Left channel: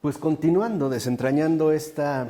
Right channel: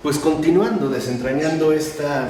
Pues continuando, desentrañando esta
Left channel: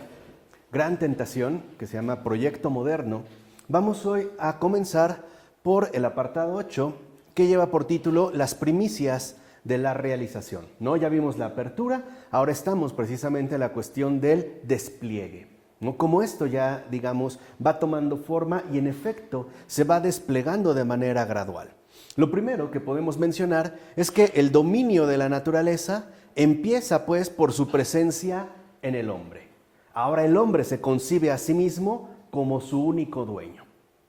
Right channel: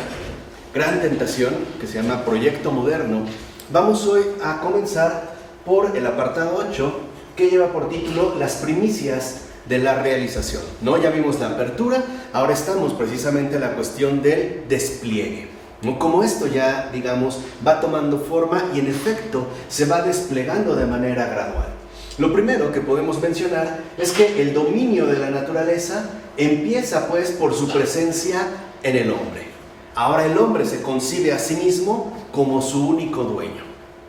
gran tentación que se llama Proyecto Moderno, vamos hoy a comenzar por el apartado 8, que lleva por título Las primicias de la realización. ¿No? Ya vimos la apertura, ahora estamos precisamente en la cuestión del despliegue. ¿No? Como esto ya, digamos, va tomando forma y en efecto se va desplegando de manera gradual. Lo primero que podemos mencionar es que el dominio de la naturaleza empieza pues por su presencia en el hombre. Ahora el hombre se concibe a sí mismo como su único dueño,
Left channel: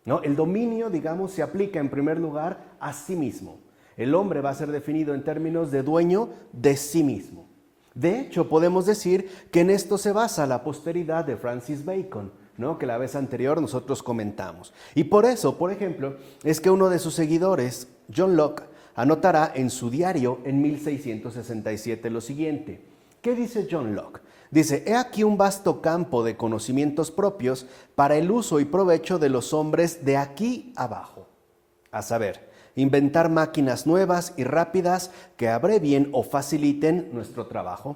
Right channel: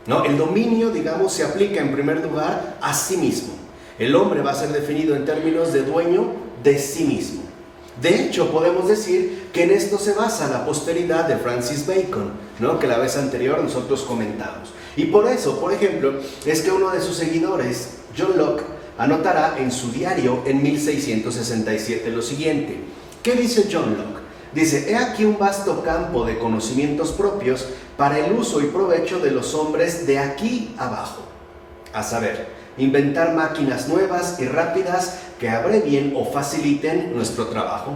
¿no? El dominio, digamos, se aplica en primer lugar a sí mismo. El hombre va a ser definido en términos de dueño de sí mismo. De hecho, podemos decir que en esto se basa la posteridad de Francis Bacon, ¿no? Que la vez anterior nosotros comentamos. Y por eso, por ejemplo, es que uno de sus seguidores, John Locke, anotará en su diario en 1667 lo siguiente. ¿Qué dice John Locke? Dice: he aquí un vasto campo de conocimientos propios para el uso y provecho de los hombres de aquí abajo. A saber, inventar máquinas nuevas y rápidas que abrevien o faciliten nuestro trabajo,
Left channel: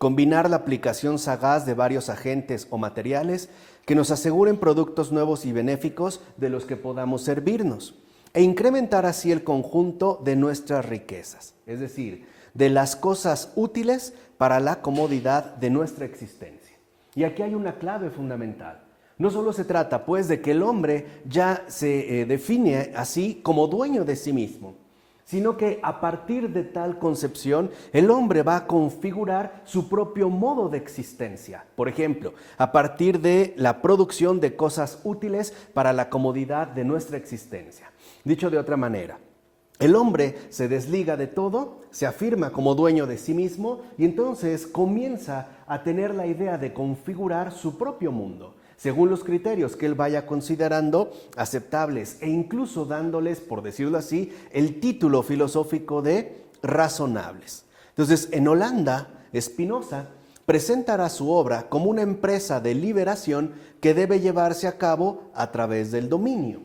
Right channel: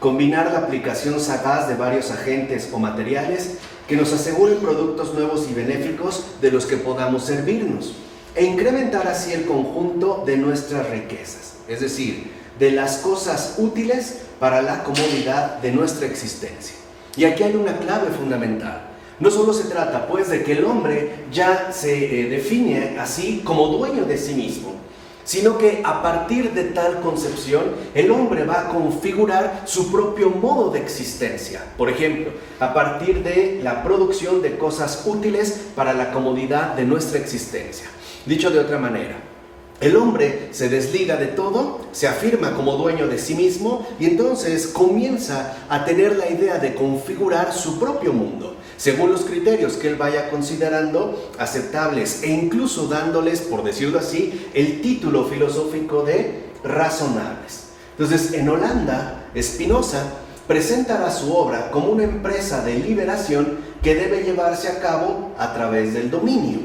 combinar la aplicación sagaz de varios agentes o materiales que nos aseguren productos nuevos y benéficos de los que podamos servirnos, e incrementar así el conjunto de nuestras riquezas, es decir, de las cosas útiles para la comodidad de nuestra existencia. Y aquí hay una clave fundamental. No solo se trata pues de que el hombre ya se define así como dueño de sí mismo, sino que a partir de tal concepción el hombre va a configurar su propio modo de existencia. Por ejemplo, a partir de la producción de cosas útiles para la comodidad de nuestra existencia. Dicho de otra manera, el hombre se desliga de todo, se afirma como dueño de sí mismo y entonces comienza a tener la idea de configurar su propio mundo, según los criterios que él vaya considerando aceptables e incluso dándoles, por decirlo así, el título filosófico de razonables. Entonces, en Holanda, Spinoza presentará su obra como una empresa de liberación que debe llevarse a cabo a través del dominio,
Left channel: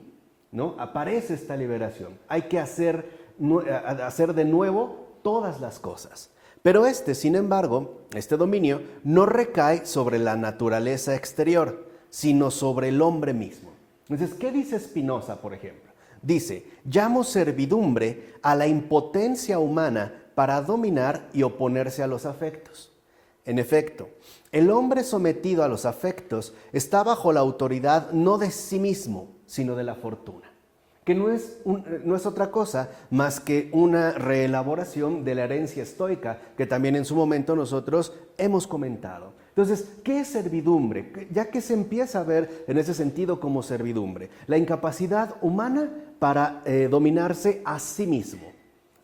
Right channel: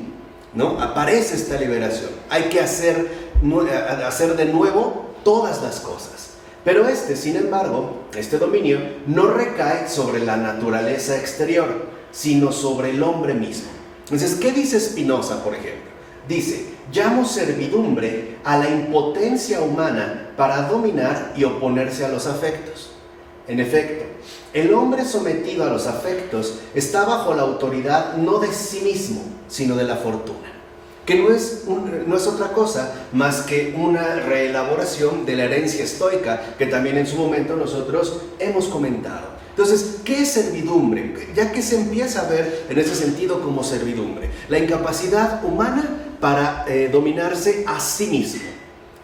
¿no? Aparece esta liberación. Hay que hacer de nuevo todas las cosas. Pero sin embargo, este dominio no recae sobre la naturaleza exterior, sino sobre el hombre mismo. Entonces, ¿qué dice Spinoza, por ejemplo? Dice: llamo servidumbre a la impotencia humana para dominar y oponerse a los afectos. En efecto, el hombre sometido a los afectos está bajo la autoridad no de sí mismo, sino de la fortuna, que no es otra cosa más que una reelaboración de la herencia estoica, que también en su momento nosotros hemos comentado. Entonces, ¿qué es servidumbre? Ya que se empieza a ver en ese sentido como servidumbre, la incapacidad humana para dominarse a sí mismo.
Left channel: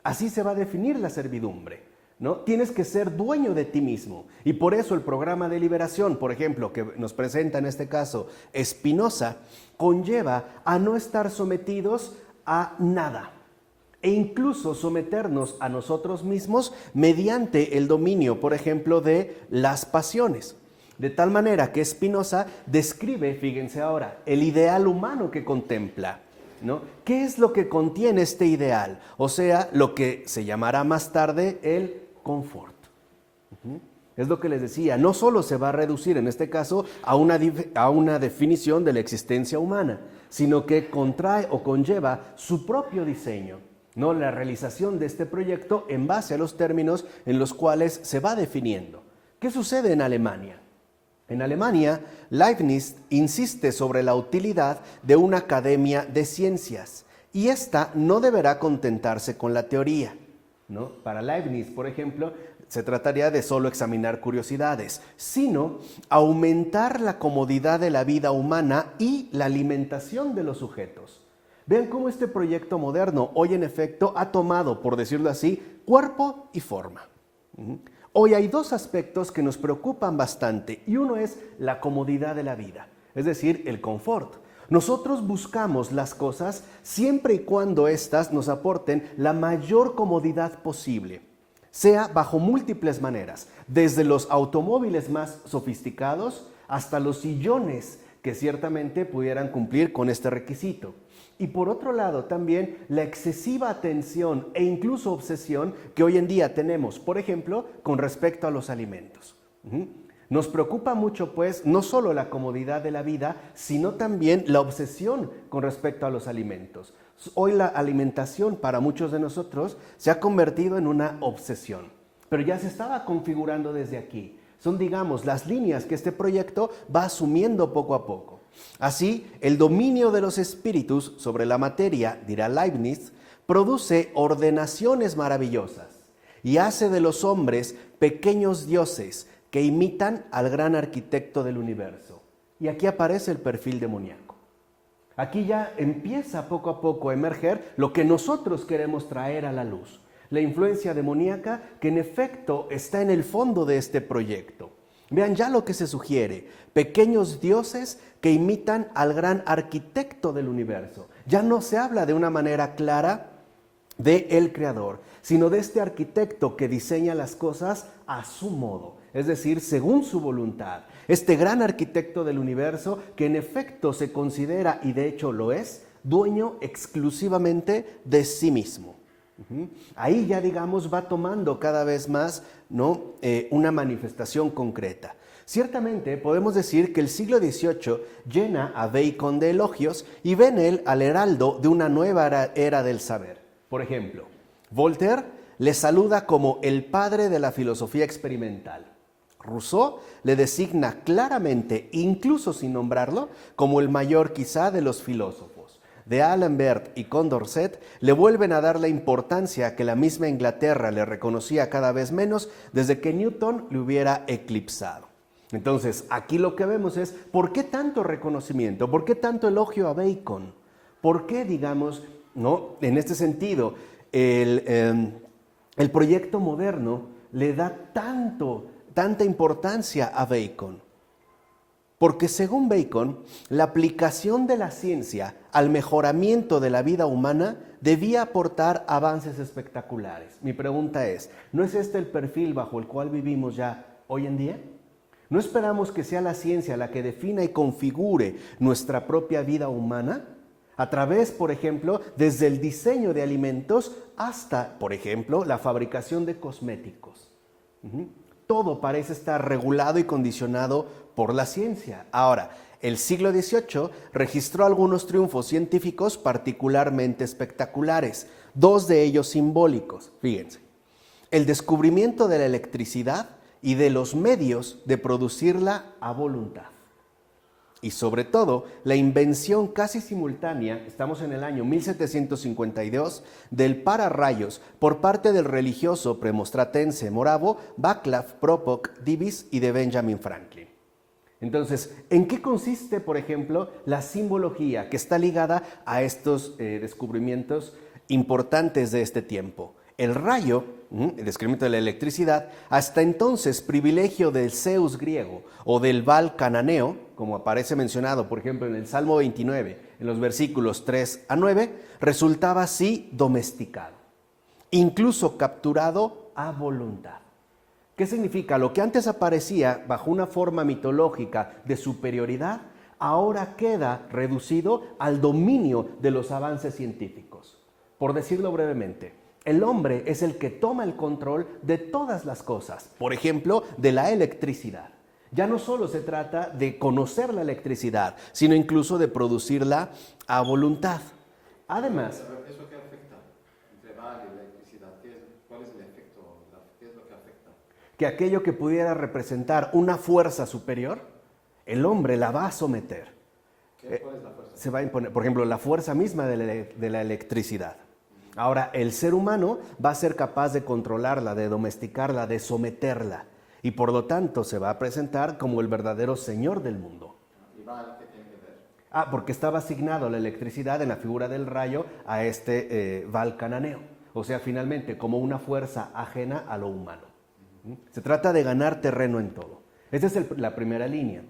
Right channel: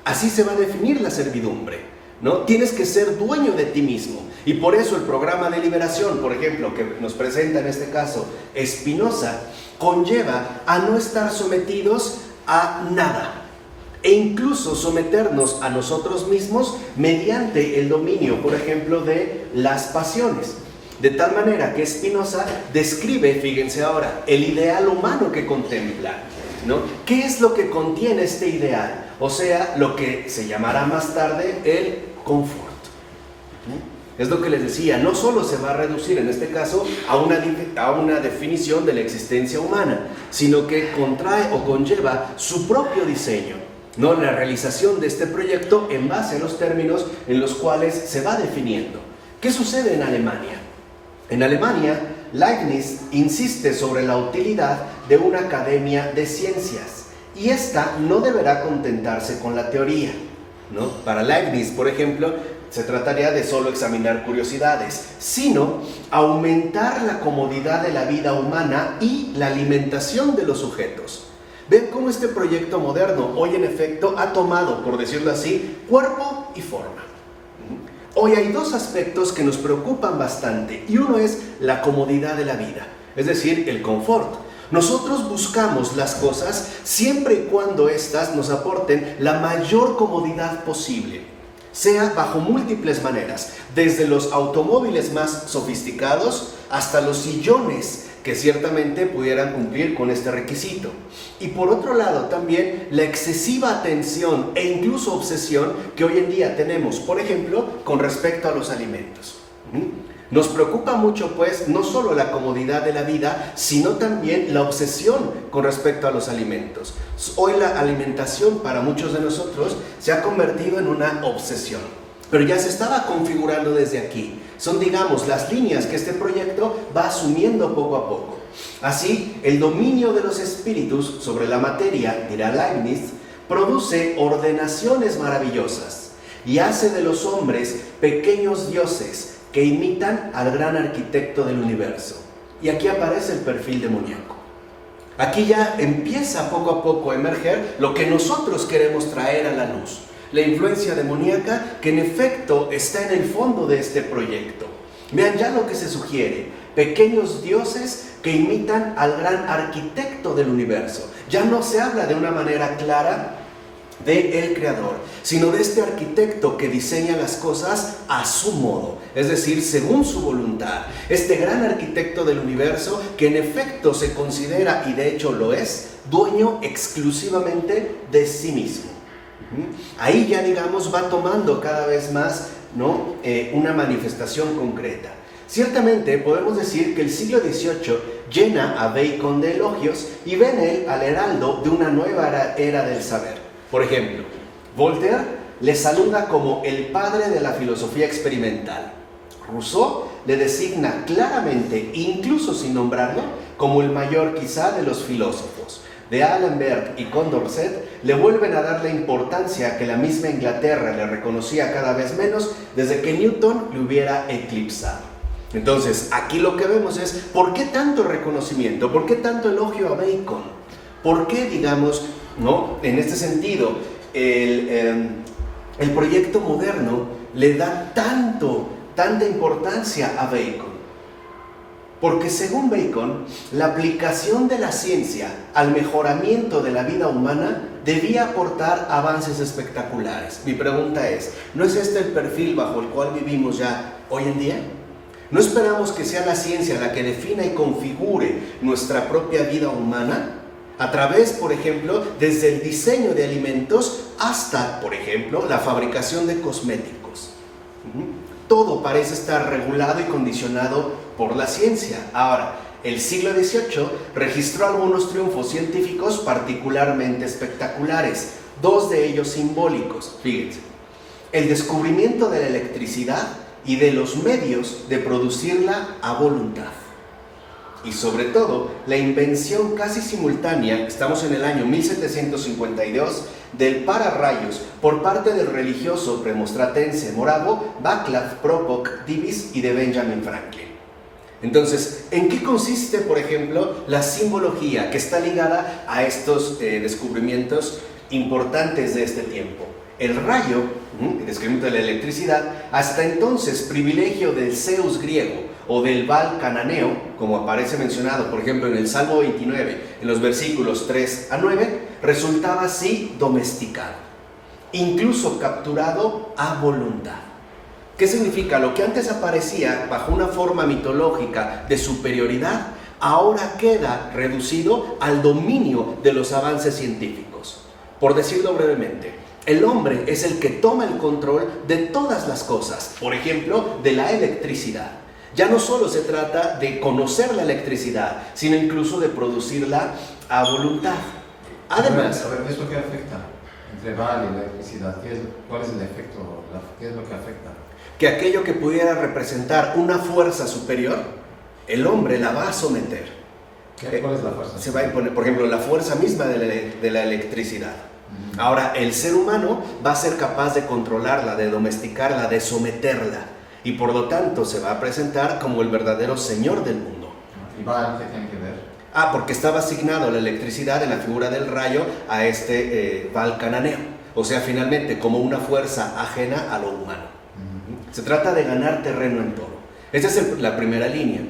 Así se va a definir la servidumbre, ¿no? Tienes que ser dueño de ti mismo. Y por eso el programa de liberación, por ejemplo, que nos presenta en este caso Spinoza, conlleva a no estar sometidos a nada, e incluso someternos a nosotros mismos mediante el dominio, por ejemplo, de las pasiones. De tal manera que Spinoza describe, fíjense ahora, el ideal humano que contempla, ¿no? ¿Qué es lo que contiene este ideal? O sea, lo que se llamará más tarde el confort. Es lo que les decía, no solo se va a reducir en este caso a una definición de la existencia humana, sino que contrae o conlleva su propio diseño, ¿no? La realización de este proyecto en base a los términos en los cuales se va definiendo. ¿Qué sucede en Alemania? En Alemania, Leibniz insiste sobre la utilidad de una academia de ciencias, y esta no deberá contentarse con la teoría, ¿no? Para Leibniz, por ejemplo, se trataría de solo examinar curiosidades, sino aumentar la comodidad de la vida humana y la alimentación de los sujetos. Ven cómo este proyecto moderno hoy en efecto ha tomado, por decirlo así, cuerpo y forma. Hoy hay dos aspectos que nos preocupan bastante, y uno es la comodidad de la vida, es decir, el confort. Nosotros buscamos las cosas siempre y cuando éstas nos aporten la mayor comodidad posible, sea bajo múltiples maneras, desde los automóviles más sofisticados hasta los sillones que ciertamente pudieran cumplir con este requisito. Y por otro lado también la excesiva atención e incluso obsesión que hoy en día tenemos, por ejemplo, con respecto a los alimentos. Nos preocupa mucho, pues, no solo la comodidad de la vida, sino también la obsesión con respecto a los alimentos. Hoy la alimentación para muchos de nosotros se ha convertido en una obsesión, pero ya se estaba configurando desde aquí. Son, digamos, las líneas que este proyecto va asumiendo poco a poco. Así, el dominio de los espíritus sobre la materia, dirá Leibniz, produce ordenaciones maravillosas y hace de los hombres pequeños dioses que imitan al gran arquitecto del universo. Y aquí aparece el perfil demoníaco. Aquí ya empieza poco a poco a emerger lo que nosotros queremos traer a la luz. La influencia demoníaca que en efecto está en el fondo de este proyecto. Vean ya lo que se sugiere. Pequeños dioses que imitan al gran arquitecto del universo. Ya no se habla de una manera clara de el creador, sino de este arquitecto que diseña las cosas a su modo, es decir, según su voluntad. Este gran arquitecto del universo que en efecto se considera, y de hecho lo es, dueño exclusivamente de sí mismo. Ahí ya, digamos, va tomando cada vez más, ¿no? Una manifestación concreta. Ciertamente podemos decir que el siglo XVIII llena a Bacon de elogios y ve en él al heraldo de una nueva era del saber. Por ejemplo, Voltaire le saluda como el padre de la filosofía experimental. Rousseau le designa claramente, incluso sin nombrarlo, como el mayor quizá de los filósofos. De D'Alembert y Condorcet le vuelven a dar la importancia que la misma Inglaterra le reconocía cada vez menos desde que Newton le hubiera eclipsado. Entonces, aquí lo que vemos es, ¿por qué tanto reconocimiento? ¿Por qué tanto elogio a Bacon? ¿Por qué, digamos, ¿no? En este sentido, el proyecto moderno le da tanta importancia a Bacon? Porque según Bacon, la aplicación de la ciencia al mejoramiento de la vida humana debía aportar avances espectaculares. Mi pregunta es, ¿no es este el perfil bajo el cual vivimos ya hoy en día? ¿No esperamos que sea la ciencia la que defina y configure nuestra propia vida humana? A través, por ejemplo, desde el diseño de alimentos hasta, por ejemplo, la fabricación de cosméticos. Todo parece estar regulado y condicionado por la ciencia. Ahora, el siglo XVIII registró algunos triunfos científicos particularmente espectaculares, dos de ellos simbólicos. Fíjense, el descubrimiento de la electricidad y de los medios de producirla a voluntad. Y sobre todo, la invención casi simultánea, estamos en el año 1752, del pararrayos por parte del religioso premostratense moravo Václav Propok Divis y de Benjamin Franklin. Entonces, ¿en qué consiste, por ejemplo, la simbología que está ligada a estos descubrimientos importantes de este tiempo? El rayo, el descubrimiento de la electricidad, hasta entonces privilegio del Zeus griego o del Baal cananeo, como aparece mencionado, por ejemplo, en el Salmo 29, en los versículos 3 a 9, resultaba así domesticado, incluso capturado a voluntad. ¿Qué significa? Lo que antes aparecía bajo una forma mitológica de superioridad, ahora queda reducido al dominio de los avances científicos. Por decirlo brevemente, el hombre es el que toma el control de todas las cosas, por ejemplo, de la electricidad. Ya no solo se trata de conocer la electricidad, sino incluso de producirla a voluntad. Además, a ver, ¿qué es lo que afecta entre Baal y la electricidad? ¿Cuál es el efecto? ¿Qué es lo que afecta? Que aquello que pudiera representar una fuerza superior, el hombre la va a someter. ¿Cuál es la fuerza? Se va a imponer, por ejemplo, la fuerza misma de la electricidad. Ahora, el ser humano va a ser capaz de controlarla, de domesticarla, de someterla. Y por lo tanto se va a presentar como el verdadero señor del mundo. ¿Y Baal qué tiene que ver? Porque estaba asignado la electricidad en la figura del rayo a este Baal cananeo. O sea, finalmente, como una fuerza ajena a lo humano. Se trata de ganar terreno en todo. Esa es la primera línea.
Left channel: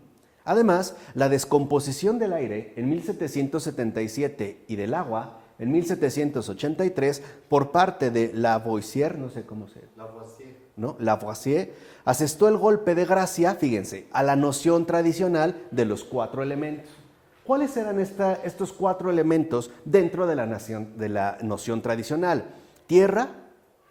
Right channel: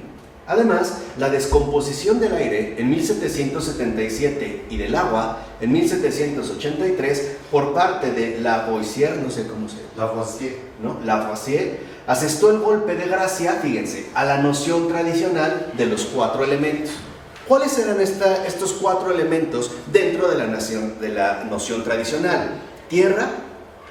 Además, la descomposición del aire en 1777 y del agua en 1783 por parte de Lavoisier, no sé cómo se llama, Lavoisier, ¿no? Lavoisier, asestó el golpe de gracia, fíjense, a la noción tradicional de los 4 elementos. ¿Cuáles eran estos 4 elementos dentro de la noción tradicional? Tierra,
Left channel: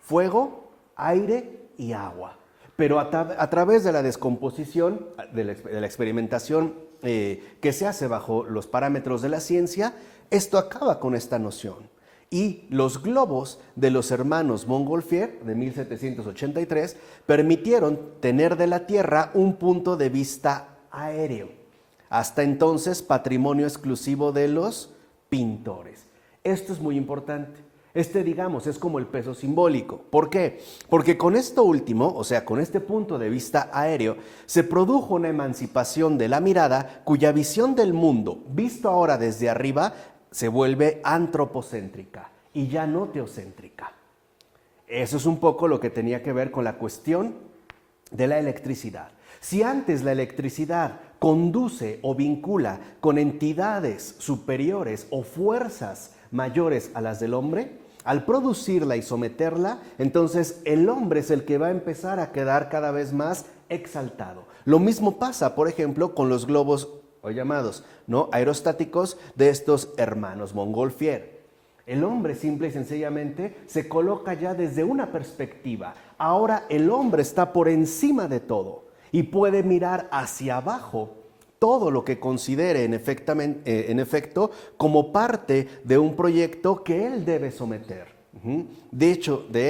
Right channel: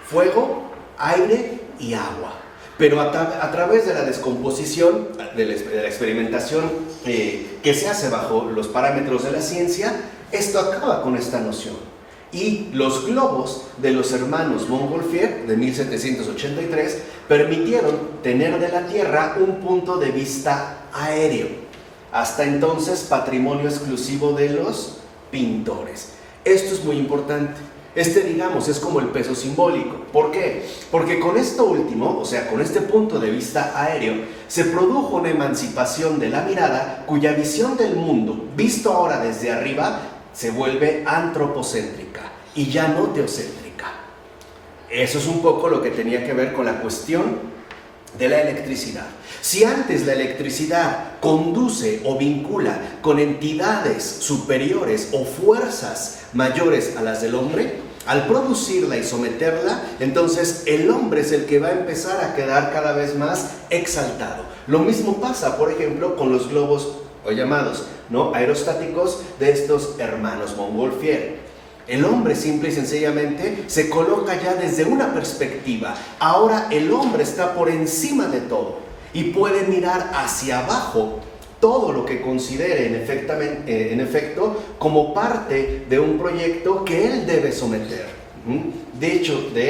fuego, aire y agua. Pero a través de la descomposición, de la experimentación que se hace bajo los parámetros de la ciencia, esto acaba con esta noción. Y los globos de los hermanos Montgolfier, de 1783, permitieron tener de la Tierra un punto de vista aéreo. Hasta entonces, patrimonio exclusivo de los pintores. Esto es muy importante. Digamos, es como el peso simbólico. ¿Por qué? Porque con esto último, o sea, con este punto de vista aéreo, se produjo una emancipación de la mirada cuya visión del mundo, visto ahora desde arriba, se vuelve antropocéntrica y ya no teocéntrica. Eso es un poco lo que tenía que ver con la cuestión de la electricidad. Si antes la electricidad conduce o vincula con entidades superiores o fuerzas mayores a las del hombre, al producirla y someterla, entonces el hombre es el que va a empezar a quedar cada vez más exaltado. Lo mismo pasa, por ejemplo, con los globos o llamados, ¿no?, aerostáticos de estos hermanos Montgolfier. El hombre simple y sencillamente se coloca ya desde una perspectiva. Ahora el hombre está por encima de todo y puede mirar hacia abajo todo lo que considere en efecto como parte de un proyecto que él debe someter. De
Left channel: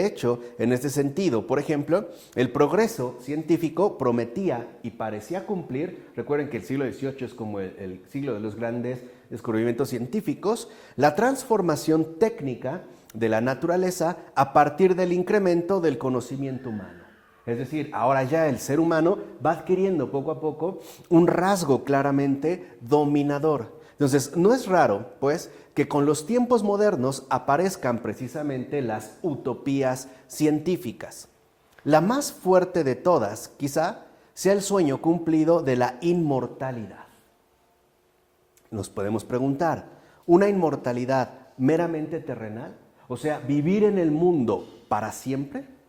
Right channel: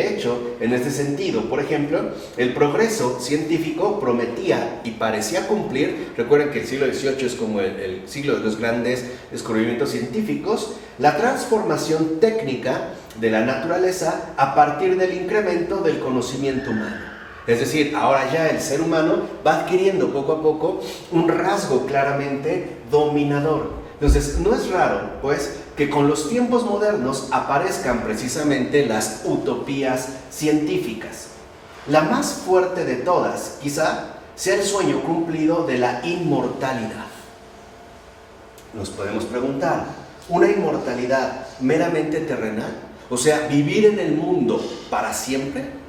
hecho, en este sentido, por ejemplo, el progreso científico prometía y parecía cumplir. Recuerden que el siglo XVIII es como el siglo de los grandes descubrimientos científicos, la transformación técnica de la naturaleza a partir del incremento del conocimiento humano. Es decir, ahora ya el ser humano va adquiriendo poco a poco un rasgo claramente dominador. Entonces, no es raro, pues, que con los tiempos modernos aparezcan precisamente las utopías científicas. La más fuerte de todas, quizá, sea el sueño cumplido de la inmortalidad. Nos podemos preguntar, ¿una inmortalidad meramente terrenal? O sea, ¿vivir en el mundo para siempre?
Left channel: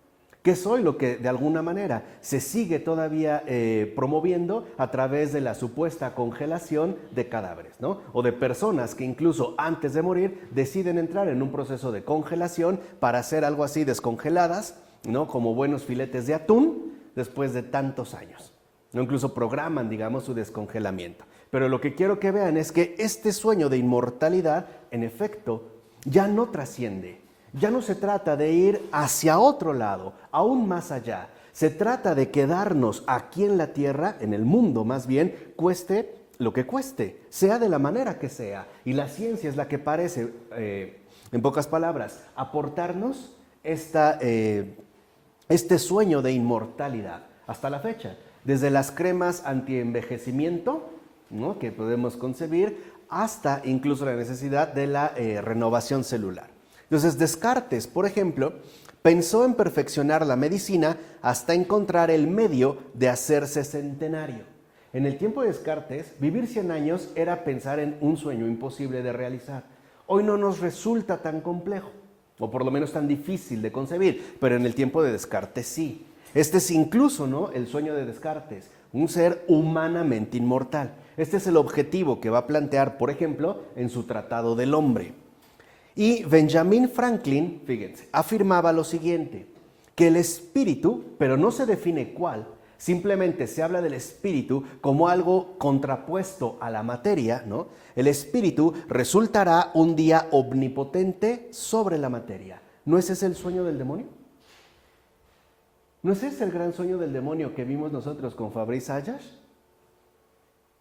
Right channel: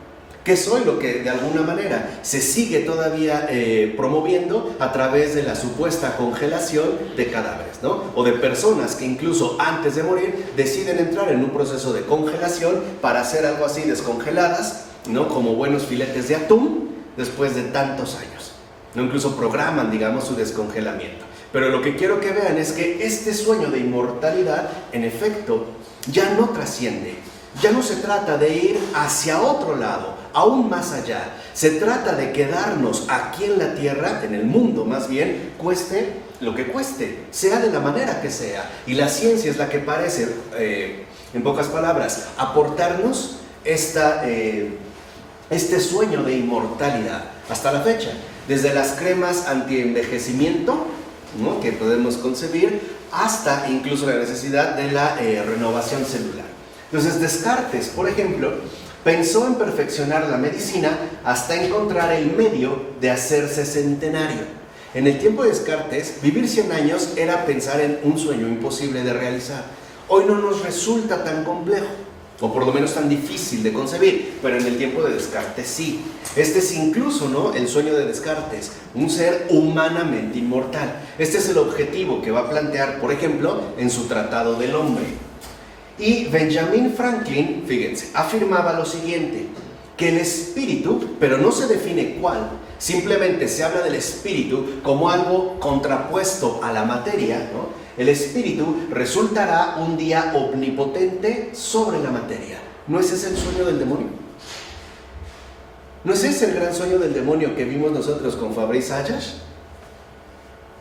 Que es hoy lo que de alguna manera se sigue todavía promoviendo a través de la supuesta congelación de cadáveres, ¿no? O de personas que incluso antes de morir deciden entrar en un proceso de congelación para hacer algo así descongeladas, ¿no?, como buenos filetes de atún después de tantos años, ¿no? Incluso programan, digamos, su descongelamiento. Pero lo que quiero que vean es que este sueño de inmortalidad, en efecto, ya no trasciende. Ya no se trata de ir hacia otro lado, aún más allá. Se trata de quedarnos aquí en la tierra, en el mundo más bien, cueste lo que cueste, sea de la manera que sea. Y la ciencia es la que parece, en pocas palabras, aportarnos este sueño de inmortalidad hasta la fecha. Desde las cremas anti-envejecimiento, ¿no?, que podemos concebir, hasta incluso la necesidad de la renovación celular. Entonces Descartes, por ejemplo, pensó en perfeccionar la medicina hasta encontrar el medio de hacerse centenario. En el tiempo de Descartes, vivir 100 años era pensar en un sueño imposible de realizar. Hoy no nos resulta tan complejo, o por lo menos tan difícil de concebir, pero en el tiempo de Descartes sí. Este es incluso, ¿no?, el sueño de Descartes, un ser humanamente inmortal. Este es el objetivo que va a plantear, por ejemplo, en su Tratado del Hombre. Y Benjamin Franklin, fíjense, afirmaba lo siguiente, que el espíritu, pero no se define cuál, simplemente se habla del espíritu como algo contrapuesto a la materia, ¿no? El espíritu resultará un día omnipotente sobre la materia. ¿No es ese el sueño del demonio? ¿No es ese el gran sueño del demonio que vimos nosotros con Fabrice Ayash?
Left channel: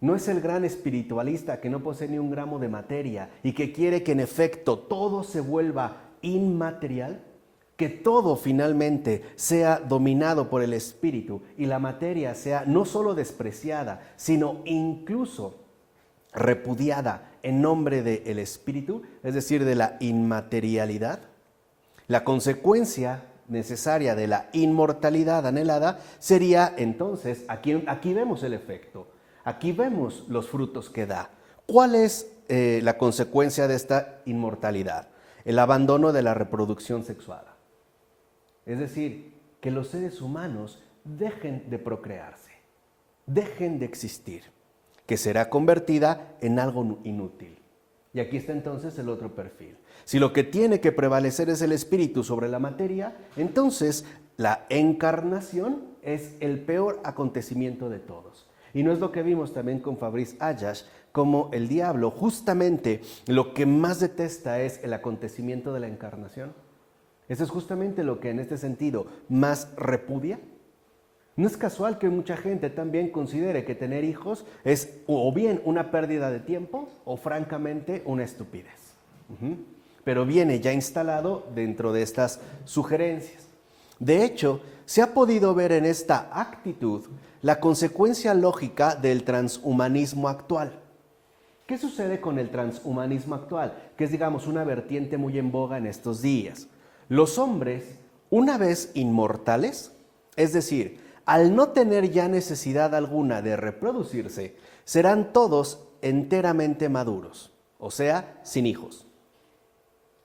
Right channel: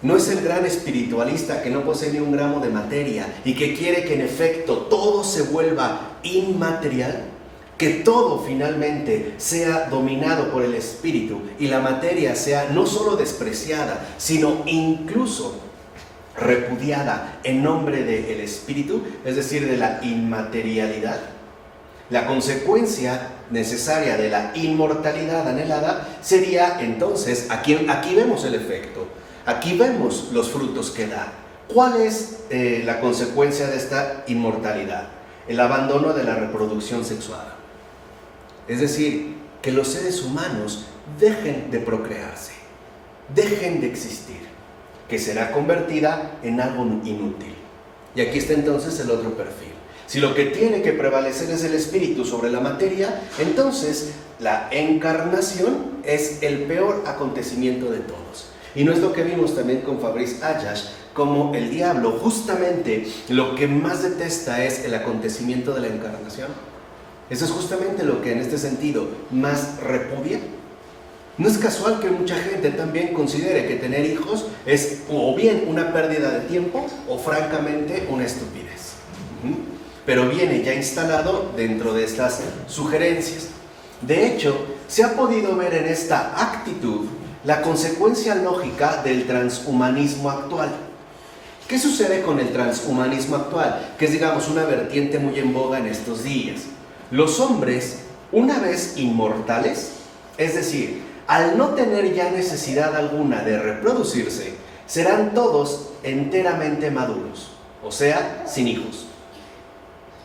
¿No es el gran espiritualista que no posee ni un gramo de materia y que quiere que en efecto todo se vuelva inmaterial? Que todo finalmente sea dominado por el espíritu y la materia sea no solo despreciada, sino incluso repudiada en nombre del espíritu, es decir, de la inmaterialidad. La consecuencia necesaria de la inmortalidad anhelada sería entonces, aquí vemos el efecto. Aquí vemos los frutos que da. ¿Cuál es la consecuencia de esta inmortalidad? El abandono de la reproducción sexual. Es decir, que los seres humanos dejen de procrearse, dejen de existir, que será convertida en algo inútil. Y aquí está entonces el otro perfil. Si lo que tiene que prevalecer es el espíritu sobre la materia, entonces la encarnación es el peor acontecimiento de todos. Y no es lo que vimos también con Fabrice Ayash, como el diablo justamente lo que más detesta es el acontecimiento de la encarnación. Eso es justamente lo que en este sentido más repudia. No es casual que mucha gente también considere que tener hijos es o bien una pérdida de tiempo o francamente una estupidez. Pero viene ya instalado dentro de estas sugerencias. De hecho, se ha podido ver en esta actitud la consecuencia lógica del transhumanismo actual. ¿Qué sucede con el transhumanismo actual? Que es, digamos, una vertiente muy en boga en estos días. Los hombres, una vez inmortales, es decir, al no tener ya necesidad alguna de reproducirse, serán todos enteramente maduros, o sea, sin hijos.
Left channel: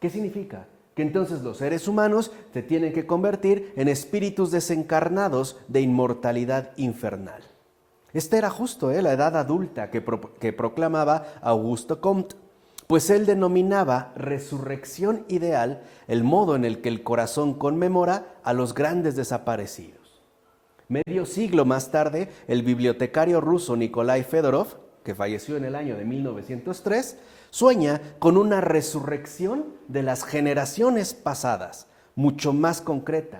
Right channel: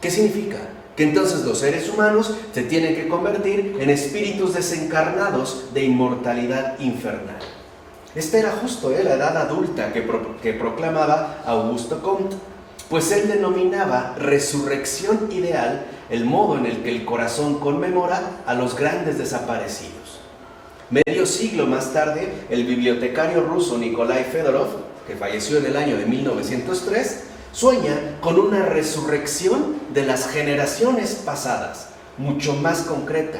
¿Qué significa? Que entonces los seres humanos se tienen que convertir en espíritus desencarnados de inmortalidad infernal. Esta era justo la edad adulta que proclamaba Auguste Comte, pues él denominaba resurrección ideal el modo en el que el corazón conmemora a los grandes desaparecidos. Medio siglo más tarde, el bibliotecario ruso Nikolai Fedorov, que falleció en el año de 1903, sueña con una resurrección de las generaciones pasadas, mucho más concreta,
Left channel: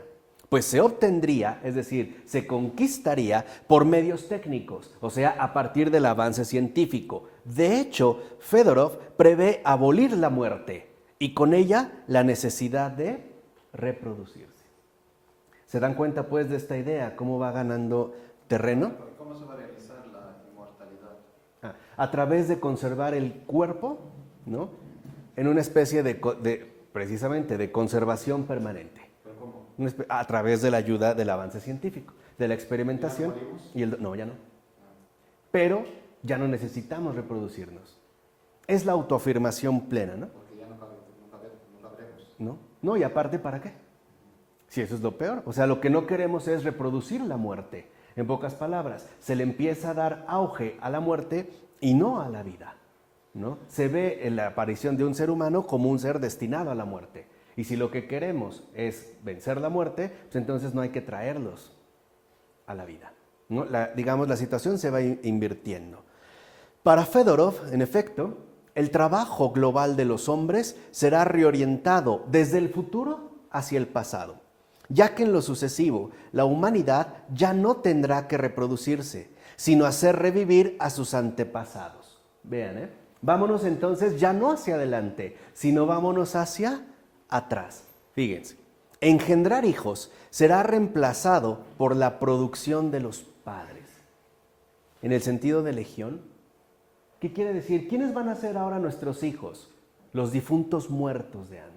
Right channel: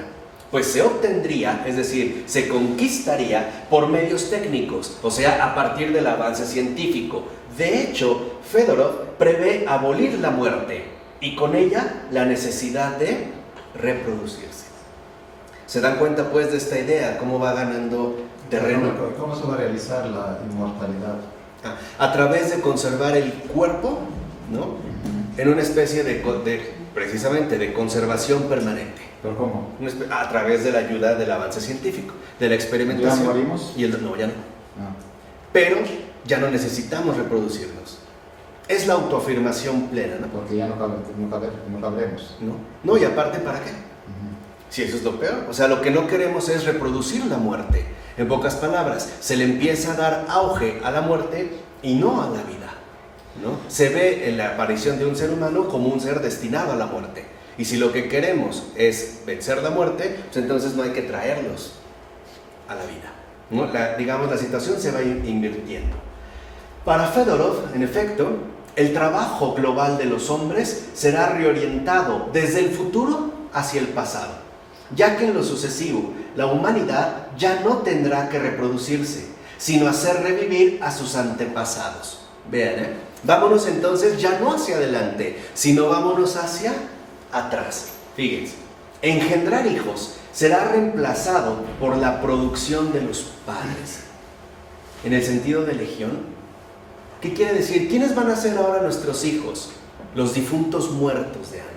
pues se obtendría, es decir, se conquistaría por medios técnicos, o sea, a partir del avance científico. De hecho, Fedorov prevé abolir la muerte y con ella la necesidad de reproducirse. ¿Se dan cuenta pues de esta idea? ¿Cómo va ganando terreno? ¿Cómo se va a realizar la inmortalidad? A través de conservar el cuerpo, ¿no? En una especie precisamente de conservación permanente. ¿Pero cómo? A través de la ayuda del avance científico, de la experimentación. ¿Ya morimos? No, ya no. Pero ya no necesitamos reproducirnos. Es la autoafirmación plena, ¿no? Porque ya no cabremos. No, y aparte, ¿para qué? Si eso es lo peor. O sea, lo que no queremos es reproducir la muerte. En pocas palabras, se le empieza a dar auge a la muerte y no a la vida, ¿no? Se ve en la aparición de un ser humano como un ser destinado a la muerte. Y si lo que queremos es vencer la muerte, pues entonces no hay que traerlos a la vida, ¿no? La situación se va invirtiendo. Para Fedorov, en efecto, el trabajo global de los hombres será reorientado desde el futuro hacia el pasado, ya que en lo sucesivo la humanidad ya no tendrá que reproducirse, sino hacer revivir a sus antepasados. Vean, vámonos entonces ya no hacia adelante, sino vámonos hacia atrás. Fíjense, engendrar hijos será reemplazado por la producción de los padres. En el sentido de legión, ¿qué quiere decir? ¿Quiénes van a ser ahora nuestros hijos? Los difuntos muertos de antes.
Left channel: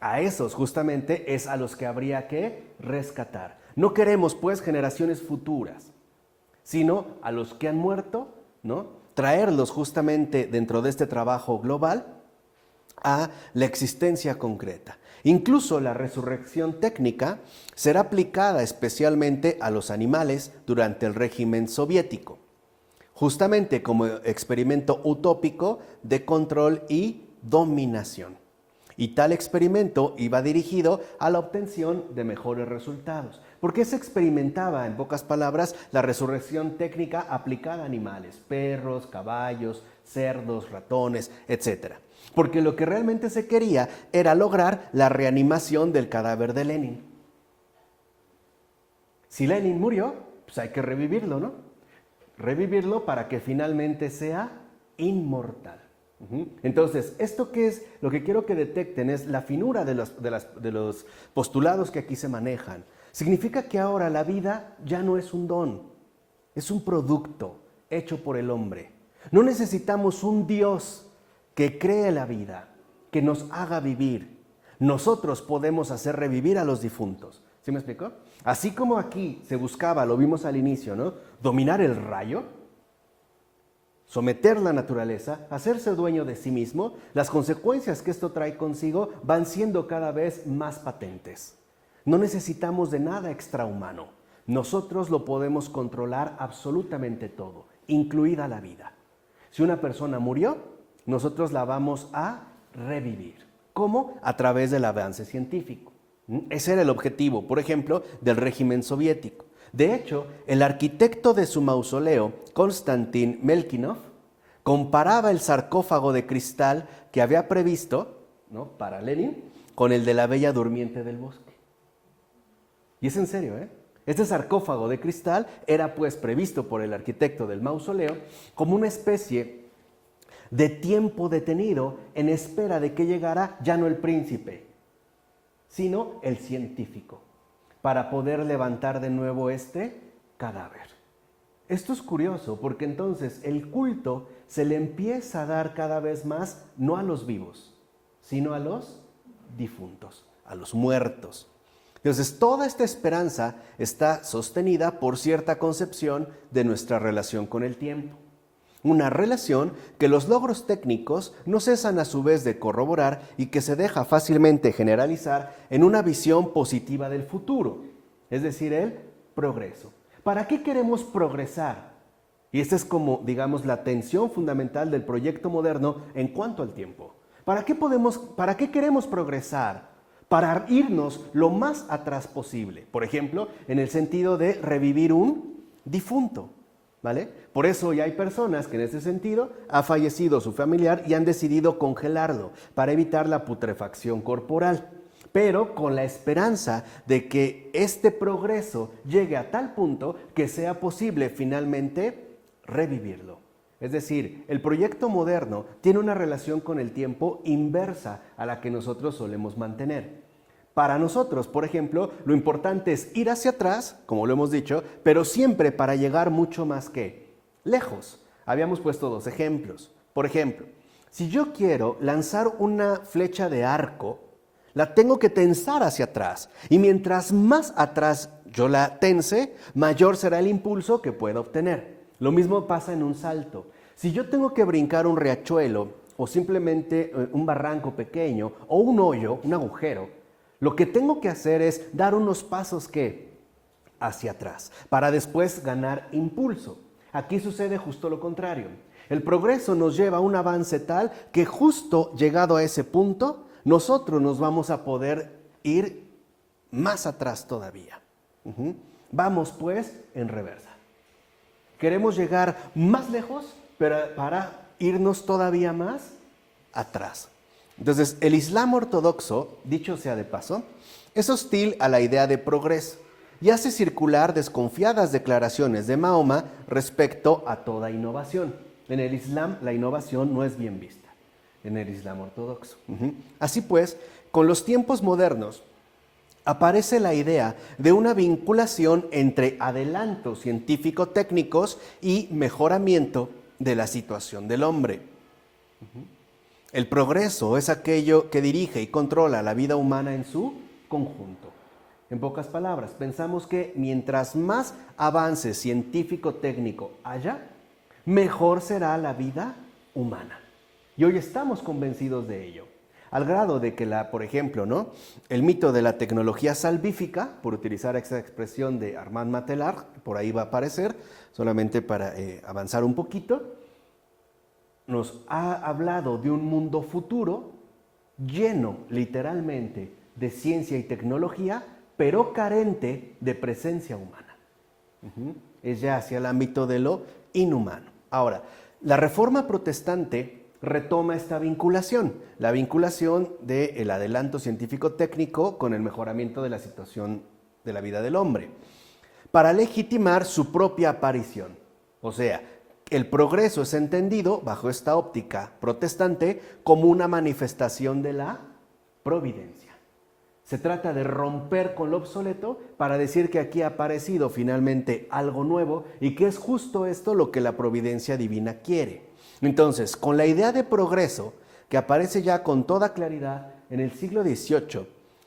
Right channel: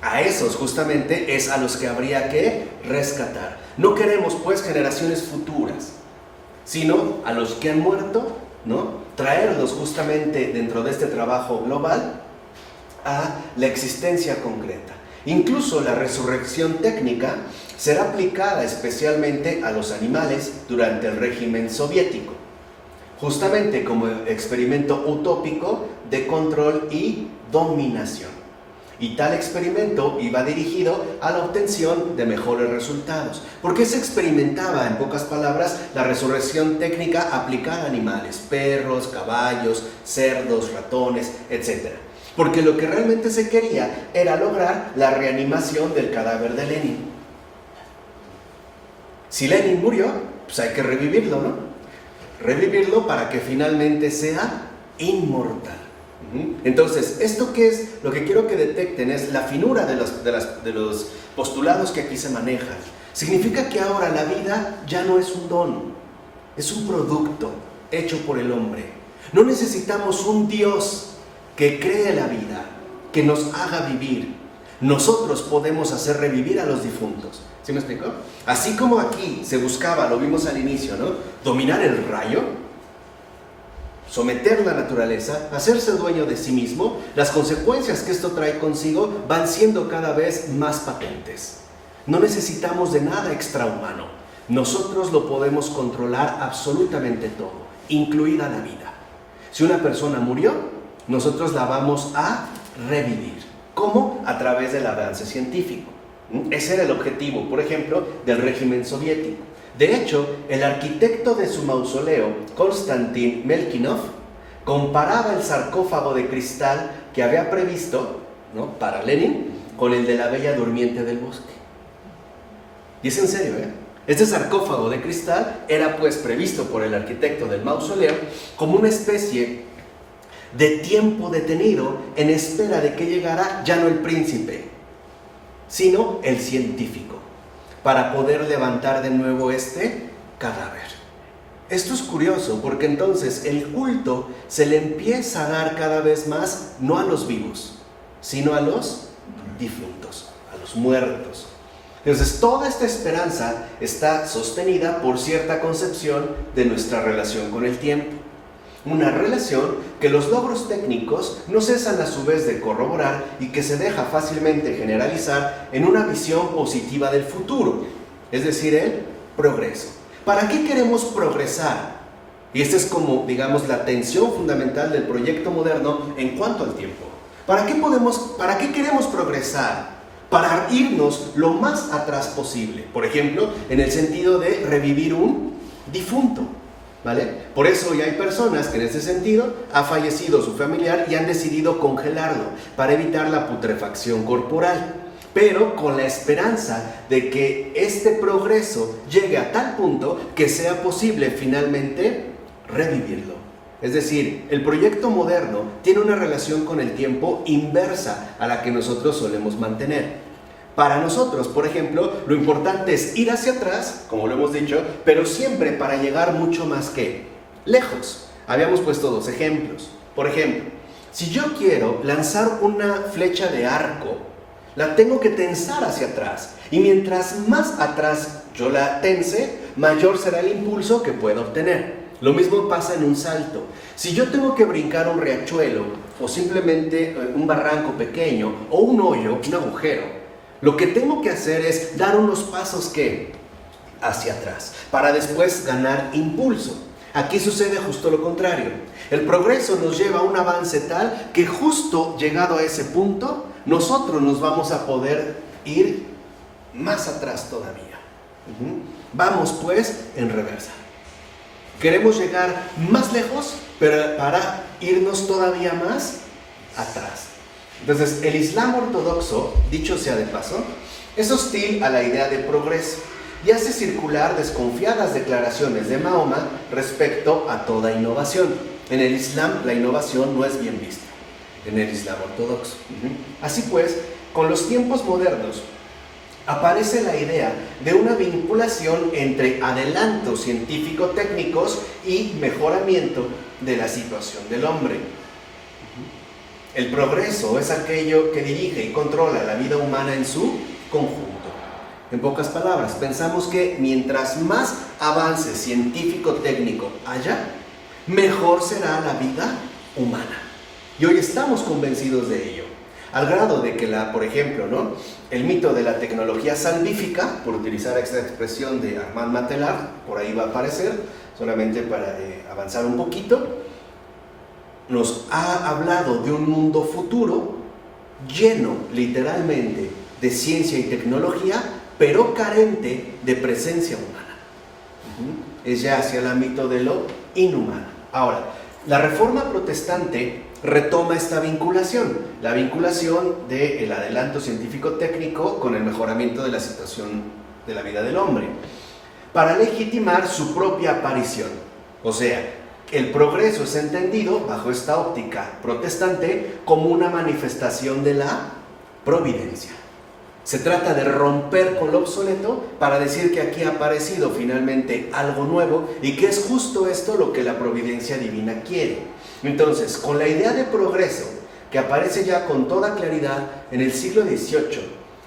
A esos justamente es a los que habría que rescatar. No queremos pues generaciones futuras, sino a los que han muerto, ¿no? Traerlos justamente dentro de este trabajo global a la existencia concreta. Incluso la resurrección técnica será aplicada especialmente a los animales durante el régimen soviético, justamente como experimento utópico de control y dominación. Y tal experimento iba dirigido a la obtención de mejores resultados. ¿Por qué se experimentaba, en pocas palabras, la resurrección técnica aplicada a animales? Perros, caballos, cerdos, ratones, etc. Porque lo que realmente se quería era lograr la reanimación del cadáver de Lenin. Si Lenin murió, pues hay que revivirlo, ¿no? Revivirlo para que finalmente sea inmortal. Entonces, ¿esto qué es? Lo que quiero que detecten es la finura de los postulados que aquí se manejan. Significa que ahora la vida ya no es un don, es un producto hecho por el hombre. No necesitamos un Dios que cree la vida, que nos haga vivir. Nosotros podemos hacer revivir a los difuntos. ¿Sí me explico? Así como aquí se buscaba, lo vimos al inicio, ¿no? Dominar el rayo, someter la naturaleza, hacerse dueño de sí mismo, las consecuencias que esto trae consigo van siendo cada vez más patentes. No necesitamos de nada extrahumano. Nosotros lo podemos controlar absolutamente todo, incluida la vida. Si una persona murió, nosotros la vamos a revivir. ¿Cómo? A través del avance científico. Ese era el objetivo, por ejemplo, del régimen soviético. De hecho, el arquitecto de su mausoleo, Konstantin Melkinov, comparaba el sarcófago de cristal que había previsto, ¿no?, para Lenin con el de la Bella Durmiente del Bosque. Y es en serio, ¿eh? Este sarcófago de cristal era pues previsto por el arquitecto del mausoleo como una especie de tiempo detenido en espera de que llegara ya no el príncipe, sino el científico, para poder levantar de nuevo este cadáver. Esto es curioso porque entonces el culto se le empieza a dar cada vez más no a los vivos, sino a los difuntos, a los muertos. Entonces toda esta esperanza está sostenida por cierta concepción de nuestra relación con el tiempo. Una relación que los logros técnicos no cesan a su vez de corroborar y que se deja fácilmente generalizar en una visión positiva del futuro, es decir, el progreso. ¿Para qué queremos progresar? Y esta es como, digamos, la tensión fundamental del proyecto moderno en cuanto al tiempo. ¿Para qué queremos progresar? Para irnos lo más atrás posible. Por ejemplo, en el sentido de revivir un difunto, ¿vale? Por eso ya hay personas que en ese sentido ha fallecido su familiar y han decidido congelarlo para evitar la putrefacción corporal, pero con la esperanza de que este progreso llegue a tal punto que sea posible finalmente revivirlo. Es decir, el proyecto moderno tiene una relación con el tiempo inversa a la que nosotros solemos mantener. Para nosotros, por ejemplo, lo importante es ir hacia atrás, como lo hemos dicho, pero siempre para llegar mucho más que lejos. Habíamos puesto dos ejemplos. Por ejemplo, si yo quiero lanzar una flecha de arco, la tengo que tensar hacia atrás. Y mientras más atrás yo la tense, mayor será el impulso que pueda obtener. Lo mismo pasa en un salto. Si yo tengo que brincar un riachuelo, o simplemente un barranco pequeño, o un hoyo, un agujero, lo que tengo que hacer es dar unos pasos hacia atrás, para después ganar impulso. Aquí sucede justo lo contrario. El progreso nos lleva a un avance tal que justo llegado a ese punto, nosotros nos vamos a poder ir más atrás todavía. Vamos pues en reversa. Queremos llegar más lejos, pero para irnos todavía más atrás. Entonces, el Islam ortodoxo, dicho sea de paso, es hostil a la idea de progreso y hace circular desconfiadas declaraciones de Mahoma respecto a toda innovación. En el Islam, la innovación no es bien vista, en el Islam ortodoxo. Así pues, con los tiempos modernos, aparece la idea de una vinculación entre adelantos científico-técnicos y mejoramiento de la situación del hombre. El progreso es aquello que dirige y controla la vida humana en su conjunto. En pocas palabras, pensamos que mientras más avance científico-técnico haya, mejor será la vida humana. Y hoy estamos convencidos de ello. Al grado de que, por ejemplo, el mito de la tecnología salvífica, por utilizar esta expresión de Armand Matelar, por ahí va a aparecer, solamente para avanzar un poquito, nos ha hablado de un mundo futuro lleno, literalmente, de ciencia y tecnología, pero carente de presencia humana. Es ya hacia el ámbito de lo inhumano. Ahora, la Reforma Protestante retoma esta vinculación, la vinculación del adelanto científico-técnico con el mejoramiento de la situación de la vida del hombre, para legitimar su propia aparición. O sea, el progreso es entendido, bajo esta óptica protestante, como una manifestación de la providencia. Se trata de romper con lo obsoleto para decir que aquí ha aparecido finalmente algo nuevo y que es justo esto lo que la providencia divina quiere. Entonces, con la idea de progreso, que aparece ya con toda claridad en el siglo XVIII,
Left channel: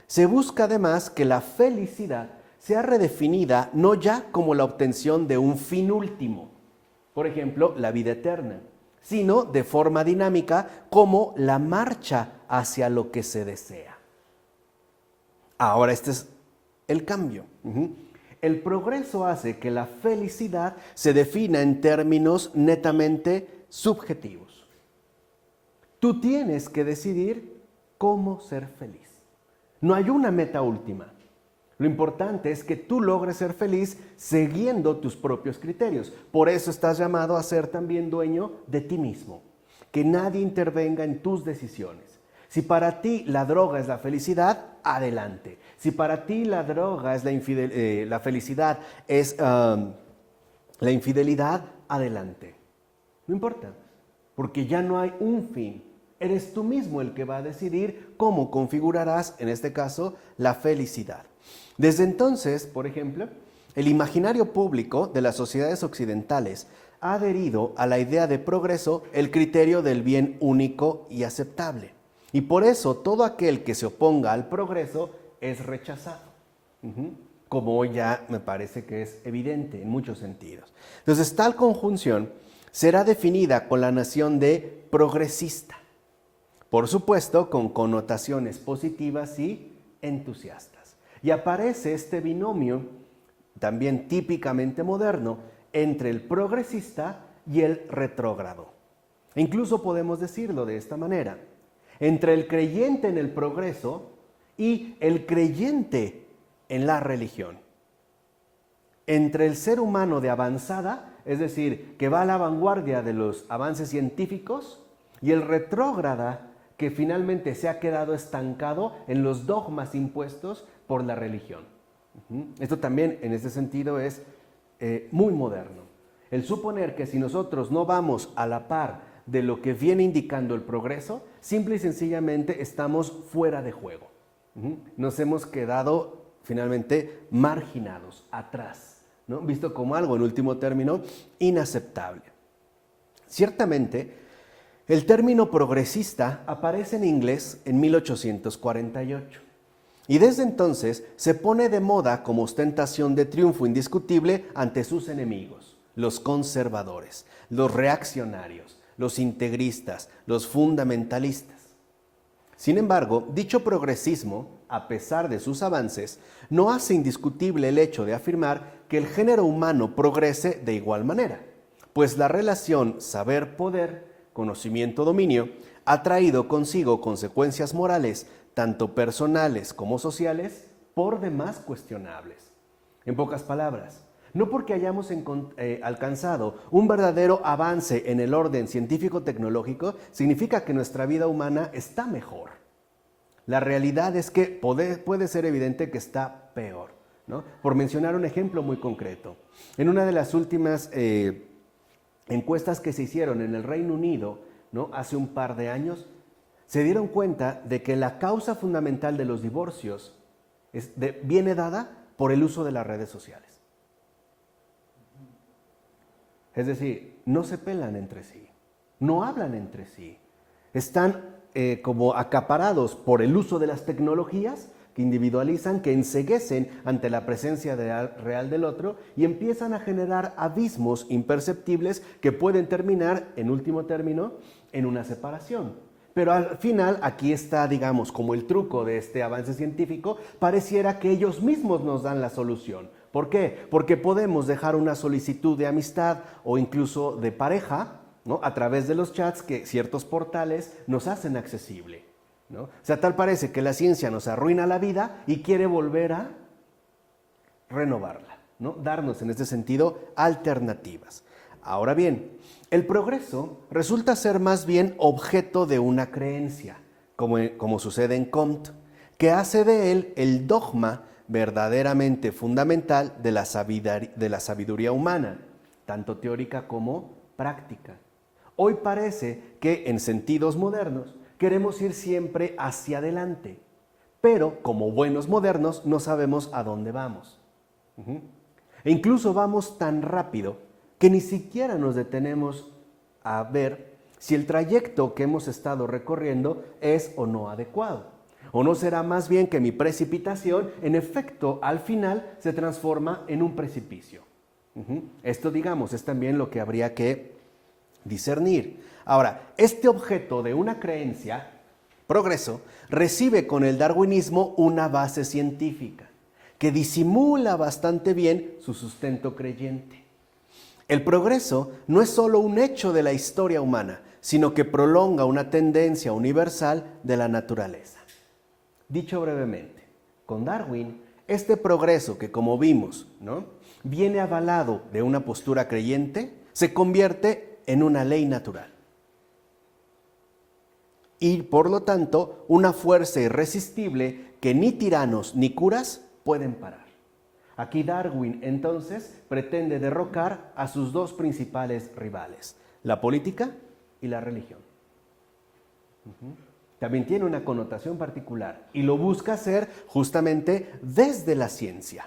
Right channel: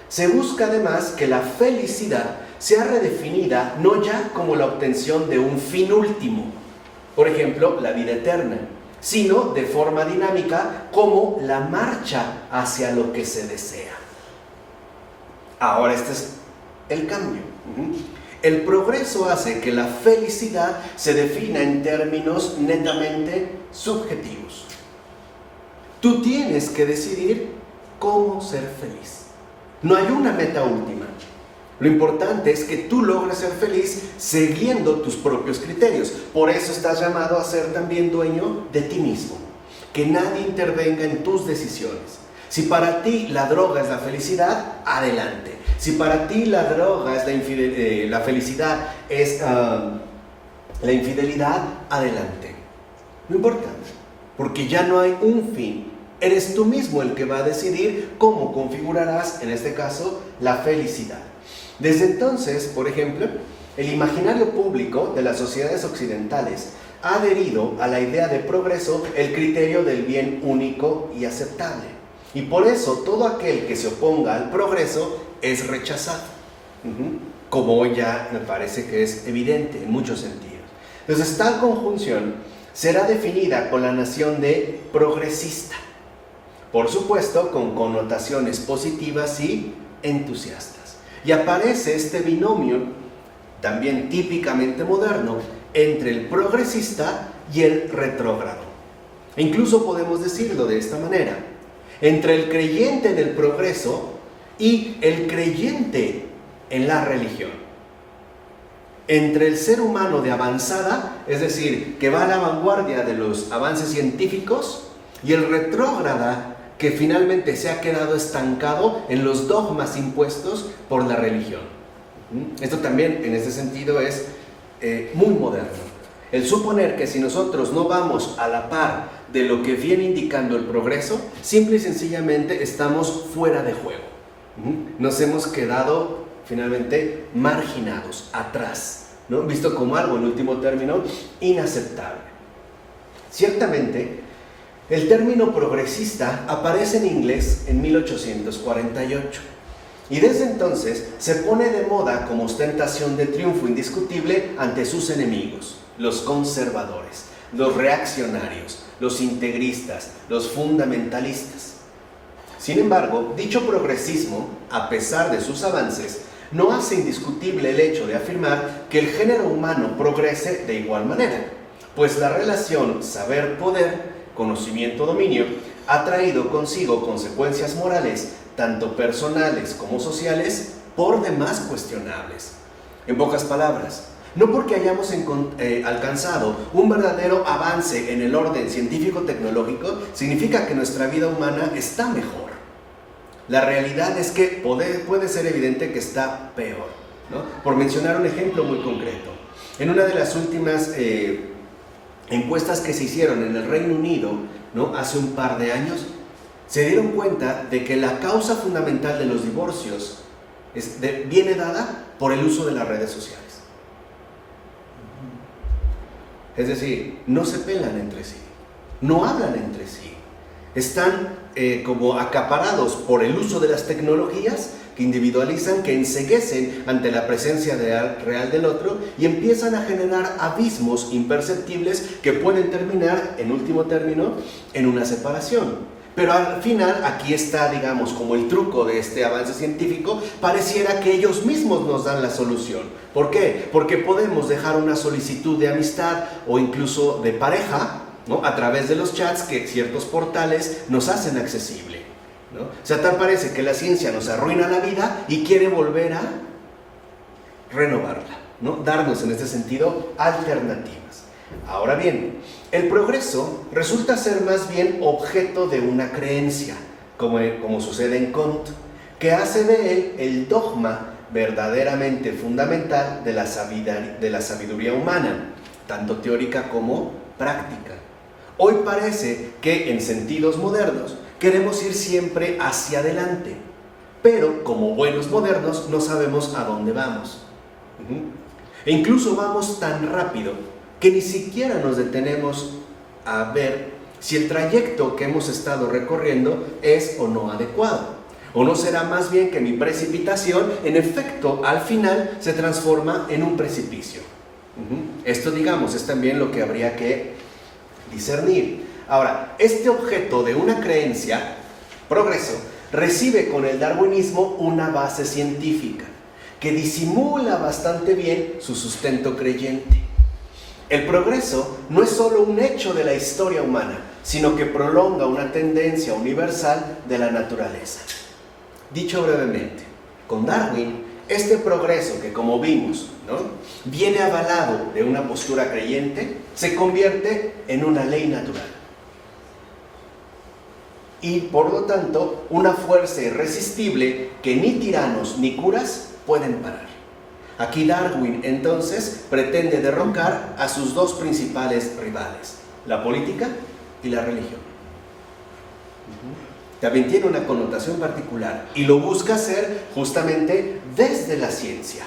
se busca además que la felicidad sea redefinida no ya como la obtención de un fin último, por ejemplo, la vida eterna, sino de forma dinámica como la marcha hacia lo que se desea. Ahora este es el cambio. El progreso hace que la felicidad se defina en términos netamente subjetivos. Tú tienes que decidir cómo ser feliz. No hay una meta última. Lo importante es que tú logres ser feliz siguiendo tus propios criterios. Por eso estás llamado a ser también dueño de ti mismo. Que nadie intervenga en tus decisiones. Si para ti la droga es la felicidad, adelante. Si para ti la droga es la felicidad es la infidelidad, adelante. No importa, porque ya no hay un fin. Eres tú mismo el que va a decidir cómo configurarás, en este caso, la felicidad. Desde entonces, por ejemplo, el imaginario público de las sociedades occidentales ha adherido a la idea de progreso el criterio del bien único y aceptable. Y por eso todo aquel que se oponga al progreso es rechazado. Como hoy ya me parece que es evidente en muchos sentidos. Entonces, tal conjunción será definida con la noción de progresista. Por supuesto, con connotaciones positivas y entusiastas. Y aparece este binomio, también típicamente moderno, entre el progresista y el retrógrado. E incluso podemos decirlo de esta manera: entre el creyente en el progreso y el creyente en la religión. Entre el ser humano de avanzada, es decir, que va a la vanguardia de los avances científicos, y el retrógrada, que finalmente se ha quedado estancado en los dogmas impuestos por la religión. Esto también, en ese sentido, es muy moderno. El suponer que si nosotros no vamos a la par de lo que viene indicando el progreso, simple y sencillamente estamos fuera de juego. Nos hemos quedado finalmente marginados, atrás, ¿no? Visto como algo, en último término, inaceptable. Ciertamente, el término progresista aparece en inglés en 1848 y desde entonces se pone de moda como ostentación de triunfo indiscutible ante sus enemigos, los conservadores, los reaccionarios, los integristas, los fundamentalistas. Sin embargo, dicho progresismo, a pesar de sus avances, no hace indiscutible el hecho de afirmar que el género humano progrese de igual manera, pues la relación saber-poder, conocimiento-dominio, ha traído consigo consecuencias morales, tanto personales como sociales, por demás cuestionables. En pocas palabras, no porque hayamos alcanzado un verdadero avance en el orden científico-tecnológico, significa que nuestra vida humana está mejor. La realidad es que puede ser evidente que está peor, ¿no? Por mencionar un ejemplo muy concreto, en una de las últimas encuestas que se hicieron en el Reino Unido, ¿no?, hace un par de años, se dieron cuenta de que la causa fundamental de los divorcios viene dada por el uso de las redes sociales. Es decir, no se pelan entre sí, no hablan entre sí, están como acaparados por el uso de las tecnologías que individualizan, que enceguecen ante la presencia real del otro y empiezan a generar abismos imperceptibles que pueden terminar, en último término, en una separación. Pero al final, aquí está, digamos, como el truco de este avance científico, pareciera que ellos mismos nos dan la solución. ¿Por qué? Porque podemos dejar una solicitud de amistad o incluso de pareja, ¿no?, a través de los chats que ciertos portales nos hacen accesible, ¿no? O sea, tal parece que la ciencia nos arruina la vida y quiere volver a renovarla, ¿no?, darnos en este sentido alternativas. Ahora bien, el progreso resulta ser más bien objeto de una creencia, como sucede en Kant, que hace de él el dogma verdaderamente fundamental de la sabiduría humana, tanto teórica como práctica. Hoy parece que en sentidos modernos queremos ir siempre hacia adelante, pero como buenos modernos no sabemos a dónde vamos. E incluso vamos tan rápido que ni siquiera nos detenemos a ver si el trayecto que hemos estado recorriendo es o no adecuado. ¿O no será más bien que mi precipitación, en efecto, al final se transforma en un precipicio? Esto, digamos, es también lo que habría que discernir. Ahora, este objeto de una creencia, progreso, recibe con el darwinismo una base científica, que disimula bastante bien su sustento creyente. El progreso no es solo un hecho de la historia humana, sino que prolonga una tendencia universal de la naturaleza. Dicho brevemente, con Darwin, este progreso que, como vimos, viene avalado de una postura creyente, se convierte en una ley natural. Y, por lo tanto, una fuerza irresistible que ni tiranos ni curas pueden parar. Aquí Darwin, entonces, pretende derrocar a sus dos principales rivales, la política y la religión. También tiene una connotación particular y lo busca hacer justamente desde la ciencia.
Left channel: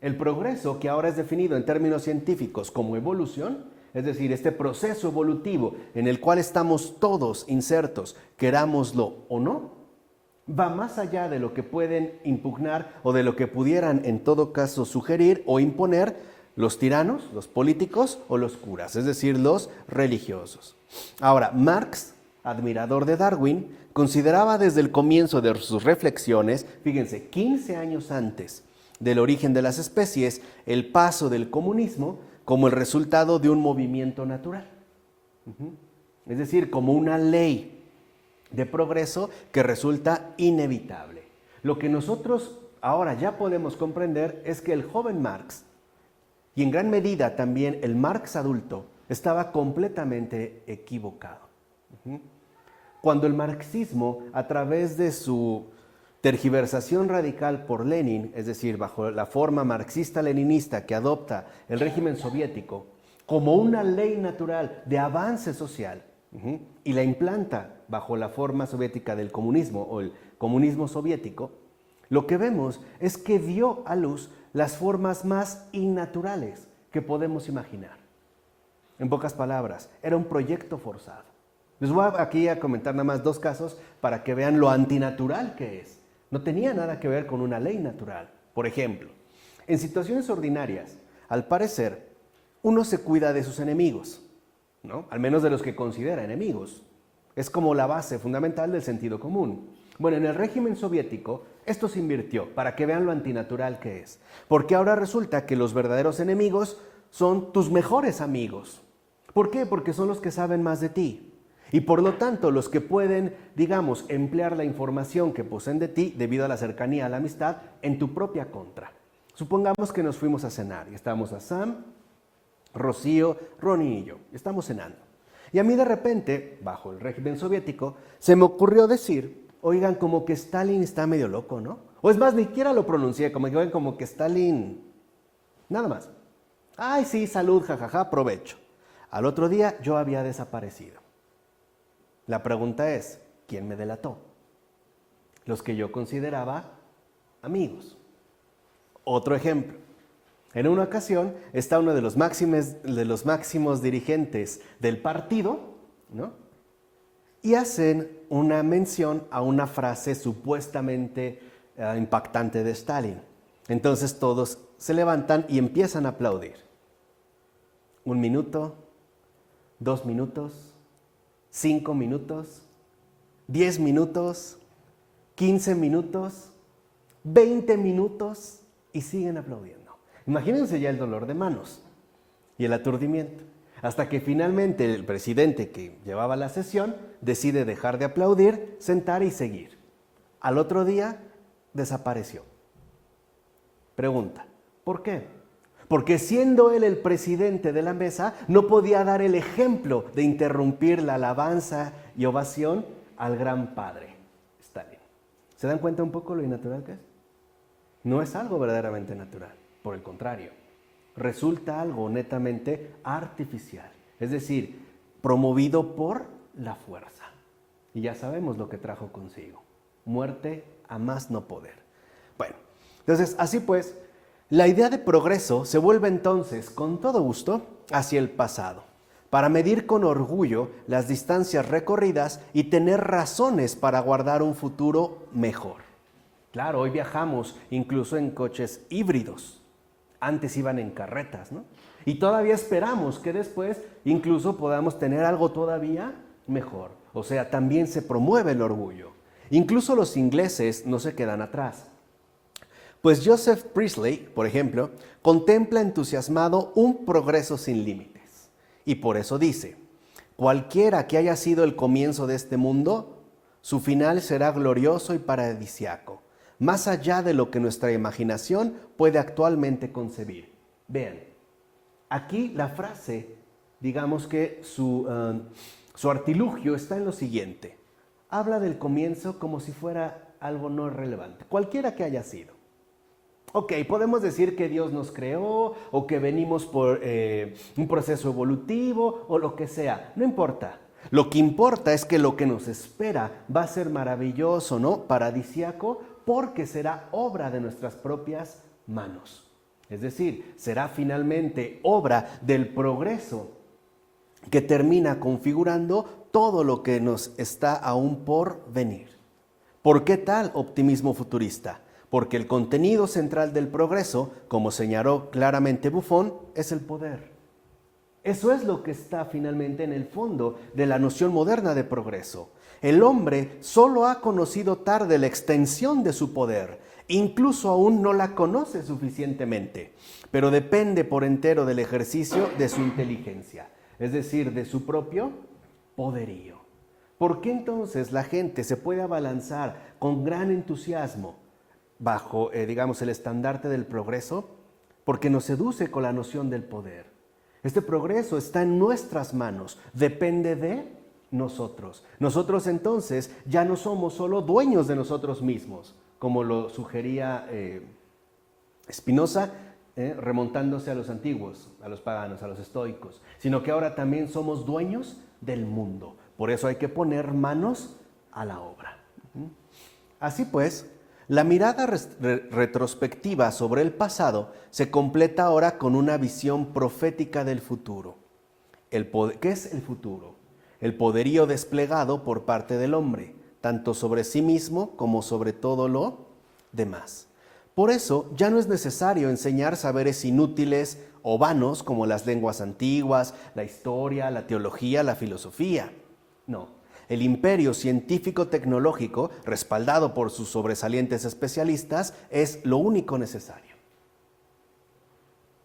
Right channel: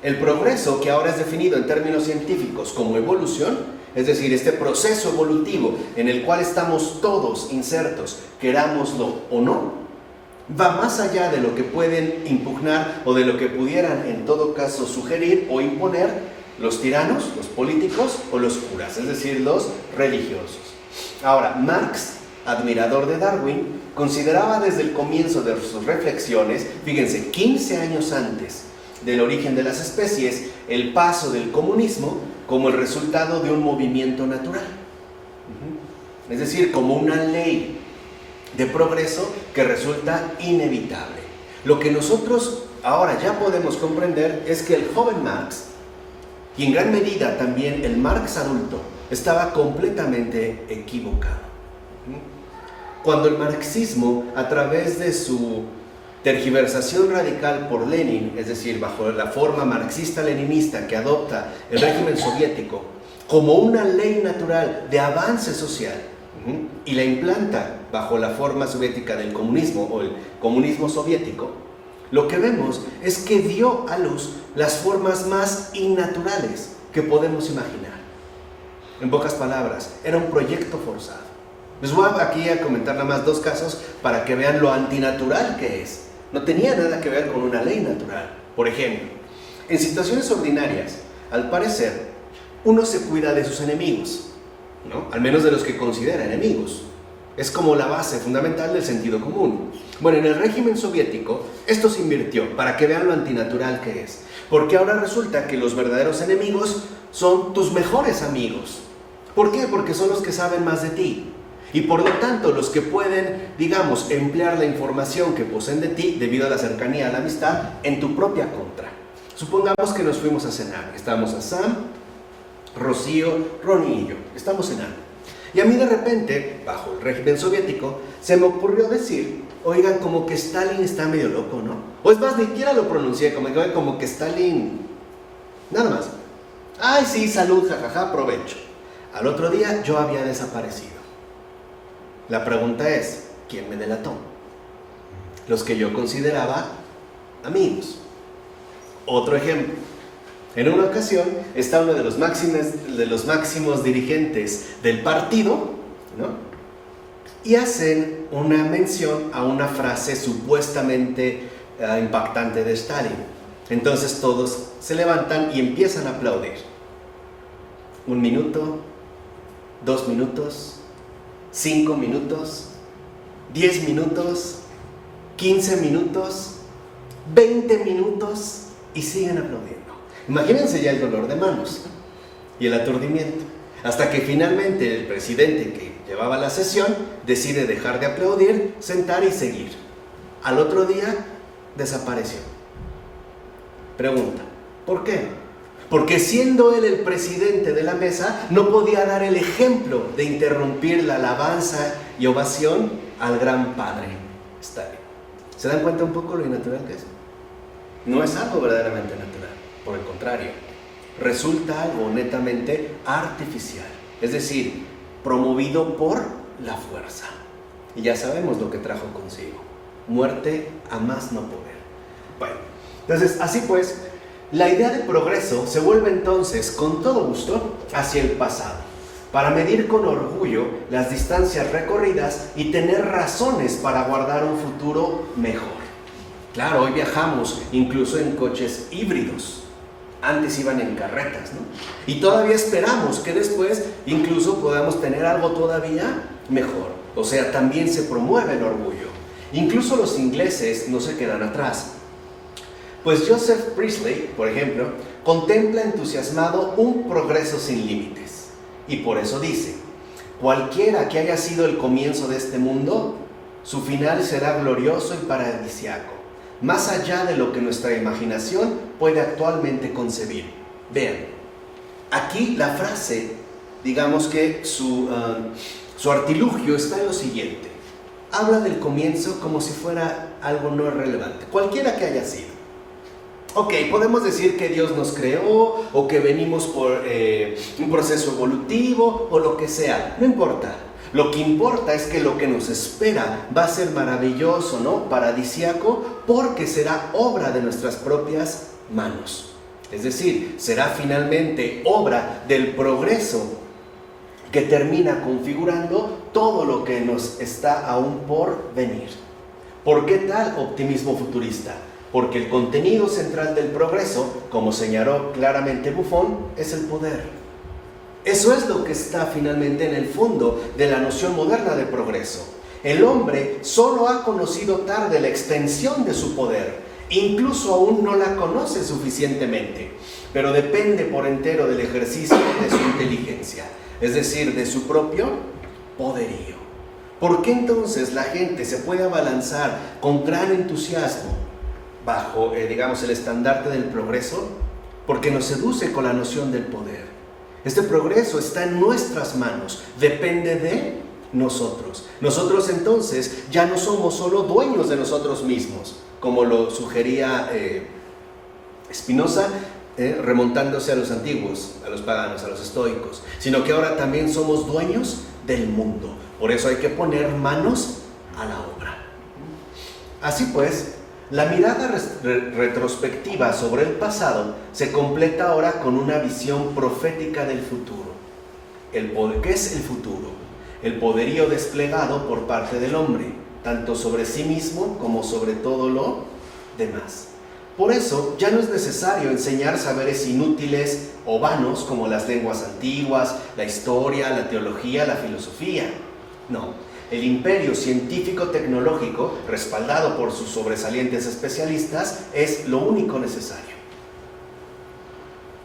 El progreso, que ahora es definido en términos científicos como evolución, es decir, este proceso evolutivo en el cual estamos todos insertos, querámoslo o no, va más allá de lo que pueden impugnar o de lo que pudieran en todo caso sugerir o imponer los tiranos, los políticos o los curas, es decir, los religiosos. Ahora, Marx, admirador de Darwin, consideraba desde el comienzo de sus reflexiones, fíjense, 15 años antes del origen de las especies, el paso del comunismo como el resultado de un movimiento natural. Es decir, como una ley de progreso que resulta inevitable. Lo que nosotros ahora ya podemos comprender es que el joven Marx, y en gran medida también el Marx adulto, estaba completamente equivocado. Cuando el marxismo, a través de su tergiversación radical por Lenin, es decir, bajo la forma marxista-leninista que adopta el régimen soviético como una ley natural de avance social, y la implanta bajo la forma soviética del comunismo o el comunismo soviético, lo que vemos es que dio a luz las formas más innaturales que podemos imaginar. En pocas palabras, era un proyecto forzado. Les voy aquí a comentar nada más dos casos para que vean lo antinatural que es. No tenía nada que ver con una ley natural. Por ejemplo, en situaciones ordinarias, al parecer, uno se cuida de sus enemigos, al menos de los que considera enemigos. Es como la base fundamental del sentido común. Bueno, en el régimen soviético, esto se invirtió para que vean lo antinatural que es. Porque ahora resulta que los verdaderos enemigos son tus mejores amigos. ¿Por qué? Porque son los que saben más de ti. Y por lo tanto, los que pueden, digamos, emplear la información que poseen de ti debido a la cercanía, a la amistad, en tu propia contra. Supongamos que nos fuimos a cenar. Estábamos a Sam, Rocío, Ronnie y yo. Estamos cenando. Y a mí de repente, bajo el régimen soviético, se me ocurrió decir, oigan, como que Stalin está medio loco, ¿no? O es más, ni siquiera lo pronuncié, como que Stalin... Nada más. Ay, sí, salud, jajaja, provecho. Al otro día yo había desaparecido. La pregunta es, ¿quién me delató? Los que yo consideraba amigos. Otro ejemplo. En una ocasión está uno de los máximos dirigentes del partido, y hacen una mención a una frase supuestamente impactante de Stalin. Entonces todos se levantan y empiezan a aplaudir. 1 minuto, 2 minutos, 5 minutos, 10 minutos, 15 minutos, 20 minutos y siguen aplaudiendo. Imagínense ya el dolor de manos y el aturdimiento, hasta que finalmente el presidente que llevaba la sesión decide dejar de aplaudir, sentar y seguir. Al otro día desapareció. Pregunta, ¿por qué? Porque siendo él el presidente de la mesa, no podía dar el ejemplo de interrumpir la alabanza y ovación al gran padre Stalin. ¿Se dan cuenta un poco lo innatural que es? No es algo verdaderamente natural, por el contrario, resulta algo netamente artificial, es decir, promovido por la fuerza. Y ya sabemos lo que trajo consigo, muerte a más no poder. Bueno, entonces, así pues, la idea de progreso se vuelve entonces, con todo gusto, hacia el pasado, para medir con orgullo las distancias recorridas y tener razones para guardar un futuro mejor. Claro, hoy viajamos incluso en coches híbridos. Antes iban en carretas, ¿no? Y todavía esperamos que después incluso podamos tener algo todavía mejor. O sea, también se promueve el orgullo. Incluso los ingleses no se quedan atrás. Pues Joseph Priestley, por ejemplo, contempla entusiasmado un progreso sin límites. Y por eso dice: cualquiera que haya sido el comienzo de este mundo, su final será glorioso y paradisíaco, más allá de lo que nuestra imaginación puede actualmente concebir. Vean, aquí la frase, digamos que su artilugio está en lo siguiente. Habla del comienzo como si fuera algo no relevante, cualquiera que haya sido. Ok, podemos decir que Dios nos creó, o que venimos por un proceso evolutivo, o lo que sea, no importa. Lo que importa es que lo que nos espera va a ser maravilloso, ¿no? Paradisíaco, porque será obra de nuestras propias manos. Es decir, será finalmente obra del progreso que termina configurando todo lo que nos está aún por venir. ¿Por qué tal optimismo futurista? Porque el contenido central del progreso, como señaló claramente Buffon, es el poder. Eso es lo que está finalmente en el fondo de la noción moderna de progreso. El hombre solo ha conocido tarde la extensión de su poder, incluso aún no la conoce suficientemente, pero depende por entero del ejercicio de su inteligencia, es decir, de su propio poderío. ¿Por qué entonces la gente se puede abalanzar con gran entusiasmo bajo, digamos, el estandarte del progreso? Porque nos seduce con la noción del poder. Este progreso está en nuestras manos, depende de nosotros. Nosotros entonces ya no somos solo dueños de nosotros mismos, como lo sugería Spinoza, remontándose a los antiguos, a los paganos, a los estoicos, sino que ahora también somos dueños del mundo. Por eso hay que poner manos a la obra. Así pues, la mirada retrospectiva sobre el pasado se completa ahora con una visión profética del futuro. ¿Qué es el futuro? El poderío desplegado por parte del hombre, tanto sobre sí mismo como sobre todo lo demás. Por eso ya no es necesario enseñar saberes inútiles o vanos como las lenguas antiguas, la historia, la teología, la filosofía. No. El imperio científico-tecnológico, respaldado por sus sobresalientes especialistas, es lo único necesario.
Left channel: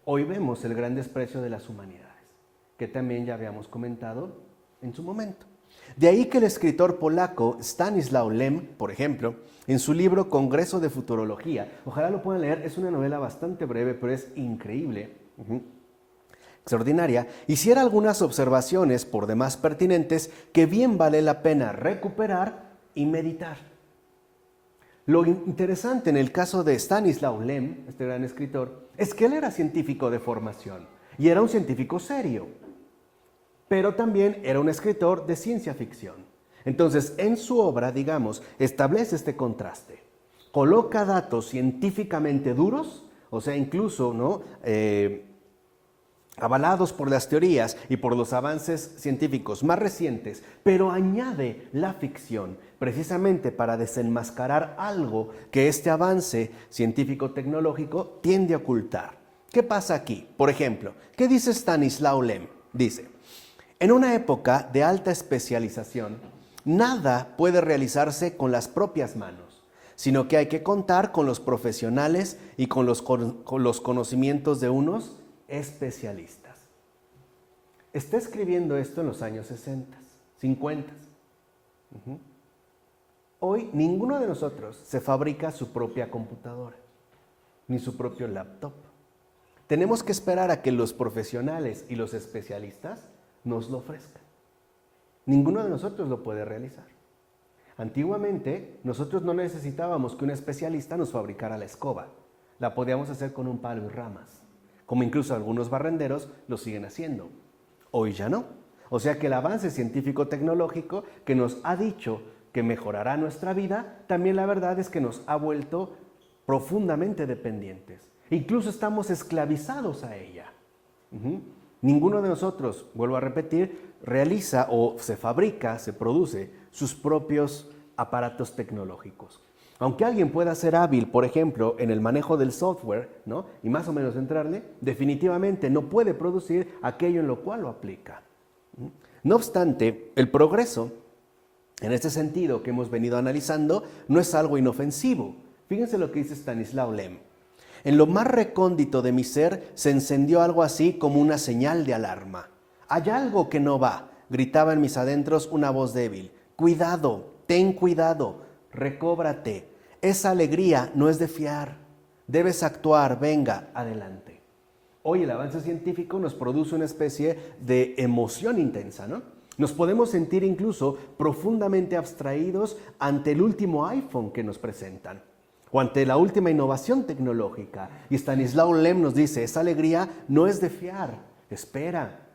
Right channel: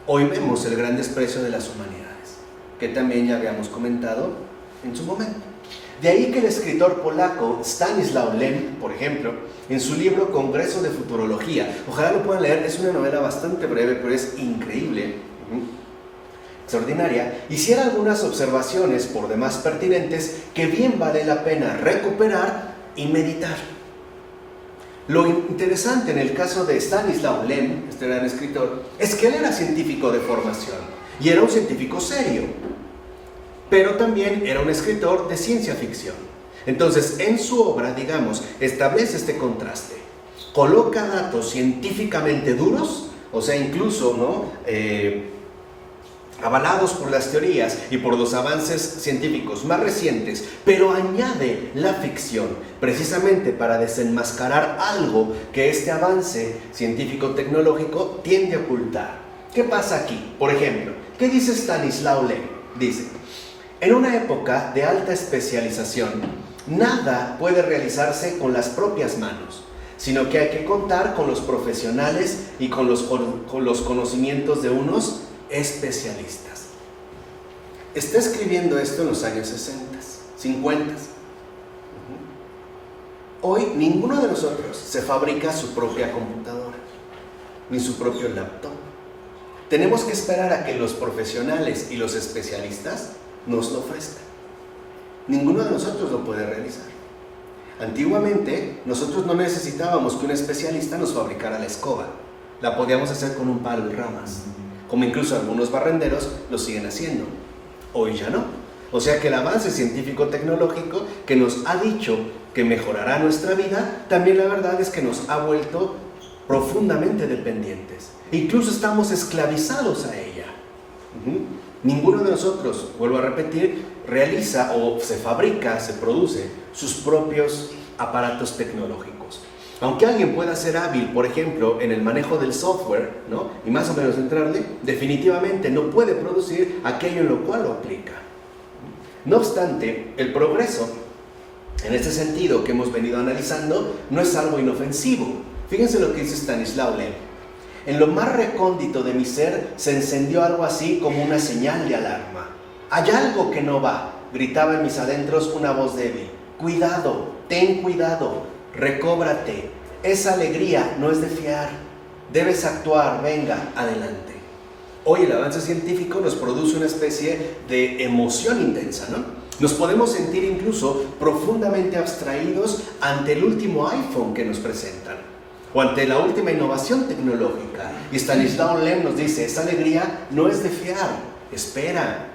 Hoy vemos el gran desprecio de las humanidades, que también ya habíamos comentado en su momento. De ahí que el escritor polaco Stanislaw Lem, por ejemplo, en su libro Congreso de Futurología, ojalá lo puedan leer, es una novela bastante breve, pero es increíble, extraordinaria, hiciera algunas observaciones por demás pertinentes que bien vale la pena recuperar y meditar. Lo interesante en el caso de Stanislaw Lem, este gran escritor, es que él era científico de formación y era un científico serio, pero también era un escritor de ciencia ficción. Entonces, en su obra, digamos, establece este contraste. Coloca datos científicamente duros, o sea, incluso, ¿no?, avalados por las teorías y por los avances científicos más recientes, pero añade la ficción precisamente para desenmascarar algo que este avance científico-tecnológico tiende a ocultar. ¿Qué pasa aquí? Por ejemplo, ¿qué dice Stanislaw Lem? Dice: en una época de alta especialización, nada puede realizarse con las propias manos, sino que hay que contar con los profesionales y con los conocimientos de unos especialistas. Está escribiendo esto en los años 60, 50. Hoy ninguno de nosotros se fabrica su propia computadora, ni su propio laptop. Tenemos que esperar a que los profesionales y los especialistas nos lo ofrezcan. Ninguno de nosotros lo puede realizar. Antiguamente, nosotros no necesitábamos que un especialista nos fabricara la escoba. La podíamos hacer con un palo y ramas, como incluso algunos barrenderos lo siguen haciendo. Hoy ya no. O sea que el avance científico-tecnológico que nos ha dicho que mejorará nuestra vida, también la verdad es que nos ha vuelto profundamente dependientes. Incluso estamos esclavizados a ella. Ninguno de nosotros, vuelvo a repetir, realiza o se fabrica, se produce sus propios aparatos tecnológicos. Aunque alguien pueda ser hábil, por ejemplo, en el manejo del software, ¿no?, y más o menos entrarle, definitivamente no puede producir aquello en lo cual lo aplica. No obstante, el progreso, en este sentido que hemos venido analizando, no es algo inofensivo. Fíjense lo que dice Stanislaw Lem. En lo más recóndito de mi ser se encendió algo así como una señal de alarma. Hay algo que no va, gritaba en mis adentros una voz débil. Cuidado, ten cuidado, recóbrate. Esa alegría no es de fiar. Debes actuar, venga, adelante. Hoy el avance científico nos produce una especie de emoción intensa, ¿no? Nos podemos sentir incluso profundamente abstraídos ante el último iPhone que nos presentan o ante la última innovación tecnológica. Y Stanislaw Lem nos dice, esa alegría no es de fiar, espera,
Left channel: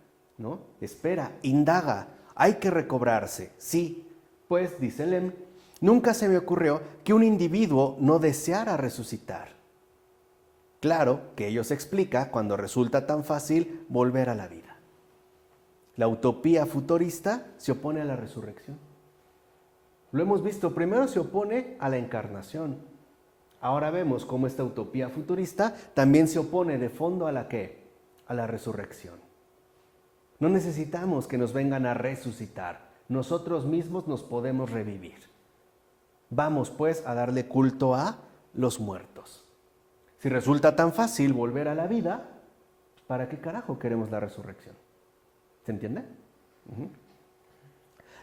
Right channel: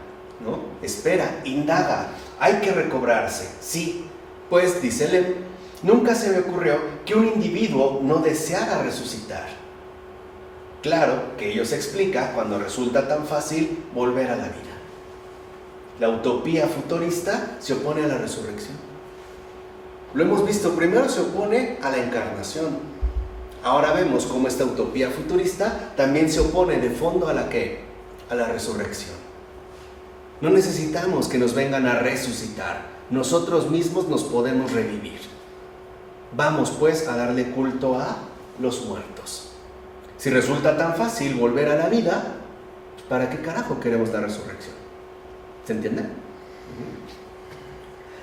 ¿no? Espera, indaga, hay que recobrarse. Sí, pues, dice Lem, nunca se me ocurrió que un individuo no deseara resucitar. Claro que ello se explica cuando resulta tan fácil volver a la vida. La utopía futurista se opone a la resurrección. Lo hemos visto, primero se opone a la encarnación. Ahora vemos cómo esta utopía futurista también se opone de fondo a la ¿qué? A la resurrección. No necesitamos que nos vengan a resucitar. Nosotros mismos nos podemos revivir. Vamos pues a darle culto a los muertos. Si resulta tan fácil volver a la vida, ¿para qué carajo queremos la resurrección? ¿Se entiende?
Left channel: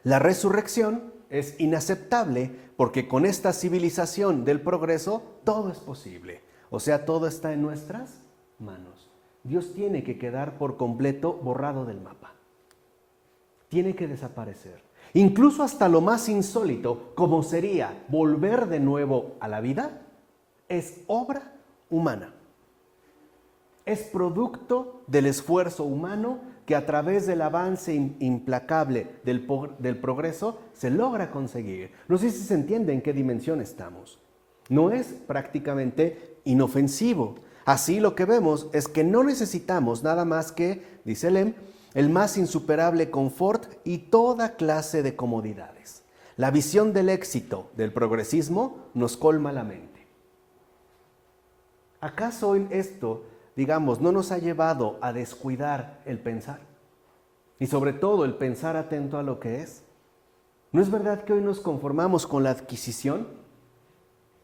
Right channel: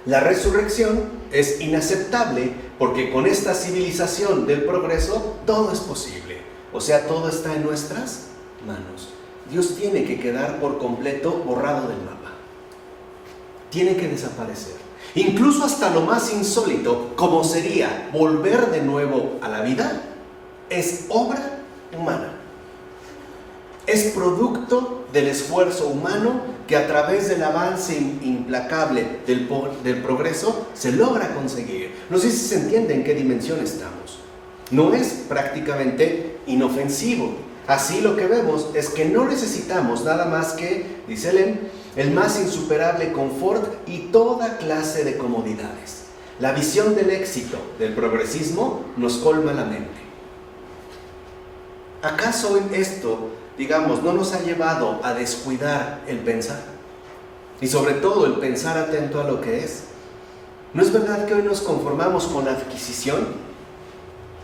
La resurrección es inaceptable porque con esta civilización del progreso todo es posible. O sea, todo está en nuestras manos. Dios tiene que quedar por completo borrado del mapa. Tiene que desaparecer. Incluso hasta lo más insólito, como sería volver de nuevo a la vida, es obra humana. Es producto del esfuerzo humano que a través del avance implacable del progreso se logra conseguir. No sé si se entiende en qué dimensión estamos. No es prácticamente inofensivo. Así lo que vemos es que no necesitamos nada más que, dice Lem, el más insuperable confort y toda clase de comodidades. La visión del éxito del progresismo nos colma la mente. ¿Acaso esto, digamos, no nos ha llevado a descuidar el pensar? Y sobre todo el pensar atento a lo que es. ¿No es verdad que hoy nos conformamos con la adquisición?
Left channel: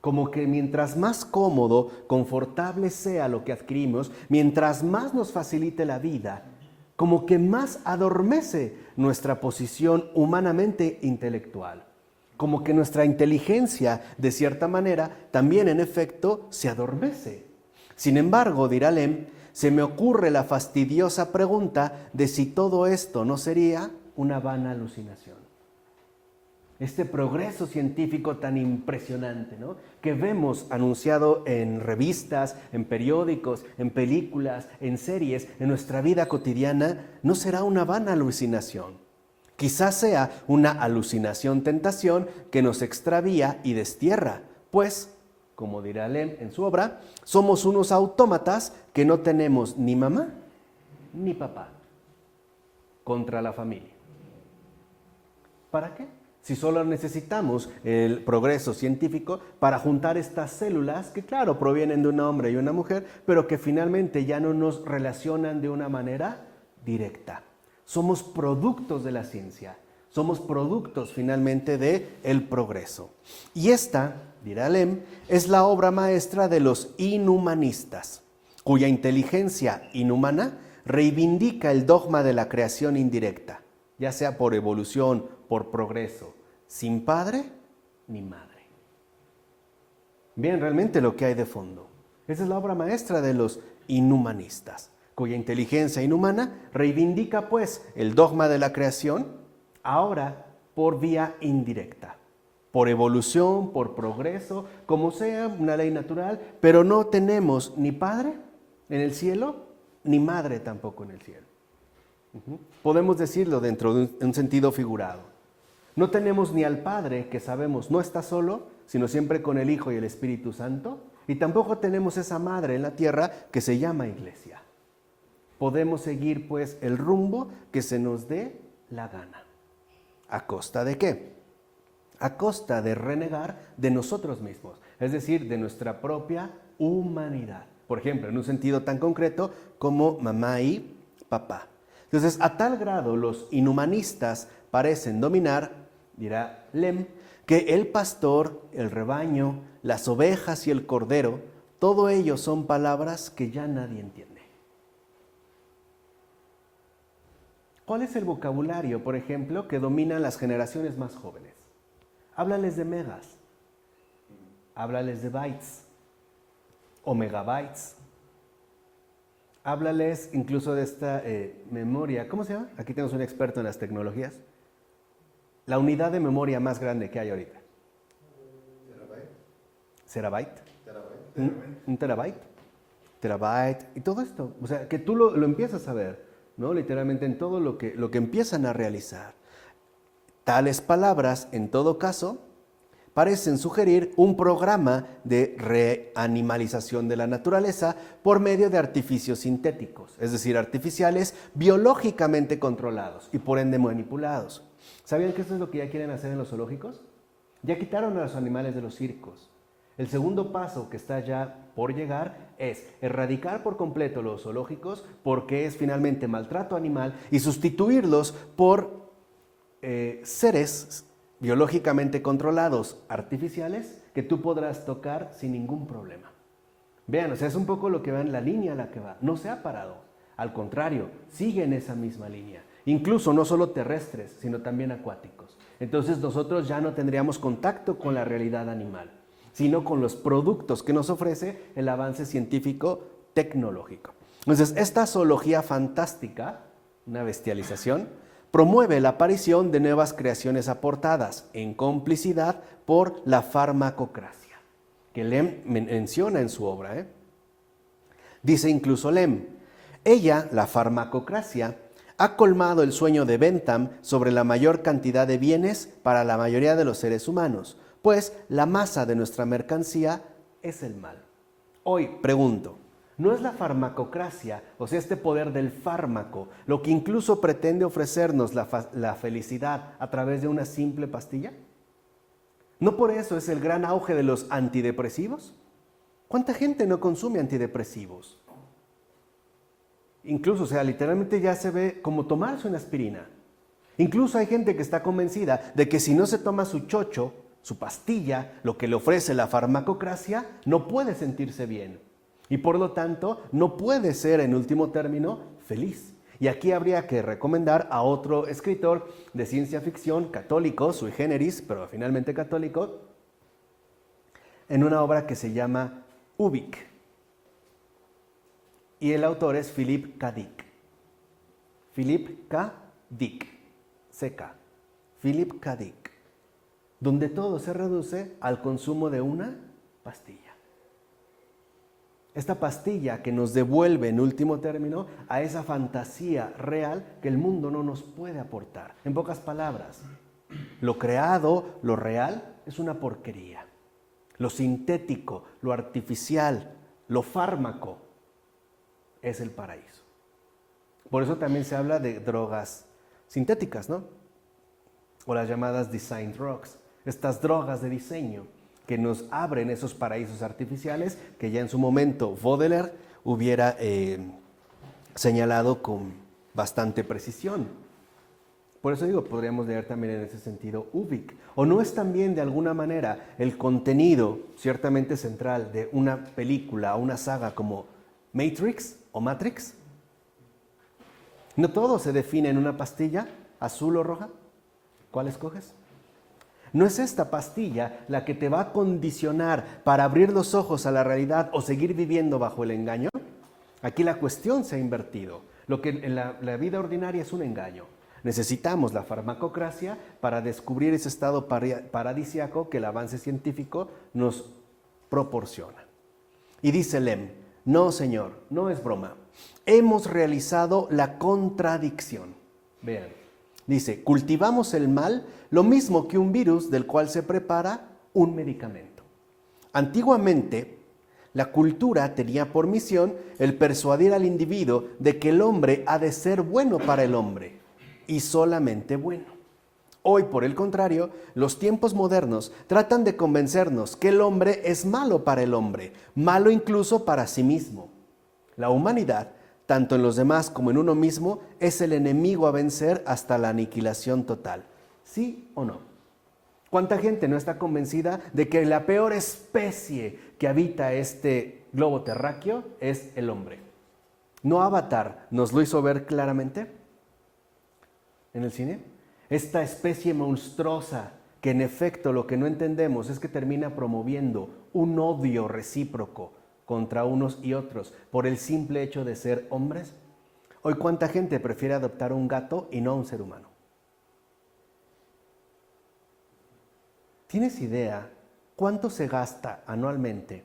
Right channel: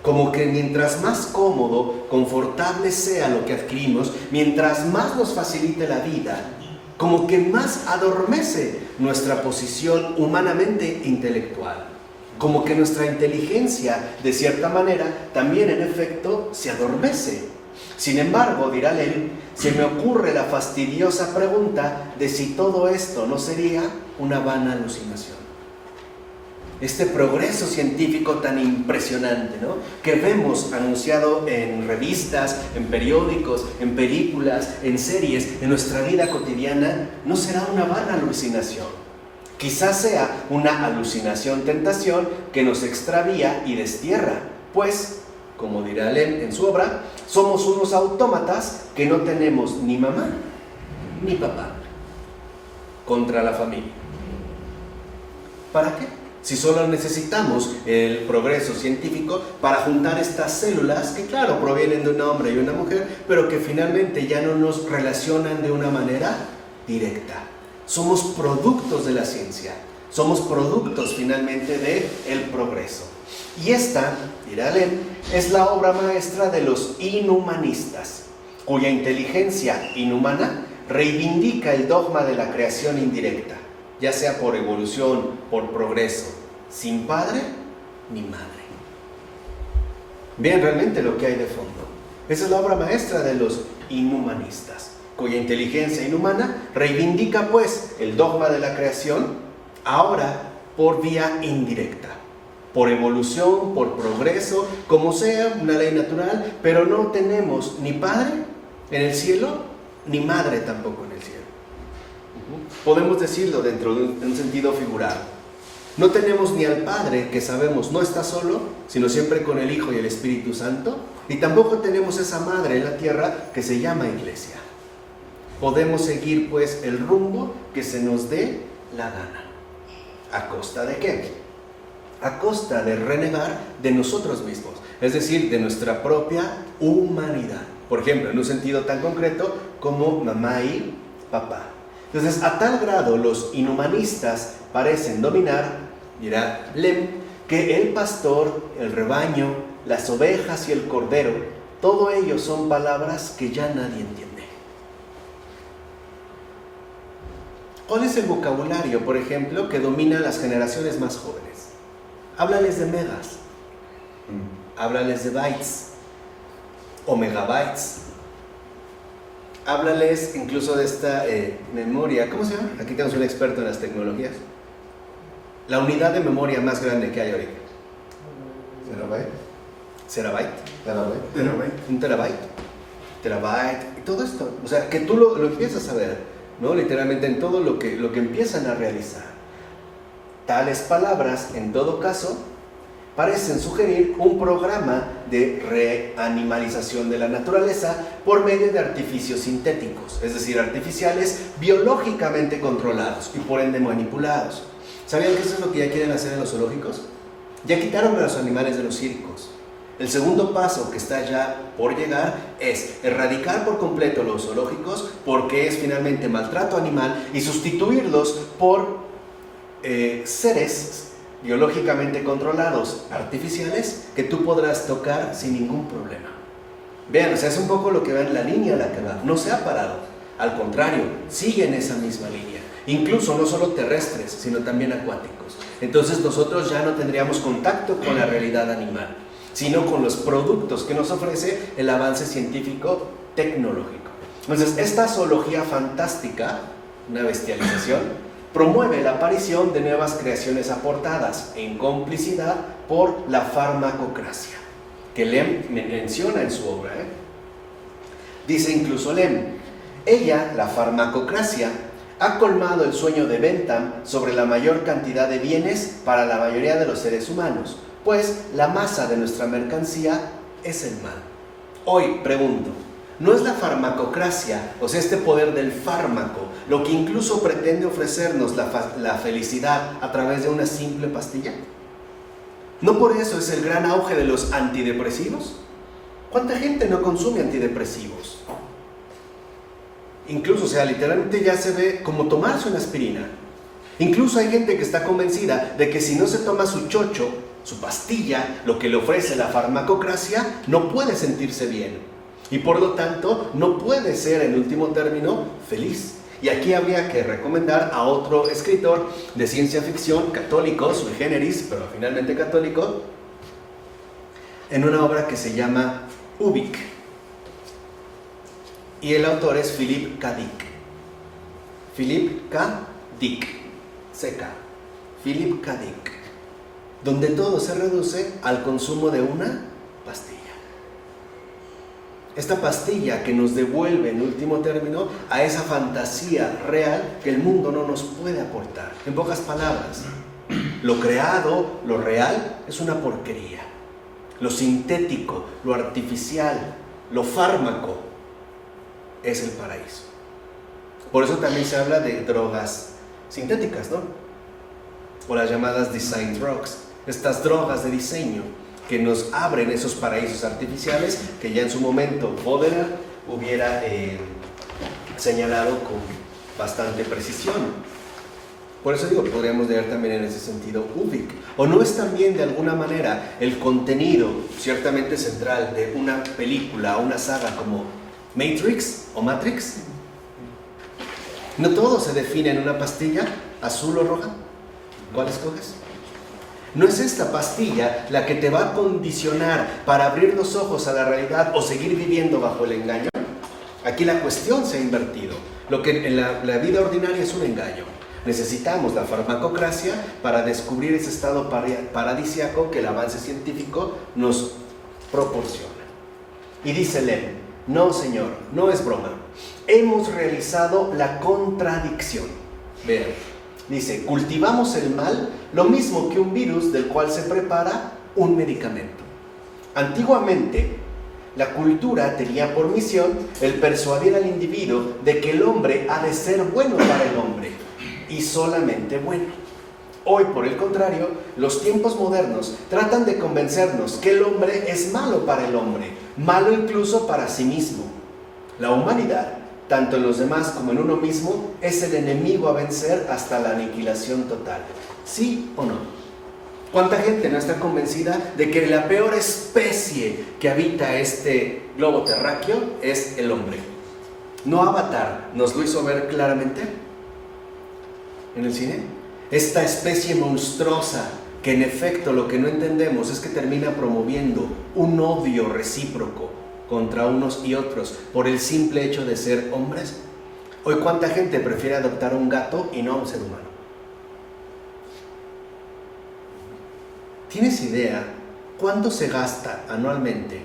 Como que mientras más cómodo, confortable sea lo que adquirimos, mientras más nos facilite la vida, como que más adormece nuestra posición humanamente intelectual. Como que nuestra inteligencia, de cierta manera, también en efecto se adormece. Sin embargo, dirá Lem, se me ocurre la fastidiosa pregunta de si todo esto no sería una vana alucinación. Este progreso científico tan impresionante, ¿no?, que vemos anunciado en revistas, en periódicos, en películas, en series, en nuestra vida cotidiana, no será una vana alucinación. Quizás sea una alucinación-tentación que nos extravía y destierra, pues, como dirá Lem en su obra, somos unos autómatas que no tenemos ni mamá ni papá contra la familia. ¿Para qué? Si solo necesitamos el progreso científico para juntar estas células que, claro, provienen de un hombre y una mujer, pero que finalmente ya no nos relacionan de una manera directa. Somos productos de la ciencia, somos productos finalmente del progreso. Y esta, dirá Lem, es la obra maestra de los inhumanistas, cuya inteligencia inhumana reivindica el dogma de la creación indirecta, ya sea por evolución, por progreso, sin padre ni madre. Vean realmente lo que hay de fondo. Esa es la obra maestra de los inhumanistas, cuya inteligencia inhumana reivindica pues el dogma de la creación, ahora por vía indirecta, por evolución, por progreso, como sea, una ley natural, pero no tenemos ni padre en el cielo, ni madre tampoco en el cielo. Podemos decirlo dentro de un sentido figurado. No tenemos ni al Padre, que sabemos no está solo, sino siempre con el Hijo y el Espíritu Santo, y tampoco tenemos esa madre en la tierra que se llama Iglesia. Podemos seguir pues el rumbo que se nos dé la gana. ¿A costa de qué? A costa de renegar de nosotros mismos, es decir, de nuestra propia humanidad. Por ejemplo, en un sentido tan concreto como mamá y papá. Entonces, a tal grado los inhumanistas parecen dominar, dirá Lem, que el pastor, el rebaño, las ovejas y el cordero todo ello son palabras que ya nadie entiende. ¿Cuál es el vocabulario, por ejemplo, que domina a las generaciones más jóvenes? Háblales de megas, háblales de bytes o megabytes. Háblales incluso de esta memoria, ¿cómo se llama? Aquí tenemos un experto en las tecnologías. La unidad de memoria más grande que hay ahorita. ¿Terabyte? Un terabyte y todo esto. O sea, que tú lo empiezas a ver, ¿no? Literalmente en todo lo que empiezan a realizar. Tales palabras, en todo caso, parecen sugerir un programa de reanimalización de la naturaleza por medio de artificios sintéticos, es decir, artificiales biológicamente controlados y por ende manipulados. ¿Sabían que eso es lo que ya quieren hacer en los zoológicos? Ya quitaron a los animales de los circos. El segundo paso que está ya por llegar es erradicar por completo los zoológicos, porque es finalmente maltrato animal, y sustituirlos por seres biológicamente controlados, artificiales, que tú podrás tocar sin ningún problema. Vean, o sea, es un poco lo que va en la línea a la que va. No se ha parado, al contrario, sigue en esa misma línea. Incluso no solo terrestres, sino también acuáticos. Entonces nosotros ya no tendríamos contacto con la realidad animal, sino con los productos que nos ofrece el avance científico tecnológico. Entonces, esta zoología fantástica, una bestialización, promueve la aparición de nuevas creaciones aportadas en complicidad por la farmacocracia, que Lem menciona en su obra. Dice incluso Lem, ella, la farmacocracia, ha colmado el sueño de Bentham sobre la mayor cantidad de bienes para la mayoría de los seres humanos, pues la masa de nuestra mercancía es el mal. Hoy pregunto, ¿no es la farmacocracia, o sea, este poder del fármaco, lo que incluso pretende ofrecernos la felicidad a través de una simple pastilla? ¿No por eso es el gran auge de los antidepresivos? ¿Cuánta gente no consume antidepresivos? Incluso, o sea, literalmente ya se ve como tomarse una aspirina. Incluso hay gente que está convencida de que si no se toma su chocho, su pastilla, lo que le ofrece la farmacocracia, no puede sentirse bien. Y por lo tanto, no puede ser, en último término, feliz. Y aquí habría que recomendar a otro escritor de ciencia ficción, católico, sui generis, pero finalmente católico, en una obra que se llama Ubik. Y el autor es Philip K. Dick. Philip K. Dick. Seca. Philip K. Dick. Donde todo se reduce al consumo de una pastilla. Esta pastilla que nos devuelve en último término a esa fantasía real que el mundo no nos puede aportar. En pocas palabras, lo creado, lo real, es una porquería. Lo sintético, lo artificial, lo fármaco, es el paraíso. Por eso también se habla de drogas sintéticas, ¿no? O las llamadas design drugs, estas drogas de diseño que nos abren esos paraísos artificiales que ya en su momento Baudelaire hubiera señalado con bastante precisión. Por eso digo que podríamos leer también en ese sentido Ubik. ¿O no es también de alguna manera el contenido ciertamente central de una película o una saga como Matrix o Matrix? ¿No todo se define en una pastilla, azul o roja? ¿Cuál escoges? ¿No es esta pastilla la que te va a condicionar para abrir los ojos a la realidad o seguir viviendo bajo el engaño? Aquí la cuestión se ha invertido. Lo que en la vida ordinaria es un engaño. Necesitamos la farmacocracia para descubrir ese estado paradisíaco que el avance científico nos proporciona. Y dice Lem, no señor, no es broma. Hemos realizado la contradicción. Vean, dice, cultivamos el mal, lo mismo que un virus del cual se prepara un medicamento. Antiguamente, la cultura tenía por misión el persuadir al individuo de que el hombre ha de ser bueno para el hombre, y solamente bueno. Hoy, por el contrario, los tiempos modernos tratan de convencernos que el hombre es malo para el hombre, malo incluso para sí mismo. La humanidad, tanto en los demás como en uno mismo, es el enemigo a vencer hasta la aniquilación total. ¿Sí o no? ¿Cuánta gente no está convencida de que la peor especie que habita este globo terráqueo es el hombre? ¿No Avatar nos lo hizo ver claramente en el cine? Esta especie monstruosa que en efecto lo que no entendemos es que termina promoviendo un odio recíproco contra unos y otros por el simple hecho de ser hombres. Hoy, ¿cuánta gente prefiere adoptar un gato y no a un ser humano? ¿Tienes idea cuánto se gasta anualmente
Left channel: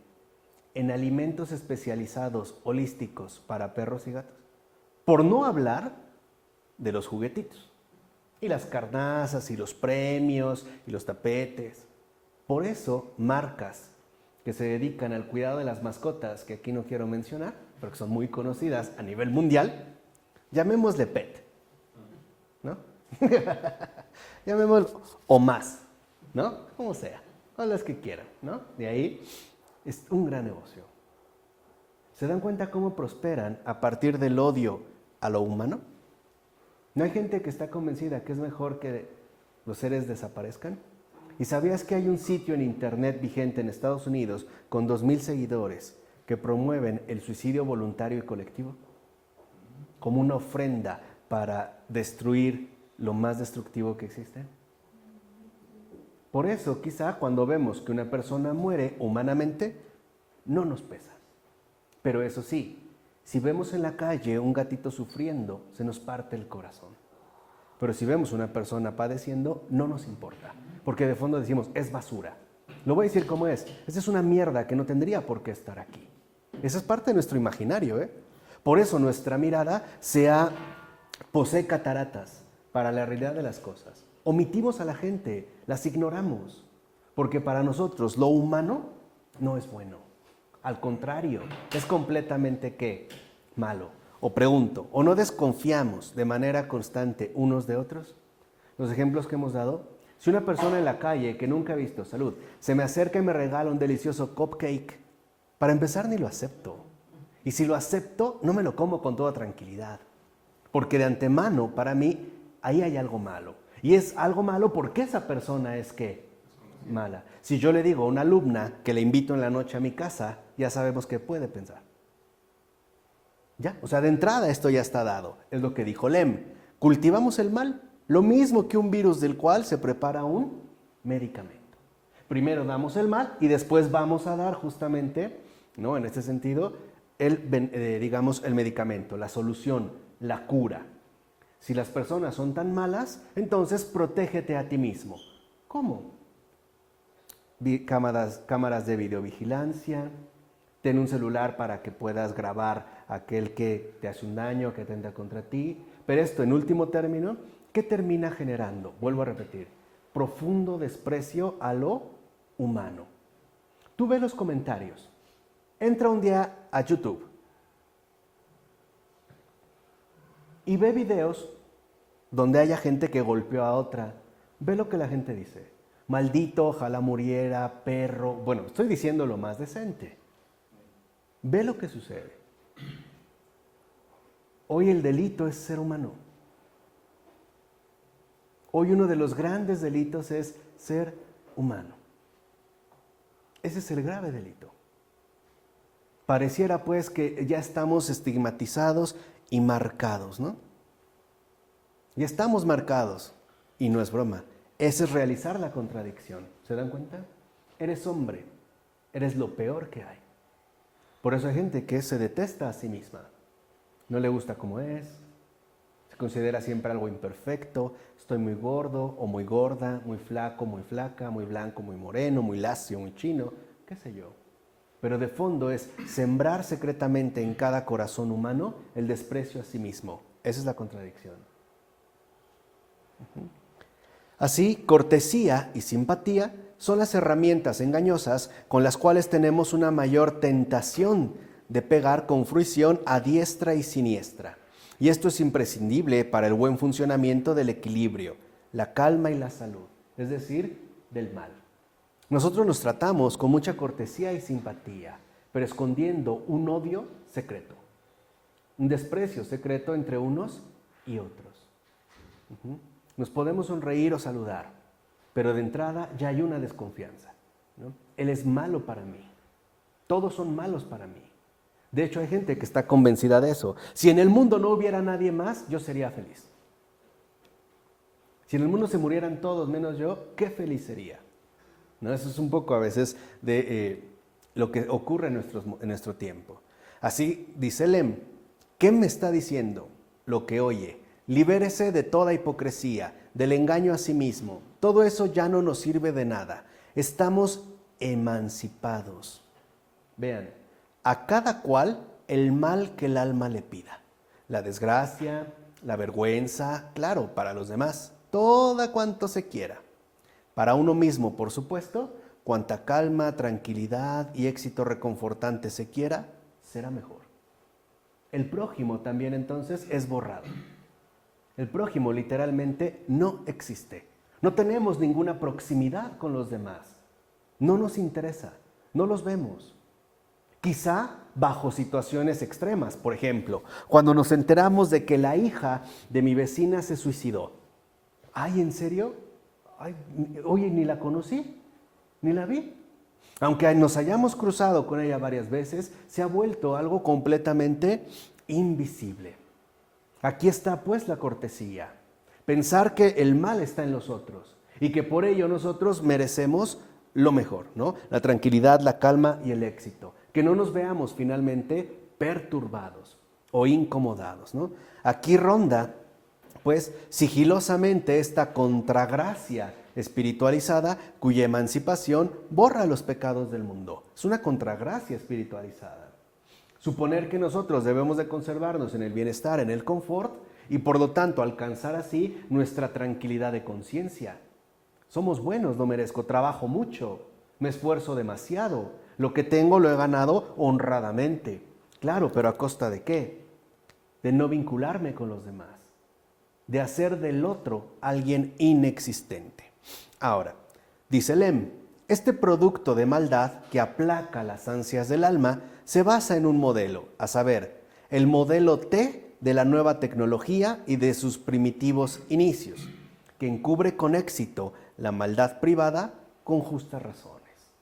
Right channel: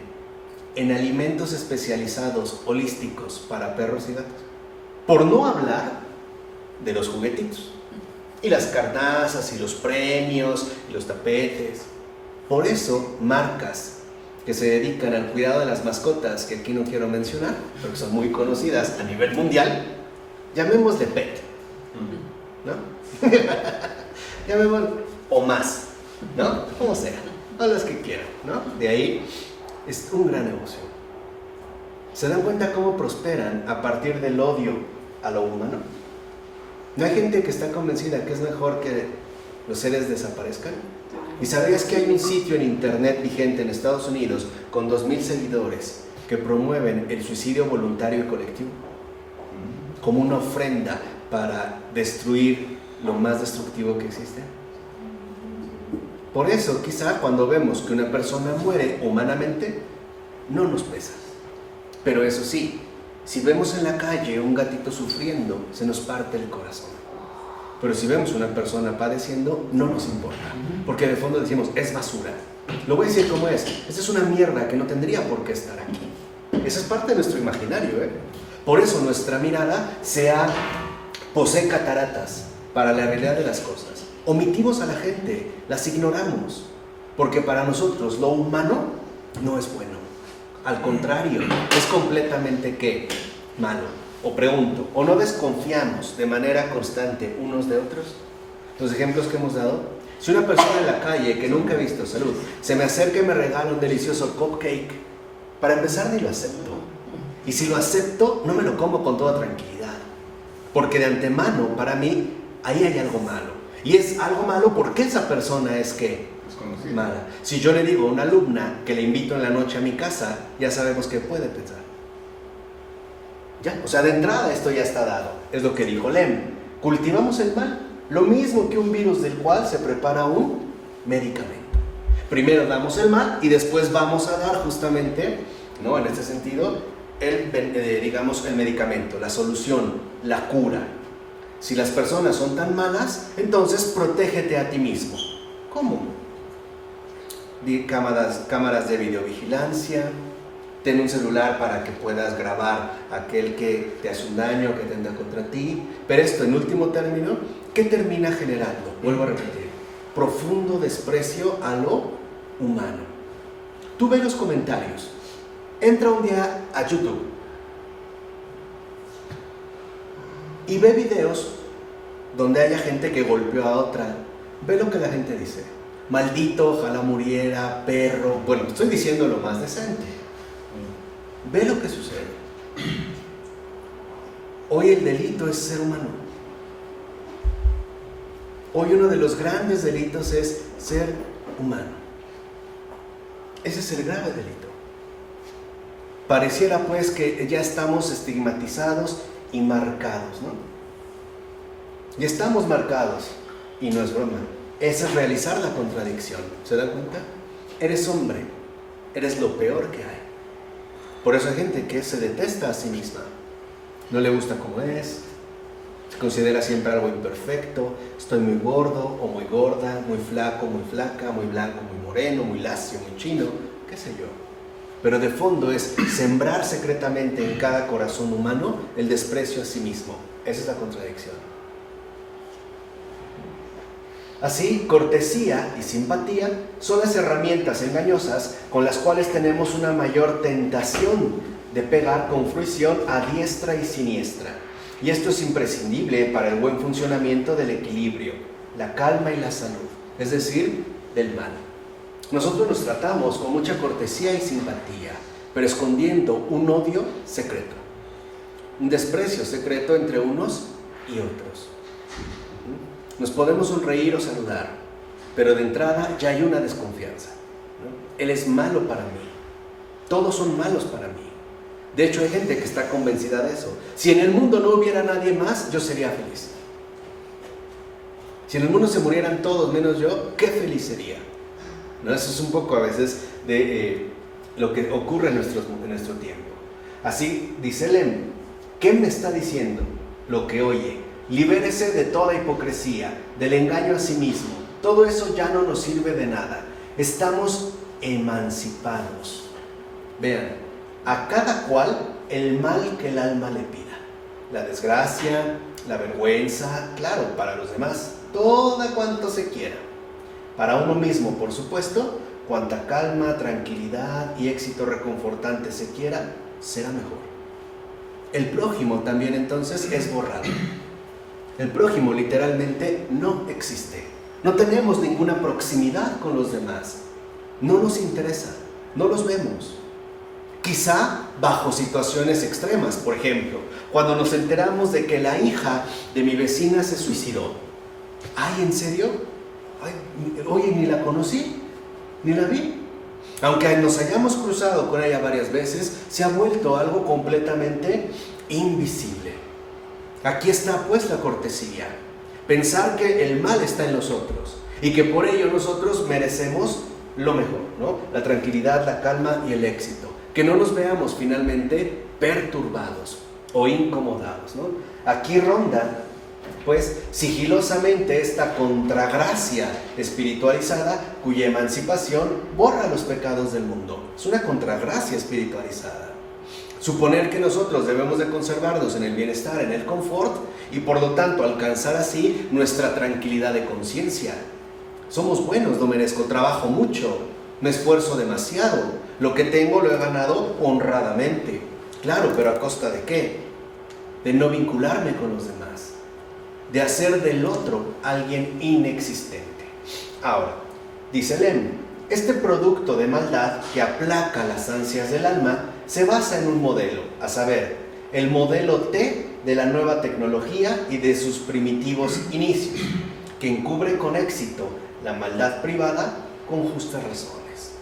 en alimentos especializados holísticos para perros y gatos? Por no hablar de los juguetitos, y las carnazas, y los premios, y los tapetes. Por eso, marcas que se dedican al cuidado de las mascotas, que aquí no quiero mencionar, porque son muy conocidas a nivel mundial, llamémosle pet, ¿no? Llamémosle, o más, ¿no? Como sea, o las que quieran, ¿no? De ahí es un gran negocio. ¿Se dan cuenta cómo prosperan a partir del odio a lo humano? ¿No hay gente que está convencida que es mejor que los seres desaparezcan? ¿Y sabías que hay un sitio en internet vigente en Estados Unidos con 2,000 seguidores que promueven el suicidio voluntario y colectivo como una ofrenda para destruir lo más destructivo que existe? Por eso, quizá cuando vemos que una persona muere humanamente, no nos pesa. Pero eso sí, si vemos en la calle un gatito sufriendo, se nos parte el corazón. Pero si vemos una persona padeciendo, no nos importa, porque de fondo decimos, es basura. Lo voy a decir como es, esta es una mierda que no tendría por qué estar aquí. Esa es parte de nuestro imaginario, ¿eh? Por eso nuestra mirada posee cataratas para la realidad de las cosas. Omitimos a la gente, las ignoramos, porque para nosotros lo humano no es bueno. Al contrario, es completamente ¿qué? Malo. O pregunto, ¿o no desconfiamos de manera constante unos de otros? Los ejemplos que hemos dado. Si una persona en la calle que nunca he visto, salud, se me acerca y me regala un delicioso cupcake, para empezar ni lo acepto. Y si lo acepto, no me lo como con toda tranquilidad. Porque de antemano, para mí, ahí hay algo malo. Y es algo malo porque esa persona es ¿qué? Mala. Si yo le digo a una alumna que le invito en la noche a mi casa, ya sabemos qué puede pensar. Ya, o sea, de entrada esto ya está dado. Es lo que dijo Lem. Cultivamos el mal, lo mismo que un virus del cual se prepara un medicamento. Primero damos el mal y después vamos a dar justamente, ¿no? En este sentido, el medicamento, la solución, la cura. Si las personas son tan malas, entonces protégete a ti mismo. ¿Cómo? Cámaras de videovigilancia, ten un celular para que puedas grabar a aquel que te hace un daño, que atenta contra ti. Pero esto, en último término, ¿qué termina generando? Vuelvo a repetir, profundo desprecio a lo humano. Tú ve los comentarios. Entra un día a YouTube y ve videos donde haya gente que golpeó a otra. Ve lo que la gente dice. Maldito, ojalá muriera, perro. Bueno, estoy diciendo lo más decente. Ve lo que sucede. Hoy el delito es ser humano. Hoy uno de los grandes delitos es ser humano. Ese es el grave delito. Pareciera pues que ya estamos estigmatizados y marcados, ¿no? Ya estamos marcados, y no es broma. Ese es realizar la contradicción. ¿Se dan cuenta? Eres hombre, eres lo peor que hay. Por eso hay gente que se detesta a sí misma. No le gusta como es, se considera siempre algo imperfecto, estoy muy gordo o muy gorda, muy flaco, muy flaca, muy blanco, muy moreno, muy lacio, muy chino, qué sé yo. Pero de fondo es sembrar secretamente en cada corazón humano el desprecio a sí mismo. Esa es la contradicción. Así, cortesía y simpatía son las herramientas engañosas con las cuales tenemos una mayor tentación de pegar con fruición a diestra y siniestra. Y esto es imprescindible para el buen funcionamiento del equilibrio, la calma y la salud, es decir, del mal. Nosotros nos tratamos con mucha cortesía y simpatía, pero escondiendo un odio secreto, un desprecio secreto entre unos y otros. Nos podemos sonreír o saludar, pero de entrada ya hay una desconfianza, ¿no? Él es malo para mí. Todos son malos para mí. De hecho, hay gente que está convencida de eso. Si en el mundo no hubiera nadie más, yo sería feliz. Si en el mundo se murieran todos menos yo, qué feliz sería, ¿no? Eso es un poco a veces de lo que ocurre en nuestro tiempo. Así dice Lem, ¿qué me está diciendo? Lo que oye. Libérese de toda hipocresía, del engaño a sí mismo. Todo eso ya no nos sirve de nada. Estamos emancipados. Vean, a cada cual el mal que el alma le pida. La desgracia, la vergüenza, claro, para los demás, toda cuanto se quiera. Para uno mismo, por supuesto, cuanta calma, tranquilidad y éxito reconfortante se quiera, será mejor. El prójimo también entonces es borrado. El prójimo literalmente no existe. No tenemos ninguna proximidad con los demás. No nos interesa, no los vemos. Quizá bajo situaciones extremas, por ejemplo, cuando nos enteramos de que la hija de mi vecina se suicidó. ¿Ay, en serio? Ay, oye, ni la conocí, ni la vi. Aunque nos hayamos cruzado con ella varias veces, se ha vuelto algo completamente invisible. Aquí está pues la cortesía. Pensar que el mal está en los otros y que por ello nosotros merecemos lo mejor, ¿no? La tranquilidad, la calma y el éxito. Que no nos veamos finalmente perturbados o incomodados, ¿no? Aquí ronda pues sigilosamente esta contragracia espiritualizada cuya emancipación borra los pecados del mundo. Es una contragracia espiritualizada. Suponer que nosotros debemos de conservarnos en el bienestar, en el confort y por lo tanto alcanzar así nuestra tranquilidad de conciencia. Somos buenos, no merezco, trabajo mucho, me esfuerzo demasiado, lo que tengo lo he ganado honradamente. Claro, pero ¿a costa de qué? De no vincularme con los demás, de hacer del otro alguien inexistente. Ahora, dice Lem, este producto de maldad que aplaca las ansias del alma se basa en un modelo, a saber, el modelo T de la nueva tecnología y de sus primitivos inicios, que encubre con éxito la maldad privada con justas razones.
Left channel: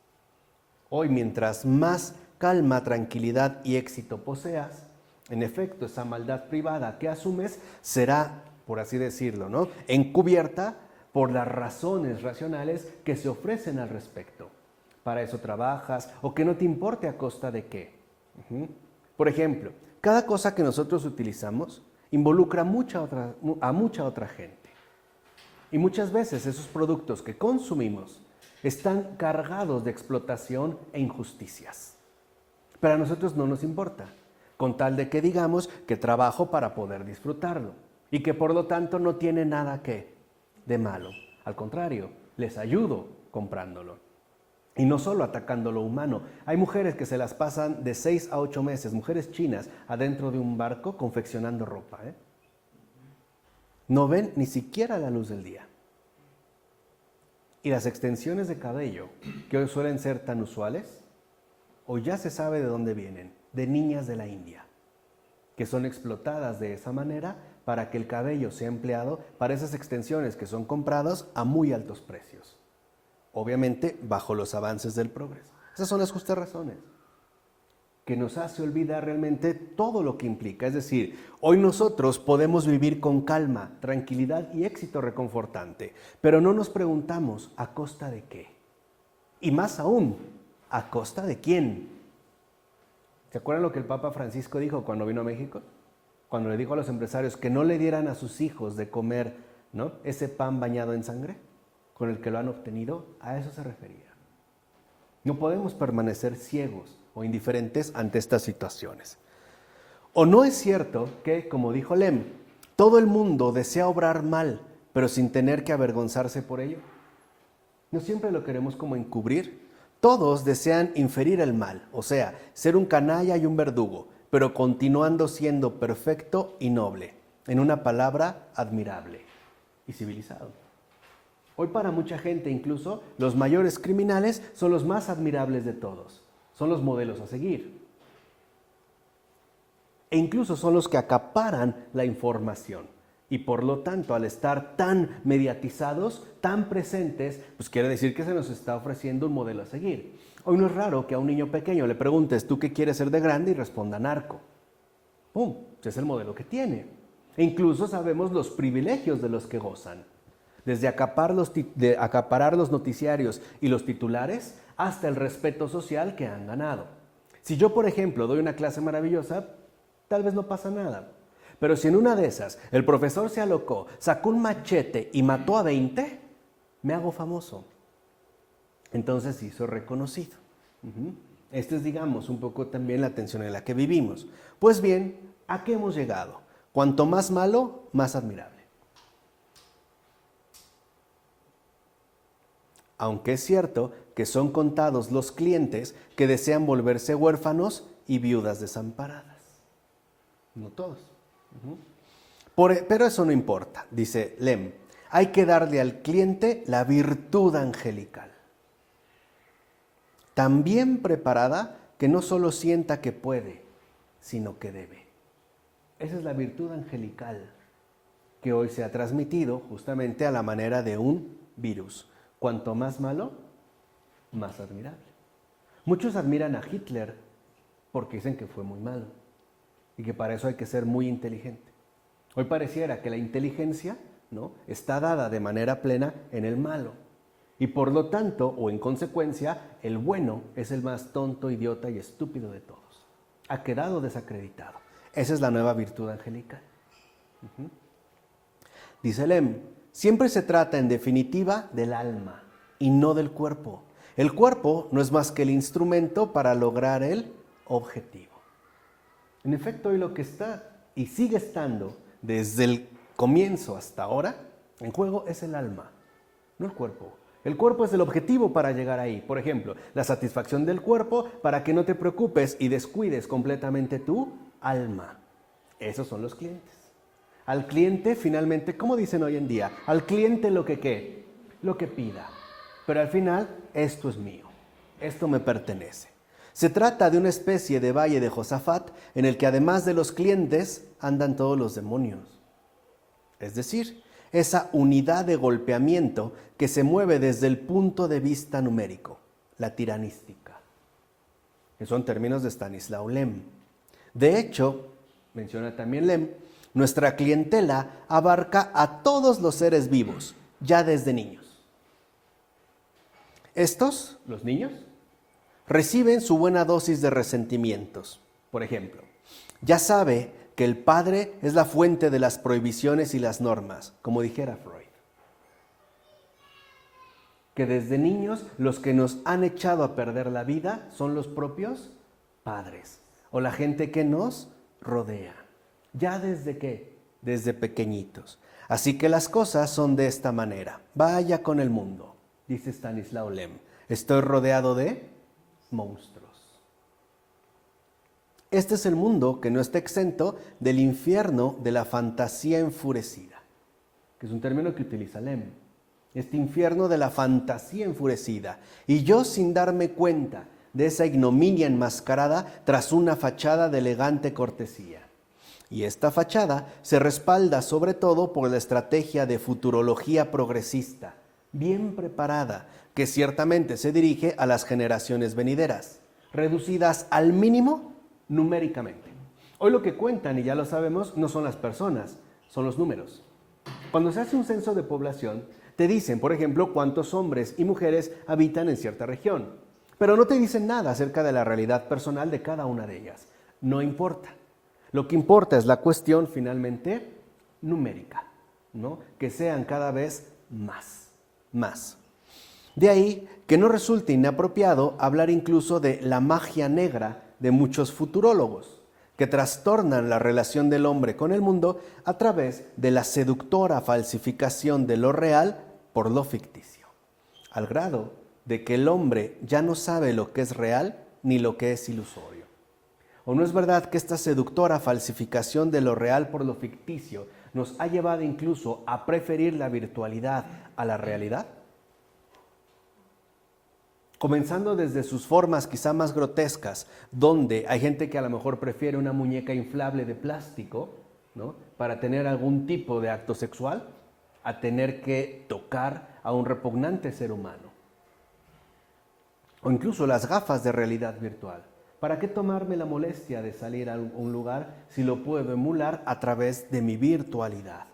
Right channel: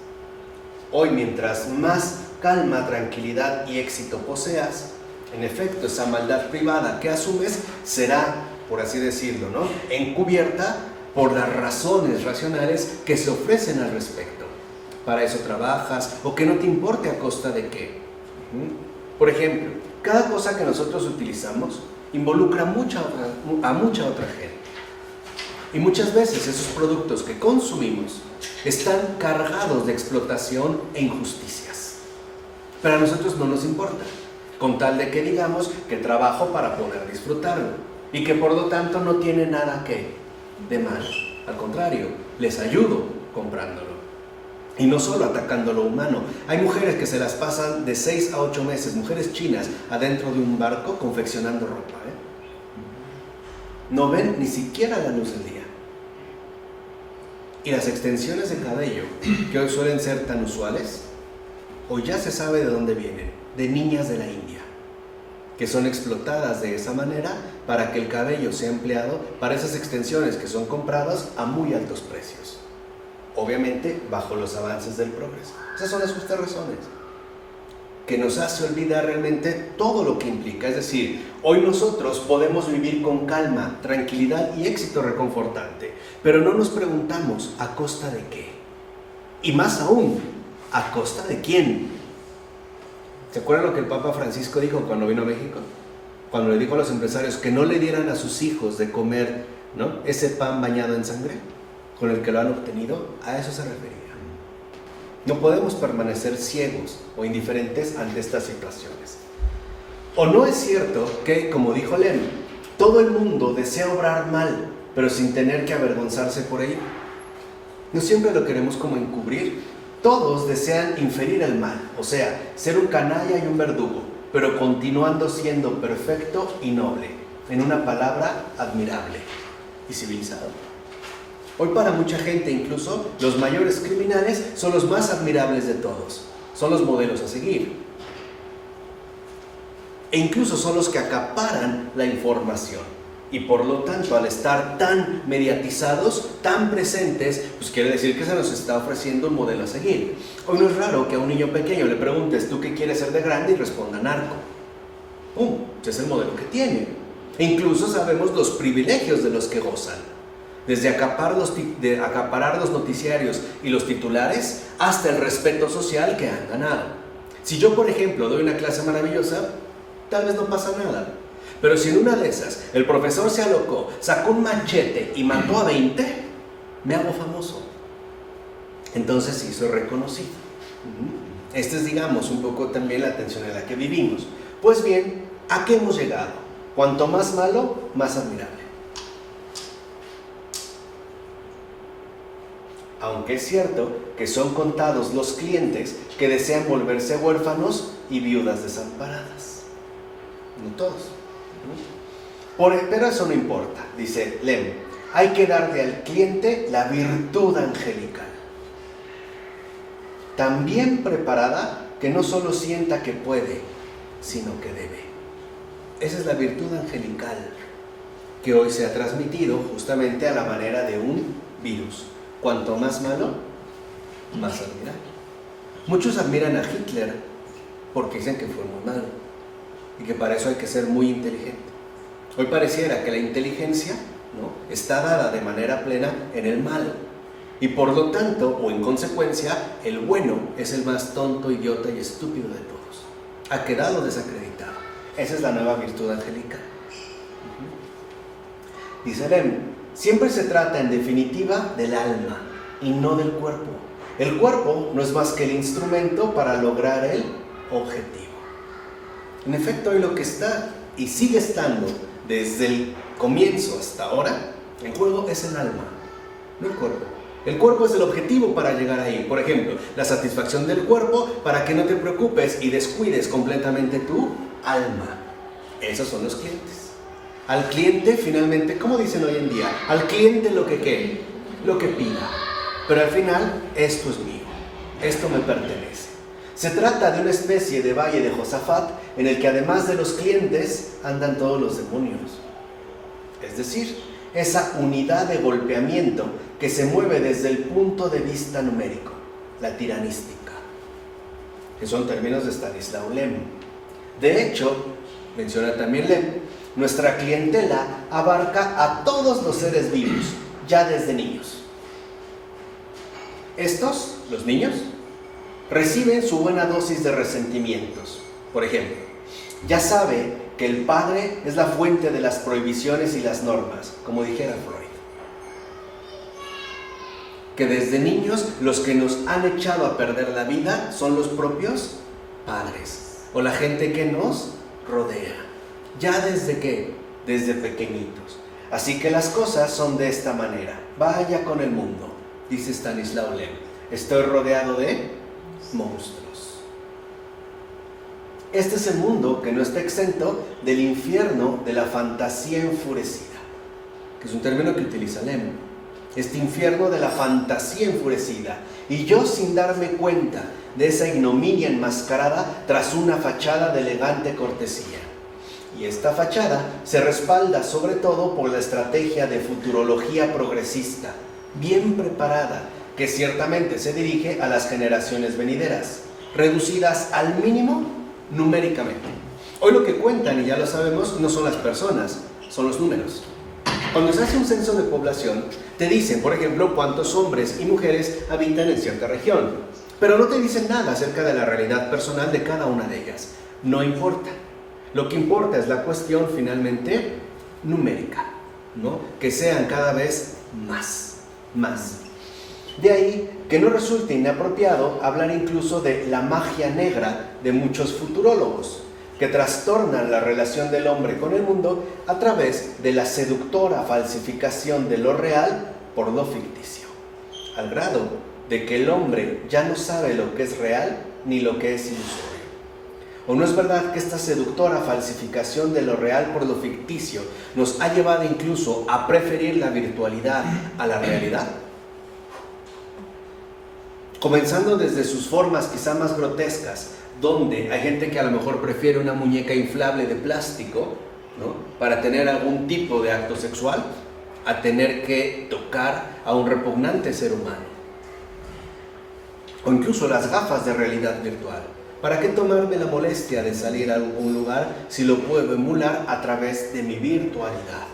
Hoy, mientras más calma, tranquilidad y éxito poseas, en efecto, esa maldad privada que asumes será, por así decirlo, ¿no?, encubierta por las razones racionales que se ofrecen al respecto. Para eso trabajas, o que no te importe a costa de qué. Por ejemplo, cada cosa que nosotros utilizamos involucra a mucha otra gente. Y muchas veces esos productos que consumimos están cargados de explotación e injusticias. Pero a nosotros no nos importa, con tal de que digamos que trabajo para poder disfrutarlo y que por lo tanto no tiene nada de malo. Al contrario, les ayudo comprándolo. Y no solo atacando lo humano. Hay mujeres que se las pasan de 6 a 8 meses, mujeres chinas, adentro de un barco confeccionando ropa, No ven ni siquiera la luz del día. Y las extensiones de cabello, que hoy suelen ser tan usuales, hoy ya se sabe de dónde vienen, de niñas de la India, que son explotadas de esa manera para que el cabello sea empleado para esas extensiones que son compradas a muy altos precios. Obviamente, bajo los avances del progreso. Esas son las justas razones, que nos hace olvidar realmente todo lo que implica. Es decir, hoy nosotros podemos vivir con calma, tranquilidad y éxito reconfortante, pero no nos preguntamos a costa de qué. Y más aún, ¿a costa de quién? ¿Se acuerdan lo que el Papa Francisco dijo cuando vino a México? Cuando le dijo a los empresarios que no le dieran a sus hijos de comer, ¿no?, ese pan bañado en sangre con el que lo han obtenido. A eso se refería. No podemos permanecer ciegos o indiferentes ante estas situaciones. ¿O no es cierto que, como dijo Lem, todo el mundo desea obrar mal, pero sin tener que avergonzarse por ello? No siempre lo queremos como encubrir. Todos desean inferir el mal, o sea, ser un canalla y un verdugo, pero continuando siendo perfecto y noble. En una palabra, admirable y civilizado. Hoy para mucha gente, incluso los mayores criminales son los más admirables de todos. Son los modelos a seguir. E incluso son los que acaparan la información. Y por lo tanto, al estar tan mediatizados, tan presentes, pues quiere decir que se nos está ofreciendo un modelo a seguir. Hoy no es raro que a un niño pequeño le preguntes, ¿tú qué quieres ser de grande? Y responda narco. ¡Pum! Ese es el modelo que tiene. E incluso sabemos los privilegios de los que gozan. Desde acaparar los noticiarios y los titulares hasta el respeto social que han ganado. Si yo, por ejemplo, doy una clase maravillosa, tal vez no pasa nada. Pero si en una de esas el profesor se alocó, sacó un machete y mató a 20, me hago famoso. Entonces sí, soy reconocido. Esta es, digamos, un poco también la tensión en la que vivimos. Pues bien, ¿a qué hemos llegado? Cuanto más malo, más admirable. Aunque es cierto que son contados los clientes que desean volverse huérfanos y viudas desamparadas. No todos. Pero eso no importa, dice Lem. Hay que darle al cliente la virtud angelical. Tan bien preparada que no solo sienta que puede, sino que debe. Esa es la virtud angelical que hoy se ha transmitido justamente a la manera de un virus. Cuanto más malo, más admirable. Muchos admiran a Hitler porque dicen que fue muy malo y que para eso hay que ser muy inteligente. Hoy pareciera que la inteligencia, ¿no?, está dada de manera plena en el malo y por lo tanto, o en consecuencia, el bueno es el más tonto, idiota y estúpido de todos. Ha quedado desacreditado. Esa es la nueva virtud angelical. Dice Lem, siempre se trata en definitiva del alma y no del cuerpo. El cuerpo no es más que el instrumento para lograr el objetivo. En efecto, hoy lo que está y sigue estando desde el comienzo hasta ahora en juego es el alma, no el cuerpo. El cuerpo es el objetivo para llegar ahí. Por ejemplo, la satisfacción del cuerpo para que no te preocupes y descuides completamente tu alma. Esos son los clientes. Al cliente, finalmente, ¿cómo dicen hoy en día? Al cliente lo que quiere, lo que pida. Pero al final, esto es mío, esto me pertenece. Se trata de una especie de valle de Josafat en el que además de los clientes andan todos los demonios. Es decir, esa unidad de golpeamiento que se mueve desde el punto de vista numérico, la tiranística, que son términos de Stanislaw Lem. De hecho, menciona también Lem, nuestra clientela abarca a todos los seres vivos, ya desde niños. Estos, los niños, reciben su buena dosis de resentimientos. Por ejemplo, ya sabe que el padre es la fuente de las prohibiciones y las normas, como dijera Freud. Que desde niños los que nos han echado a perder la vida son los propios padres o la gente que nos rodea. ¿Ya desde qué? Desde pequeñitos. Así que las cosas son de esta manera. Vaya con el mundo, dice Stanislaw Lem. Estoy rodeado de monstruos. Este es el mundo que no está exento del infierno de la fantasía enfurecida, que es un término que utiliza Lem. Este infierno de la fantasía enfurecida. Y yo, sin darme cuenta de esa ignominia enmascarada tras una fachada de elegante cortesía. Y esta fachada se respalda sobre todo por la estrategia de futurología progresista, bien preparada, que ciertamente se dirige a las generaciones venideras, reducidas al mínimo numéricamente. Hoy lo que cuentan, y ya lo sabemos, no son las personas, son los números. Cuando se hace un censo de población, te dicen, por ejemplo, cuántos hombres y mujeres habitan en cierta región, pero no te dicen nada acerca de la realidad personal de cada una de ellas. No importa. Lo que importa es la cuestión finalmente numérica, ¿no? Que sean cada vez más. De ahí que no resulte inapropiado hablar incluso de la magia negra de muchos futurólogos, que trastornan la relación del hombre con el mundo a través de la seductora falsificación de lo real por lo ficticio, al grado de que el hombre ya no sabe lo que es real ni lo que es ilusorio. ¿O no es verdad que esta seductora falsificación de lo real por lo ficticio nos ha llevado incluso a preferir la virtualidad a la realidad? Comenzando desde sus formas quizá más grotescas, donde hay gente que a lo mejor prefiere una muñeca inflable de plástico ¿no? Para tener algún tipo de acto sexual, a tener que tocar a un repugnante ser humano. O incluso las gafas de realidad virtual. ¿Para qué tomarme la molestia de salir a algún lugar si lo puedo emular a través de mi virtualidad?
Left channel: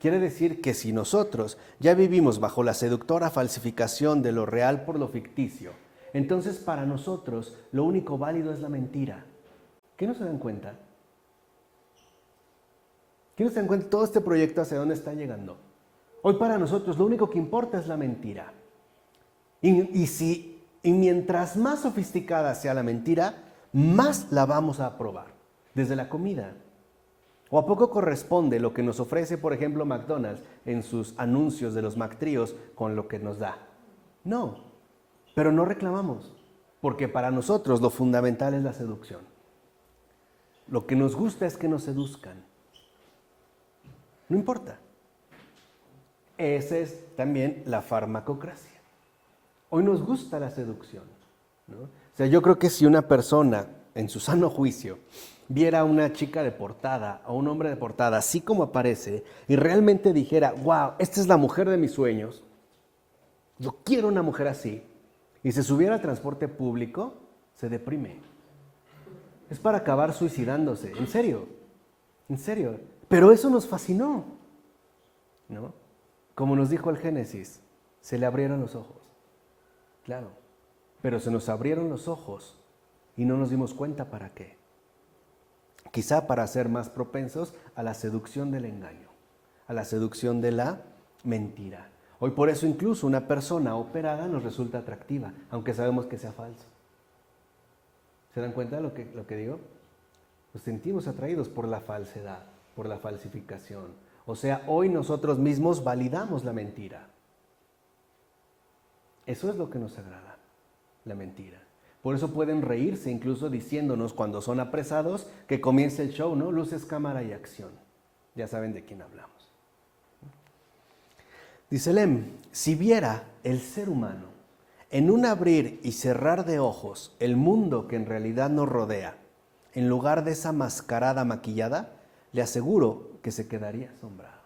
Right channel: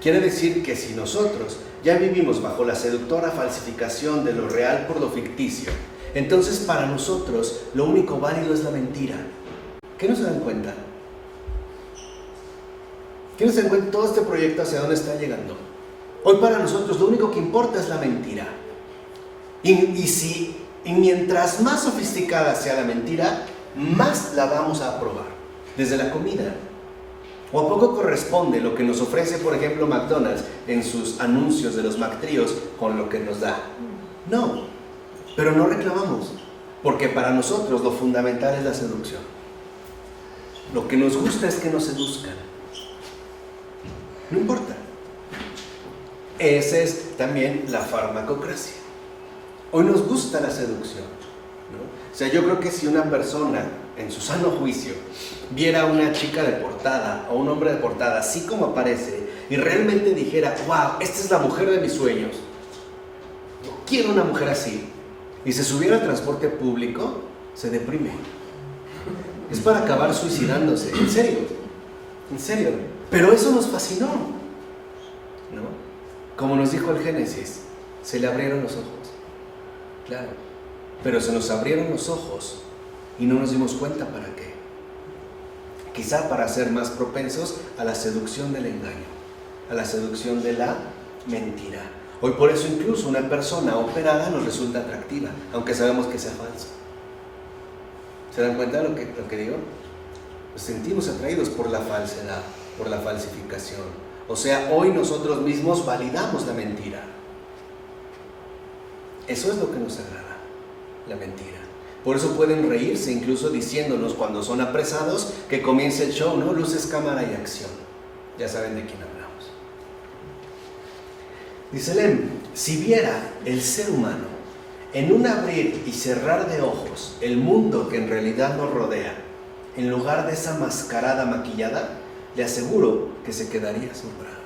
Quiere decir que si nosotros ya vivimos bajo la seductora falsificación de lo real por lo ficticio, entonces para nosotros lo único válido es la mentira. ¿Qué no se dan cuenta? ¿Qué no se dan cuenta todo este proyecto hacia dónde está llegando? Hoy para nosotros lo único que importa es la mentira. Y mientras más sofisticada sea la mentira, más la vamos a aprobar. Desde la comida. ¿O a poco corresponde lo que nos ofrece, por ejemplo, McDonald's en sus anuncios de los McTríos con lo que nos da? No, pero no reclamamos, porque para nosotros lo fundamental es la seducción. Lo que nos gusta es que nos seduzcan. No importa. Esa es también la farmacocracia. Hoy nos gusta la seducción, ¿no? O sea, yo creo que si una persona en su sano juicio viera a una chica de portada o un hombre de portada así como aparece y realmente dijera, wow, esta es la mujer de mis sueños, yo quiero una mujer así, y se subiera al transporte público, se deprime. Es para acabar suicidándose, en serio. Pero eso nos fascinó, ¿no? Como nos dijo el Génesis, se le abrieron los ojos. Claro, pero se nos abrieron los ojos y no nos dimos cuenta para qué. Quizá para ser más propensos a la seducción del engaño, a la seducción de la mentira. Hoy por eso incluso una persona operada nos resulta atractiva, aunque sabemos que sea falso. ¿Se dan cuenta de lo que digo? Nos sentimos atraídos por la falsedad, por la falsificación. O sea, hoy nosotros mismos validamos la mentira. Eso es lo que nos agrada, la mentira. Por eso pueden reírse incluso diciéndonos cuando son apresados que comience el show, ¿no? Luces, cámara y acción. Ya saben de quién hablamos. Dice Lem, si viera el ser humano en un abrir y cerrar de ojos el mundo que en realidad nos rodea, en lugar de esa mascarada maquillada, le aseguro que se quedaría asombrado.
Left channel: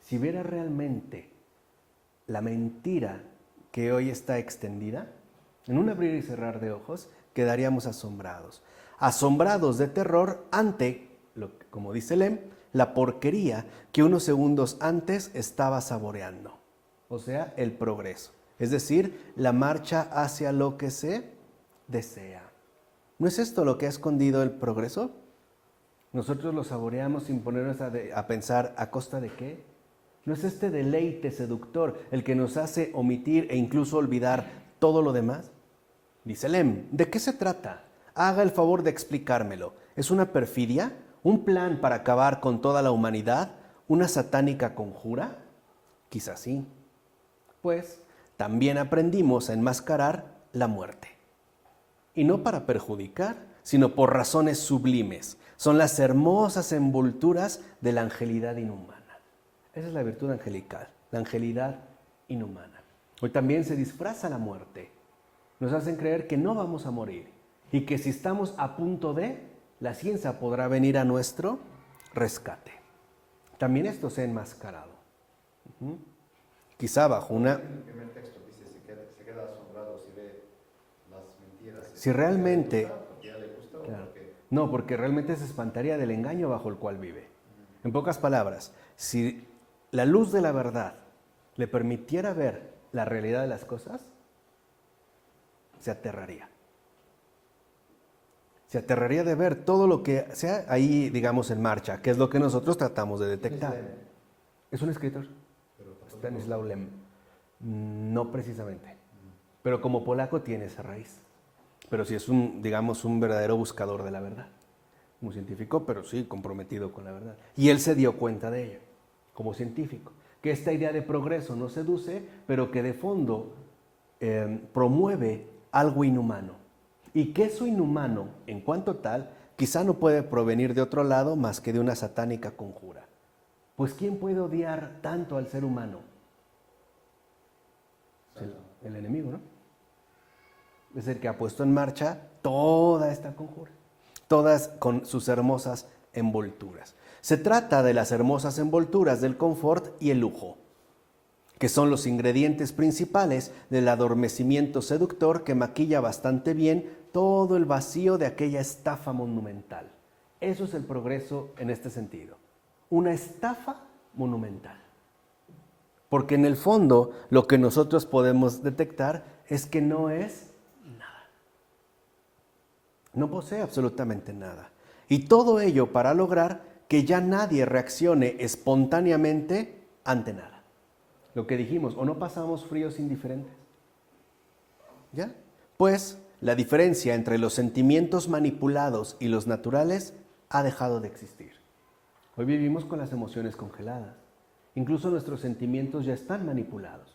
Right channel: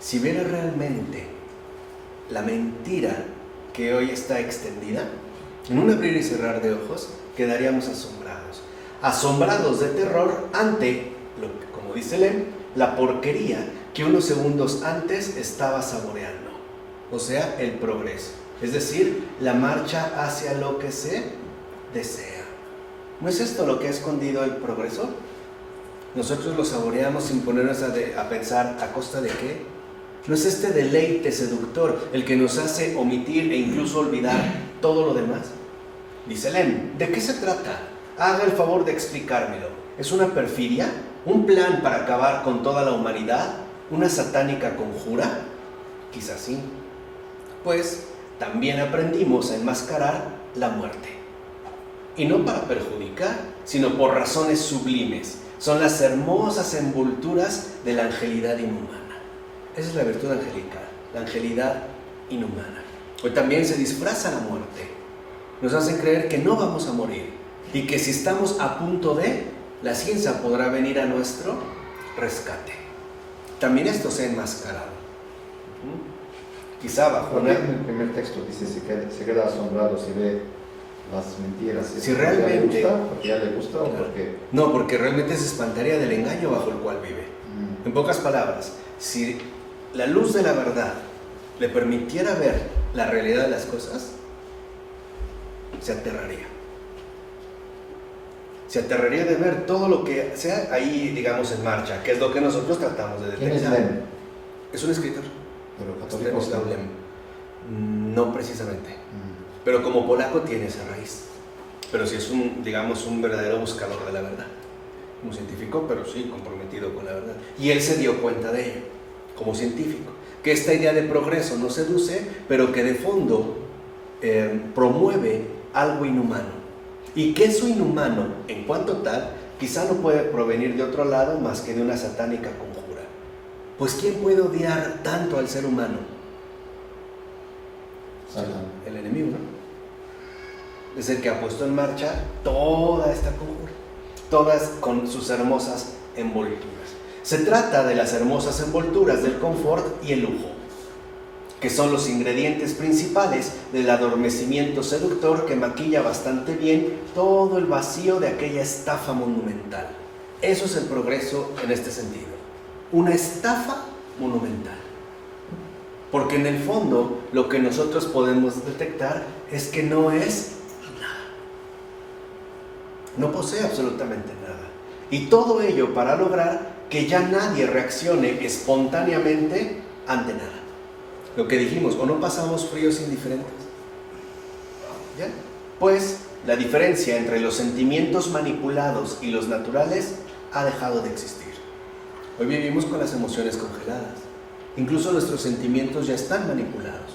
Si viera realmente la mentira que hoy está extendida, en un abrir y cerrar de ojos, quedaríamos asombrados. Asombrados de terror ante, como dice Lem, la porquería que unos segundos antes estaba saboreando. O sea, el progreso. Es decir, la marcha hacia lo que se desea. ¿No es esto lo que ha escondido el progreso? Nosotros lo saboreamos sin ponernos a pensar ¿a costa de qué? ¿No es este deleite seductor el que nos hace omitir e incluso olvidar todo lo demás? Dice Lem, ¿de qué se trata? Haga el favor de explicármelo. ¿Es una perfidia? ¿Un plan para acabar con toda la humanidad? ¿Una satánica conjura? Quizás sí. Pues también aprendimos a enmascarar la muerte. Y no para perjudicar, sino por razones sublimes. Son las hermosas envolturas de la angelidad inhumana. Esa es la virtud angelical, la angelidad inhumana. Hoy también se disfraza la muerte. Nos hacen creer que no vamos a morir y que si estamos a punto de, la ciencia podrá venir a nuestro rescate. También esto se ha enmascarado. Quizá bajo En el primer texto dice se queda asombrado si ve las mentiras. Si realmente... ¿Porque ya le gusta o porque...? No, porque realmente se espantaría del engaño bajo el cual vive. En pocas palabras, si la luz de la verdad le permitiera ver la realidad de las cosas, se aterraría. Se aterraría de ver todo lo que sea ahí, digamos, en marcha, que es lo que nosotros tratamos de detectar. ¿Quién es Lem? Es un escritor. Pero católico. Stanislaw Lem. No precisamente. Pero como polaco tiene esa raíz. Pero sí es digamos, un verdadero buscador de la verdad. Un científico, pero sí comprometido con la verdad. Y él se dio cuenta de ello, como científico. Que esta idea de progreso no seduce, pero que de fondo promueve algo inhumano. Y que eso inhumano, en cuanto tal, quizá no puede provenir de otro lado más que de una satánica conjura. Pues ¿quién puede odiar tanto al ser humano? El enemigo, ¿no? Es el que ha puesto en marcha toda esta conjura. Todas con sus hermosas envolturas. Se trata de las hermosas envolturas del confort y el lujo, que son los ingredientes principales del adormecimiento seductor que maquilla bastante bien todo el vacío de aquella estafa monumental. Eso es el progreso en este sentido. Una estafa monumental. Porque en el fondo lo que nosotros podemos detectar es que no es nada. No posee absolutamente nada. Y todo ello para lograr que ya nadie reaccione espontáneamente ante nada. Lo que dijimos, o no pasamos fríos indiferentes. ¿Ya? Pues la diferencia entre los sentimientos manipulados y los naturales ha dejado de existir. Hoy vivimos con las emociones congeladas. Incluso nuestros sentimientos ya están manipulados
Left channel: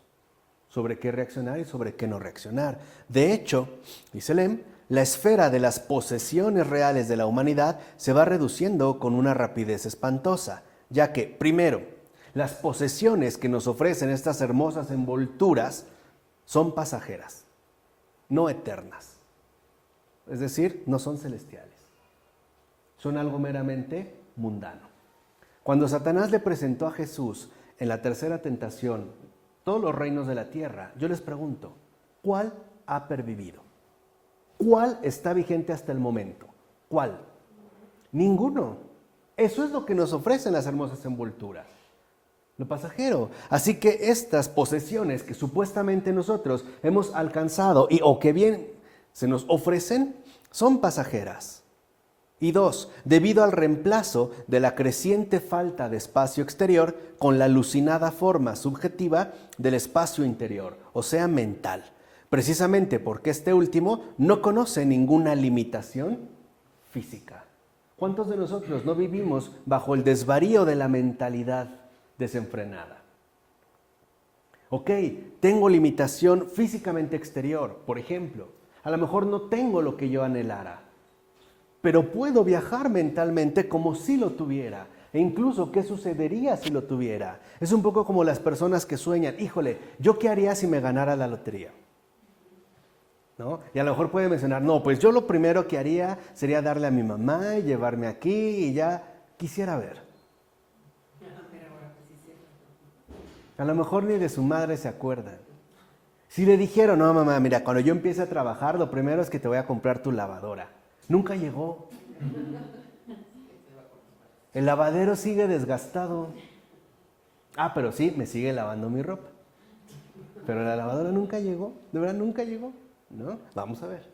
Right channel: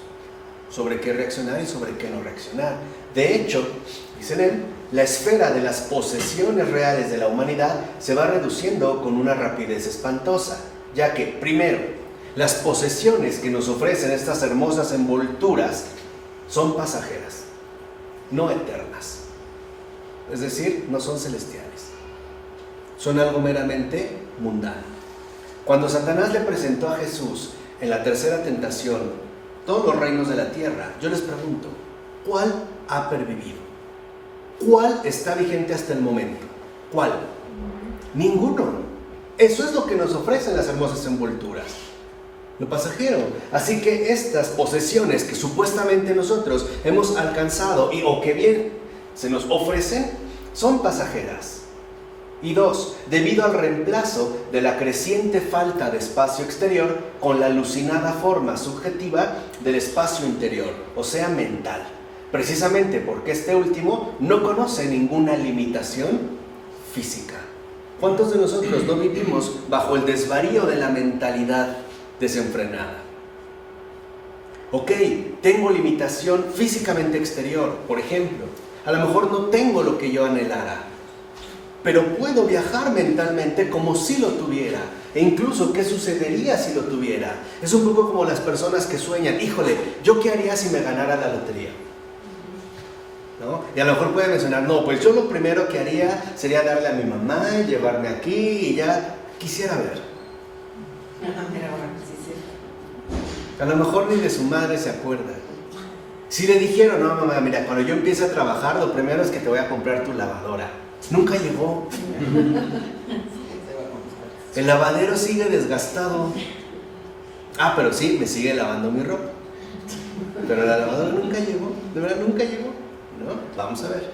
sobre qué reaccionar y sobre qué no reaccionar. De hecho, dice Lem, la esfera de las posesiones reales de la humanidad se va reduciendo con una rapidez espantosa, ya que, primero, las posesiones que nos ofrecen estas hermosas envolturas son pasajeras, no eternas. Es decir, no son celestiales. Son algo meramente mundano. Cuando Satanás le presentó a Jesús en la tercera tentación todos los reinos de la tierra, yo les pregunto, ¿cuál ha pervivido? ¿Cuál está vigente hasta el momento? ¿Cuál? Ninguno. Eso es lo que nos ofrecen las hermosas envolturas. Lo pasajero. Así que estas posesiones que supuestamente nosotros hemos alcanzado o que bien se nos ofrecen, son pasajeras. Y dos, debido al reemplazo de la creciente falta de espacio exterior con la alucinada forma subjetiva del espacio interior, o sea, mental. Precisamente porque este último no conoce ninguna limitación física. ¿Cuántos de nosotros no vivimos bajo el desvarío de la mentalidad desenfrenada? Ok, tengo limitación físicamente exterior, por ejemplo. A lo mejor no tengo lo que yo anhelara, pero puedo viajar mentalmente como si lo tuviera. E incluso, ¿qué sucedería si lo tuviera? Es un poco como las personas que sueñan, híjole, ¿yo qué haría si me ganara la lotería? ¿No? Y a lo mejor puede mencionar, no, pues yo lo primero que haría sería darle a mi mamá, llevarme aquí y ya quisiera ver. A lo mejor ni de su madre se acuerda. Si le dijeron, no mamá, mira, cuando yo empiece a trabajar, lo primero es que te voy a comprar tu lavadora. Nunca llegó. El lavadero sigue desgastado. Ah, pero sí, me sigue lavando mi ropa. Pero la lavadora nunca llegó. De verdad nunca llegó, ¿no? Vamos a ver.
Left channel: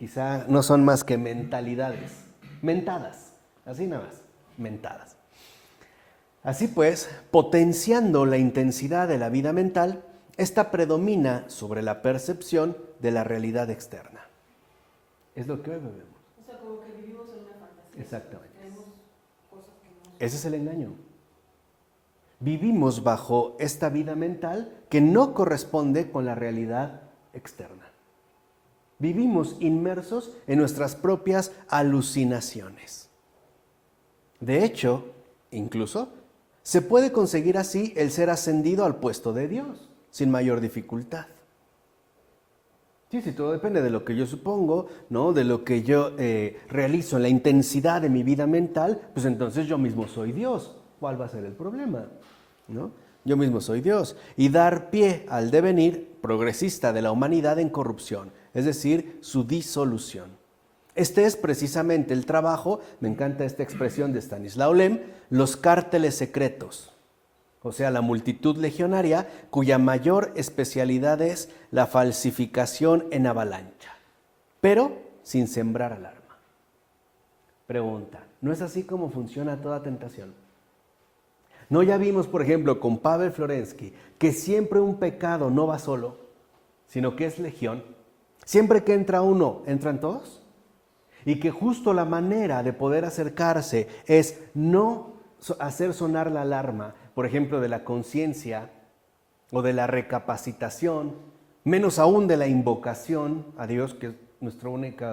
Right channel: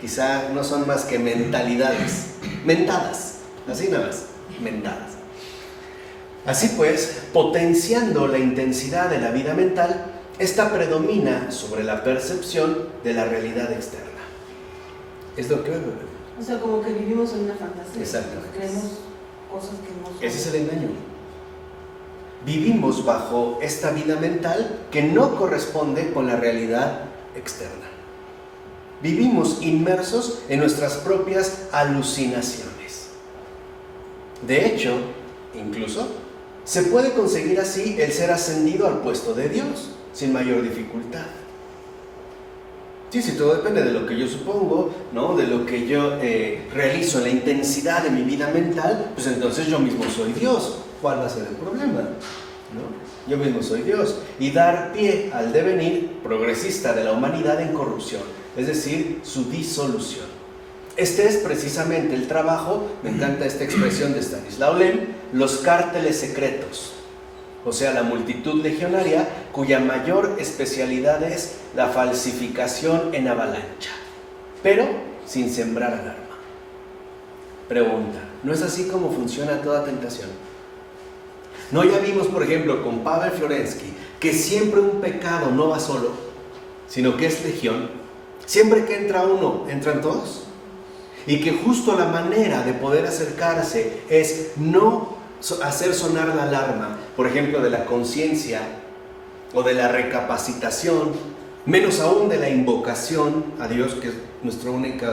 Quizá no son más que mentalidades. Mentadas. Así nada más. Mentadas. Así pues, potenciando la intensidad de la vida mental, esta predomina sobre la percepción de la realidad externa. Es lo que veo. O sea, como que vivimos en una fantasía. Exacto. Creemos cosas que no son. Ese es el engaño. Vivimos bajo esta vida mental que no corresponde con la realidad externa. Vivimos inmersos en nuestras propias alucinaciones. De hecho, incluso, se puede conseguir así el ser ascendido al puesto de Dios, sin mayor dificultad. Sí, todo depende de lo que yo supongo, ¿no? De lo que yo realizo, la intensidad de mi vida mental, pues entonces yo mismo soy Dios. ¿Cuál va a ser el problema? ¿No? Yo mismo soy Dios. Y dar pie al devenir progresista de la humanidad en corrupción, es decir, su disolución. Este es precisamente el trabajo, me encanta esta expresión de Stanislaw Lem, los cárteles secretos. O sea, la multitud legionaria cuya mayor especialidad es la falsificación en avalancha, pero sin sembrar alarma. Pregunta, ¿no es así como funciona toda tentación? ¿No ya vimos, por ejemplo, con Pavel Florensky, que siempre un pecado no va solo, sino que es legión? Siempre que entra uno, ¿entran todos? Y que justo la manera de poder acercarse es no hacer sonar la alarma, por ejemplo, de la conciencia o de la recapacitación, menos aún de la invocación a Dios, que es nuestro único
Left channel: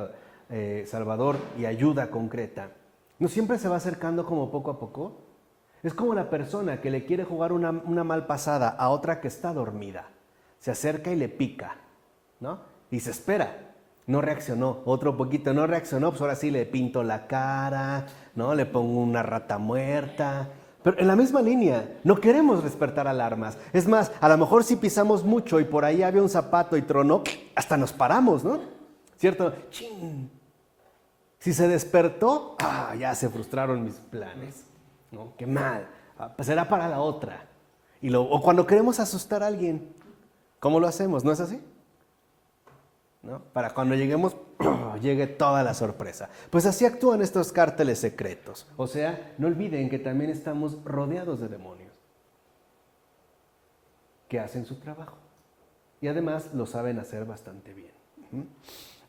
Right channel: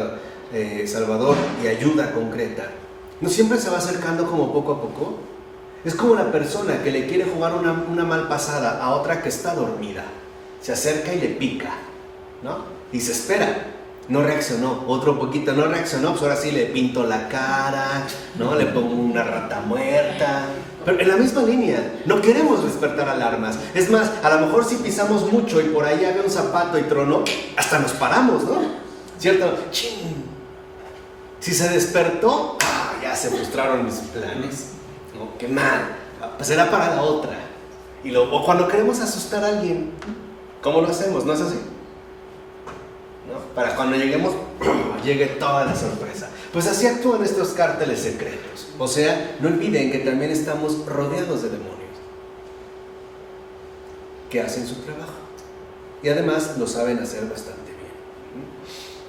Salvador y ayuda concreta. ¿No siempre se va acercando como poco a poco? Es como una persona que le quiere jugar una mal pasada a otra que está dormida. Se acerca y le pica, ¿no? Y se espera. No reaccionó, otro poquito, no reaccionó, pues ahora sí le pinto la cara, ¿no? Le pongo una rata muerta. Pero en la misma línea, no queremos despertar alarmas. Es más, a lo mejor si pisamos mucho y por ahí había un zapato y tronó, hasta nos paramos, ¿no? ¿Cierto? ¡Chin! Si se despertó, ya se frustraron mis planes. ¿No? ¡Qué mal! Será para la otra. O cuando queremos asustar a alguien, ¿cómo lo hacemos? ¿No es así? ¿No? Para cuando lleguemos, llegue toda la sorpresa. Pues así actúan estos cárteles secretos. O sea, no olviden que también estamos rodeados de demonios que hacen su trabajo. Y además lo saben hacer bastante bien.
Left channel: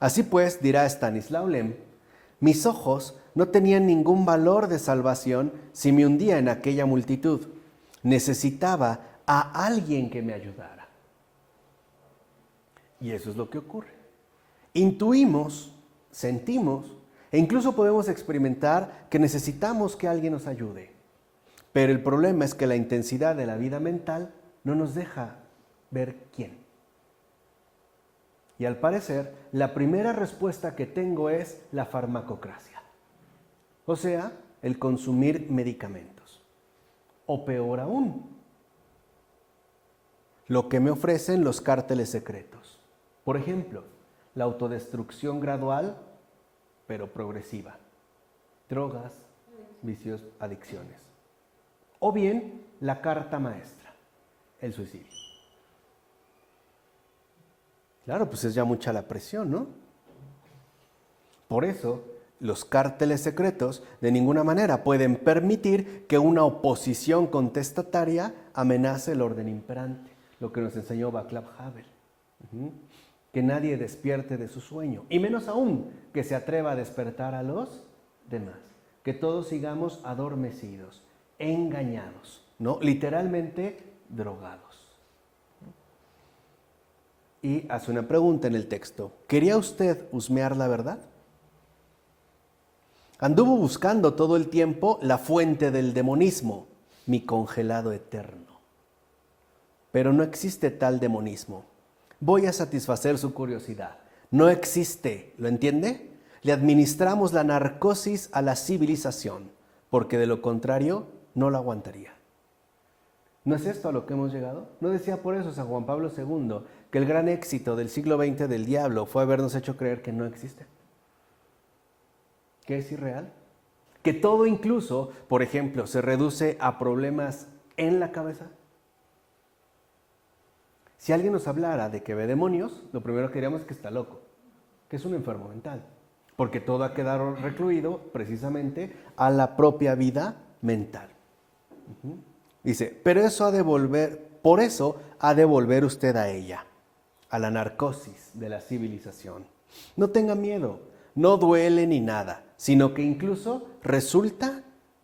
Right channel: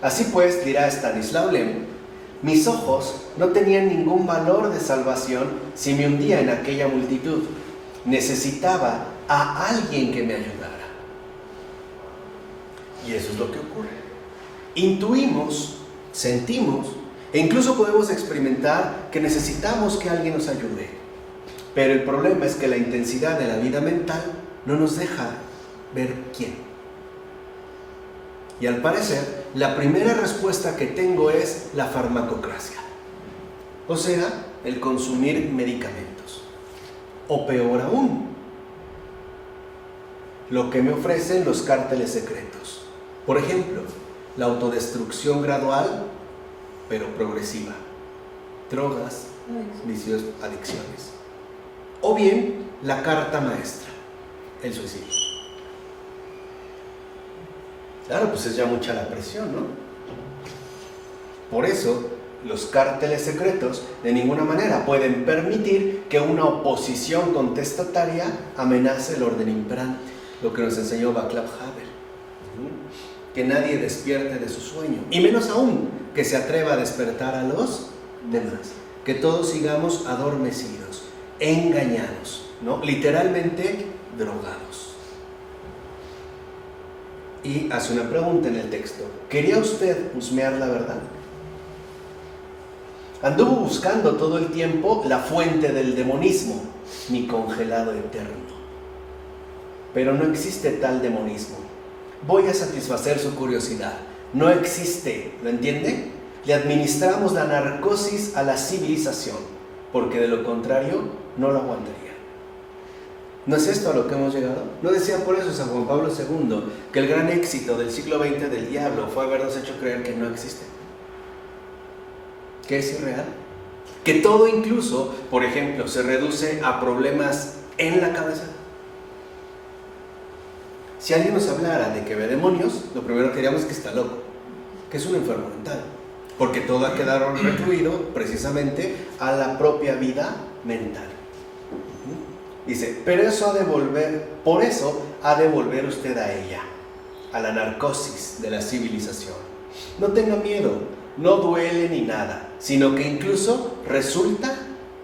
Así pues, dirá Stanislaw Lem, mis ojos no tenían ningún valor de salvación si me hundía en aquella multitud. Necesitaba a alguien que me ayudara. Y eso es lo que ocurre. Intuimos, sentimos e incluso podemos experimentar que necesitamos que alguien nos ayude. Pero el problema es que la intensidad de la vida mental no nos deja ver quién. Y al parecer, la primera respuesta que tengo es la farmacocracia. O sea, el consumir medicamentos. O peor aún, lo que me ofrecen los cárteles secretos. Por ejemplo, la autodestrucción gradual, pero progresiva. Drogas, vicios, adicciones. O bien, la carta maestra, el suicidio. Claro, pues es ya mucha la presión, ¿no? Por eso, los cárteles secretos de ninguna manera pueden permitir que una oposición contestataria amenace el orden imperante, lo que nos enseñó Václav Havel. Que nadie despierte de su sueño, y menos aún que se atreva a despertar a los demás. Que todos sigamos adormecidos, engañados, ¿no? Literalmente drogados. Y hace una pregunta en el texto. ¿Quería usted husmear la verdad? Anduvo buscando todo el tiempo la fuente del demonismo, mi congelado eterno. Pero no existe tal demonismo. Voy a satisfacer su curiosidad. No existe, ¿lo entiende? Le administramos la narcosis a la civilización, porque de lo contrario no lo aguantaría. ¿No es esto a lo que hemos llegado? ¿No decía por eso San Juan Pablo II que el gran éxito del siglo XX del diablo fue habernos hecho creer que no existe? ¿Que es irreal? Que todo incluso, por ejemplo, se reduce a problemas en la cabeza. Si alguien nos hablara de que ve demonios, lo primero que diríamos es que está loco, que es un enfermo mental, porque todo ha quedado recluido precisamente a la propia vida mental. Dice, pero eso por eso ha de volver usted a ella, a la narcosis de la civilización. No tenga miedo, no duele ni nada, sino que incluso resulta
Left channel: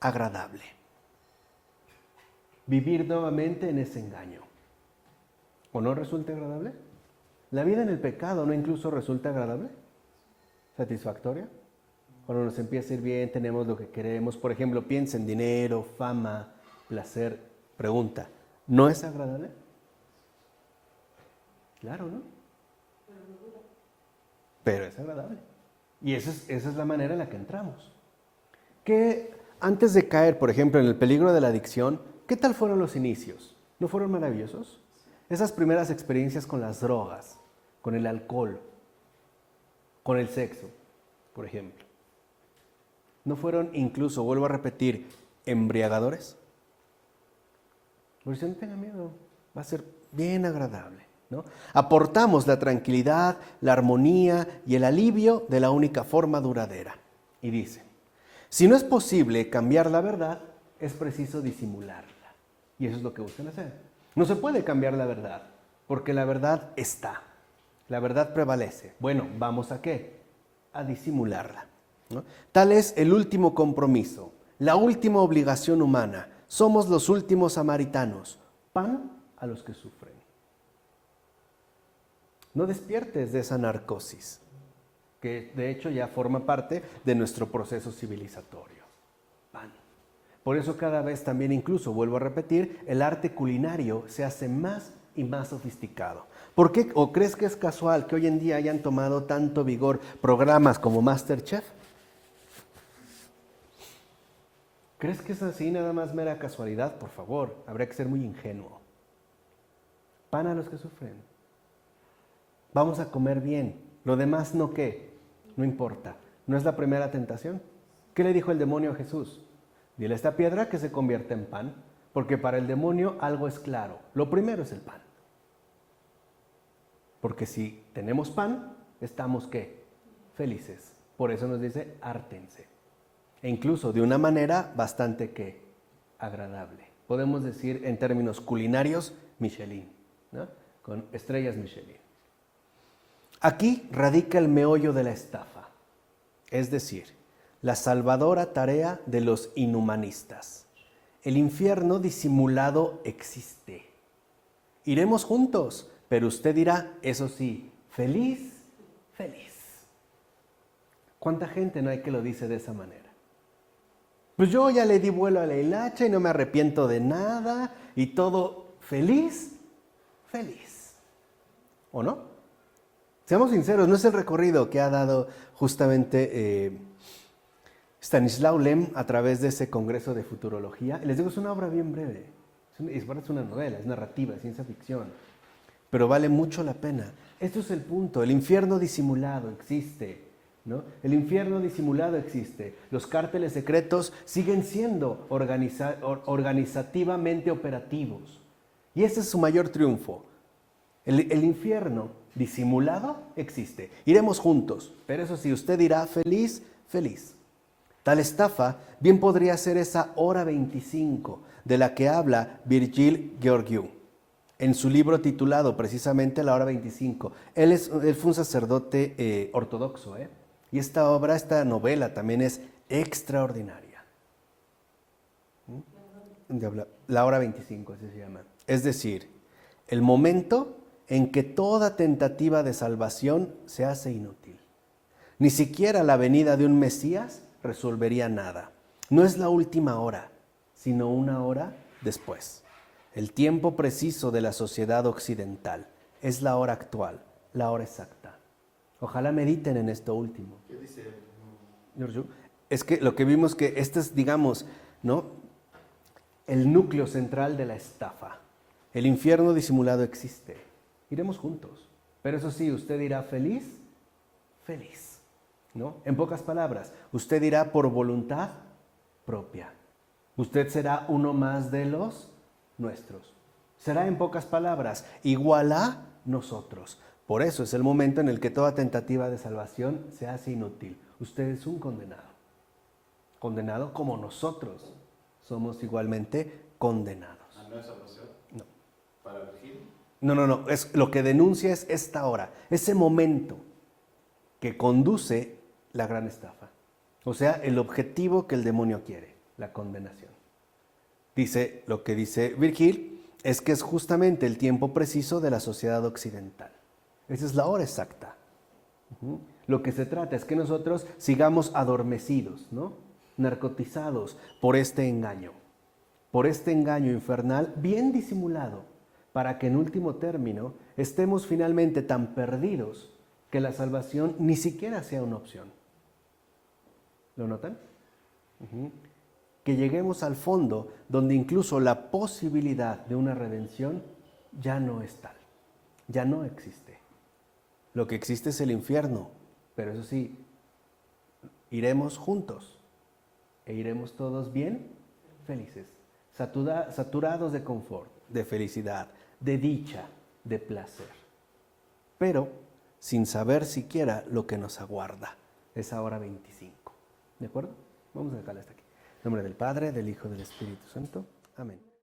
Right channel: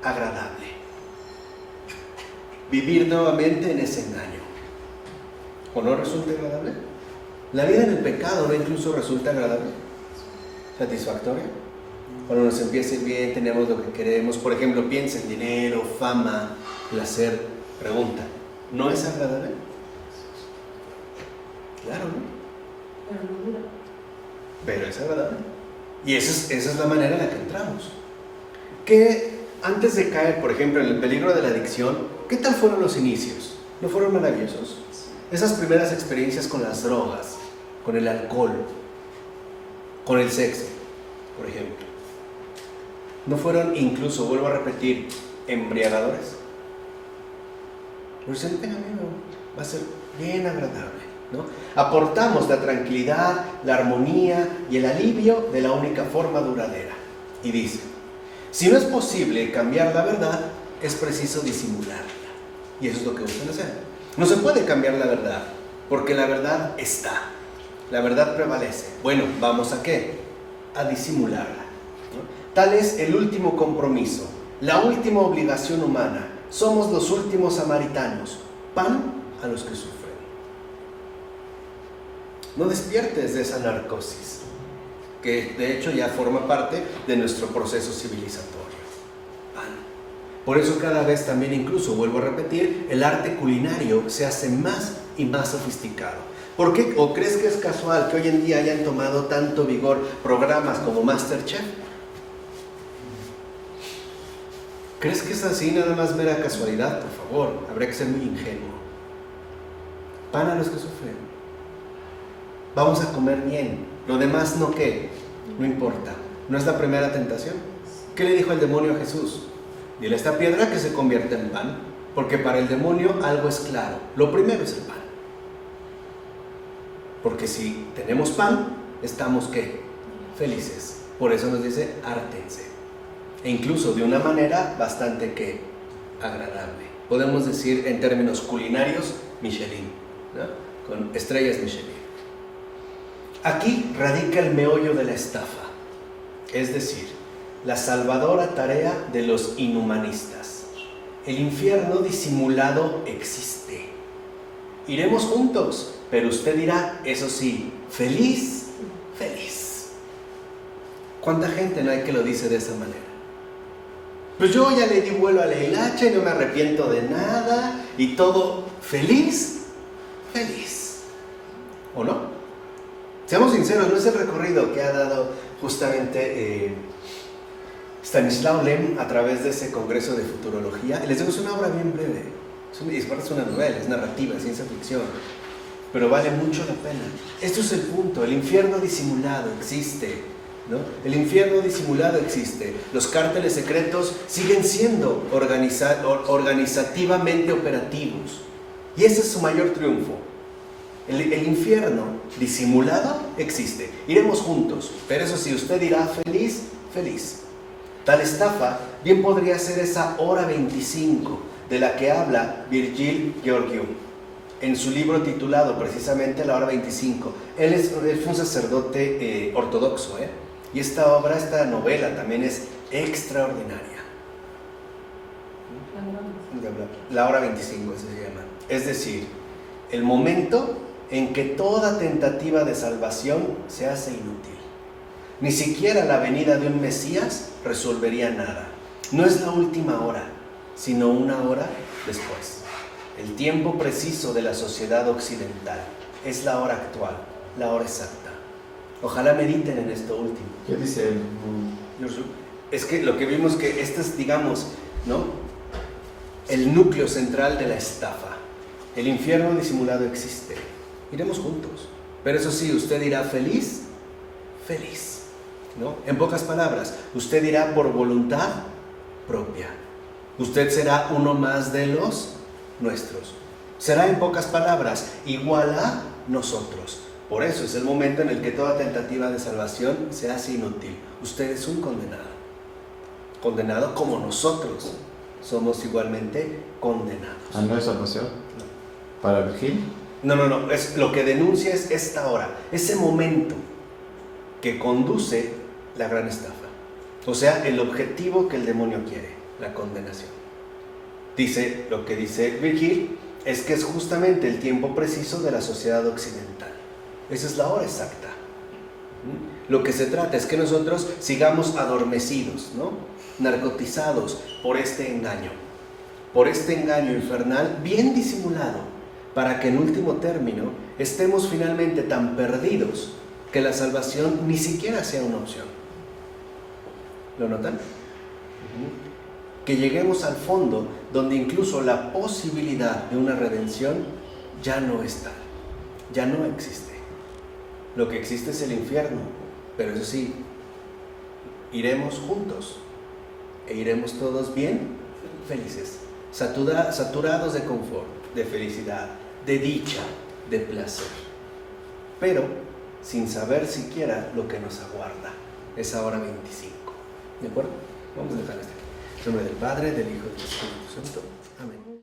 agradable. Vivir nuevamente en ese engaño. ¿O no resulta agradable? La vida en el pecado no incluso resulta agradable, satisfactoria. Cuando nos empieza a ir bien, tenemos lo que queremos. Por ejemplo, piensa en dinero, fama, placer. Pregunta, ¿no es agradable? Claro, ¿no? Pero es agradable. Y esa es la manera en la que entramos. Que antes de caer, por ejemplo, en el peligro de la adicción, ¿qué tal fueron los inicios? ¿No fueron maravillosos? Esas primeras experiencias con las drogas, con el alcohol, con el sexo, por ejemplo. ¿No fueron incluso, vuelvo a repetir, embriagadores? Pues tenga miedo, va a ser bien agradable, ¿no? Aportamos la tranquilidad, la armonía y el alivio de la única forma duradera. Y dice, si no es posible cambiar la verdad, es preciso disimularla. Y eso es lo que buscan hacer. No se puede cambiar la verdad, porque la verdad está. La verdad prevalece. Bueno, ¿vamos a qué? A disimularla, ¿no? Tal es el último compromiso, la última obligación humana. Somos los últimos samaritanos, pan a los que sufren. No despiertes de esa narcosis, que de hecho ya forma parte de nuestro proceso civilizatorio. Pan. Por eso cada vez también, incluso, vuelvo a repetir, el arte culinario se hace más y más sofisticado. ¿Por qué? ¿O crees que es casual que hoy en día hayan tomado tanto vigor programas como MasterChef? ¿Crees que es así, nada más mera casualidad? Por favor, habría que ser muy ingenuo. Pan a los que sufren. Vamos a comer bien. Lo demás no qué, no importa. ¿No es la primera tentación? ¿Qué le dijo el demonio a Jesús? Dile a esta piedra que se convierta en pan, porque para el demonio algo es claro. Lo primero es el pan. Porque si tenemos pan, estamos ¿qué? Felices. Por eso nos dice, hártense. E incluso de una manera bastante ¿qué? Agradable. Podemos decir en términos culinarios, Michelin, ¿no? Con estrellas Michelin. Aquí radica el meollo de la estafa, es decir, la salvadora tarea de los inhumanistas. El infierno disimulado existe. Iremos juntos, pero usted dirá, eso sí, feliz, feliz. ¿Cuánta gente no hay que lo dice de esa manera? Pues yo ya le di vuelo a la hilacha y no me arrepiento de nada y todo feliz, feliz. ¿O no? Seamos sinceros, no es el recorrido que ha dado justamente Stanislaw Lem a través de ese congreso de futurología. Les digo, es una obra bien breve, es una novela, es narrativa, es ciencia ficción, pero vale mucho la pena. Esto es el punto, el infierno disimulado existe, ¿no? El infierno disimulado existe. Los cárteles secretos siguen siendo organizativamente operativos, y ese es su mayor triunfo. El infierno disimulado existe. Iremos juntos, pero eso sí, usted dirá feliz, feliz. Tal estafa bien podría ser esa hora 25 de la que habla Virgil Georgiou en su libro titulado precisamente La hora 25. Él fue un sacerdote ortodoxo, y esta obra, esta novela también es extraordinaria. La hora 25 se llama. Es decir, el momento en que toda tentativa de salvación se hace inútil. Ni siquiera la venida de un Mesías resolvería nada. No es la última hora, sino una hora después. El tiempo preciso de la sociedad occidental es la hora actual, la hora exacta. Ojalá mediten en esto último. ¿Qué dice él? Es que lo que vimos que este es, digamos, ¿no?, el núcleo central de la estafa. El infierno disimulado existe. Iremos juntos. Pero eso sí, usted dirá feliz, feliz, ¿no? En pocas palabras, usted dirá por voluntad propia. Usted será uno más de los nuestros. Será en pocas palabras igual a nosotros. Por eso es el momento en el que toda tentativa de salvación se hace inútil. Usted es un condenado. Condenado como nosotros somos igualmente condenados. ¿Ah, no es salvación? ¿Para Virgil? No. Es, lo que denuncia es esta hora, ese momento que conduce la gran estafa. O sea, el objetivo que el demonio quiere, la condenación. Dice, lo que dice Virgil es que es justamente el tiempo preciso de la sociedad occidental. Esa es la hora exacta. Lo que se trata es que nosotros sigamos adormecidos, ¿no?, narcotizados por este engaño infernal bien disimulado, para que en último término estemos finalmente tan perdidos que la salvación ni siquiera sea una opción. ¿Lo notan? Que lleguemos al fondo donde incluso la posibilidad de una redención ya no está, ya no existe. Lo que existe es el infierno, pero eso sí, iremos juntos e iremos todos bien felices, saturados de confort, de felicidad, de dicha, de placer, pero sin saber siquiera lo que nos aguarda esa hora 25. ¿De acuerdo? Vamos a dejar hasta aquí. En nombre del Padre, del Hijo y del Espíritu Santo.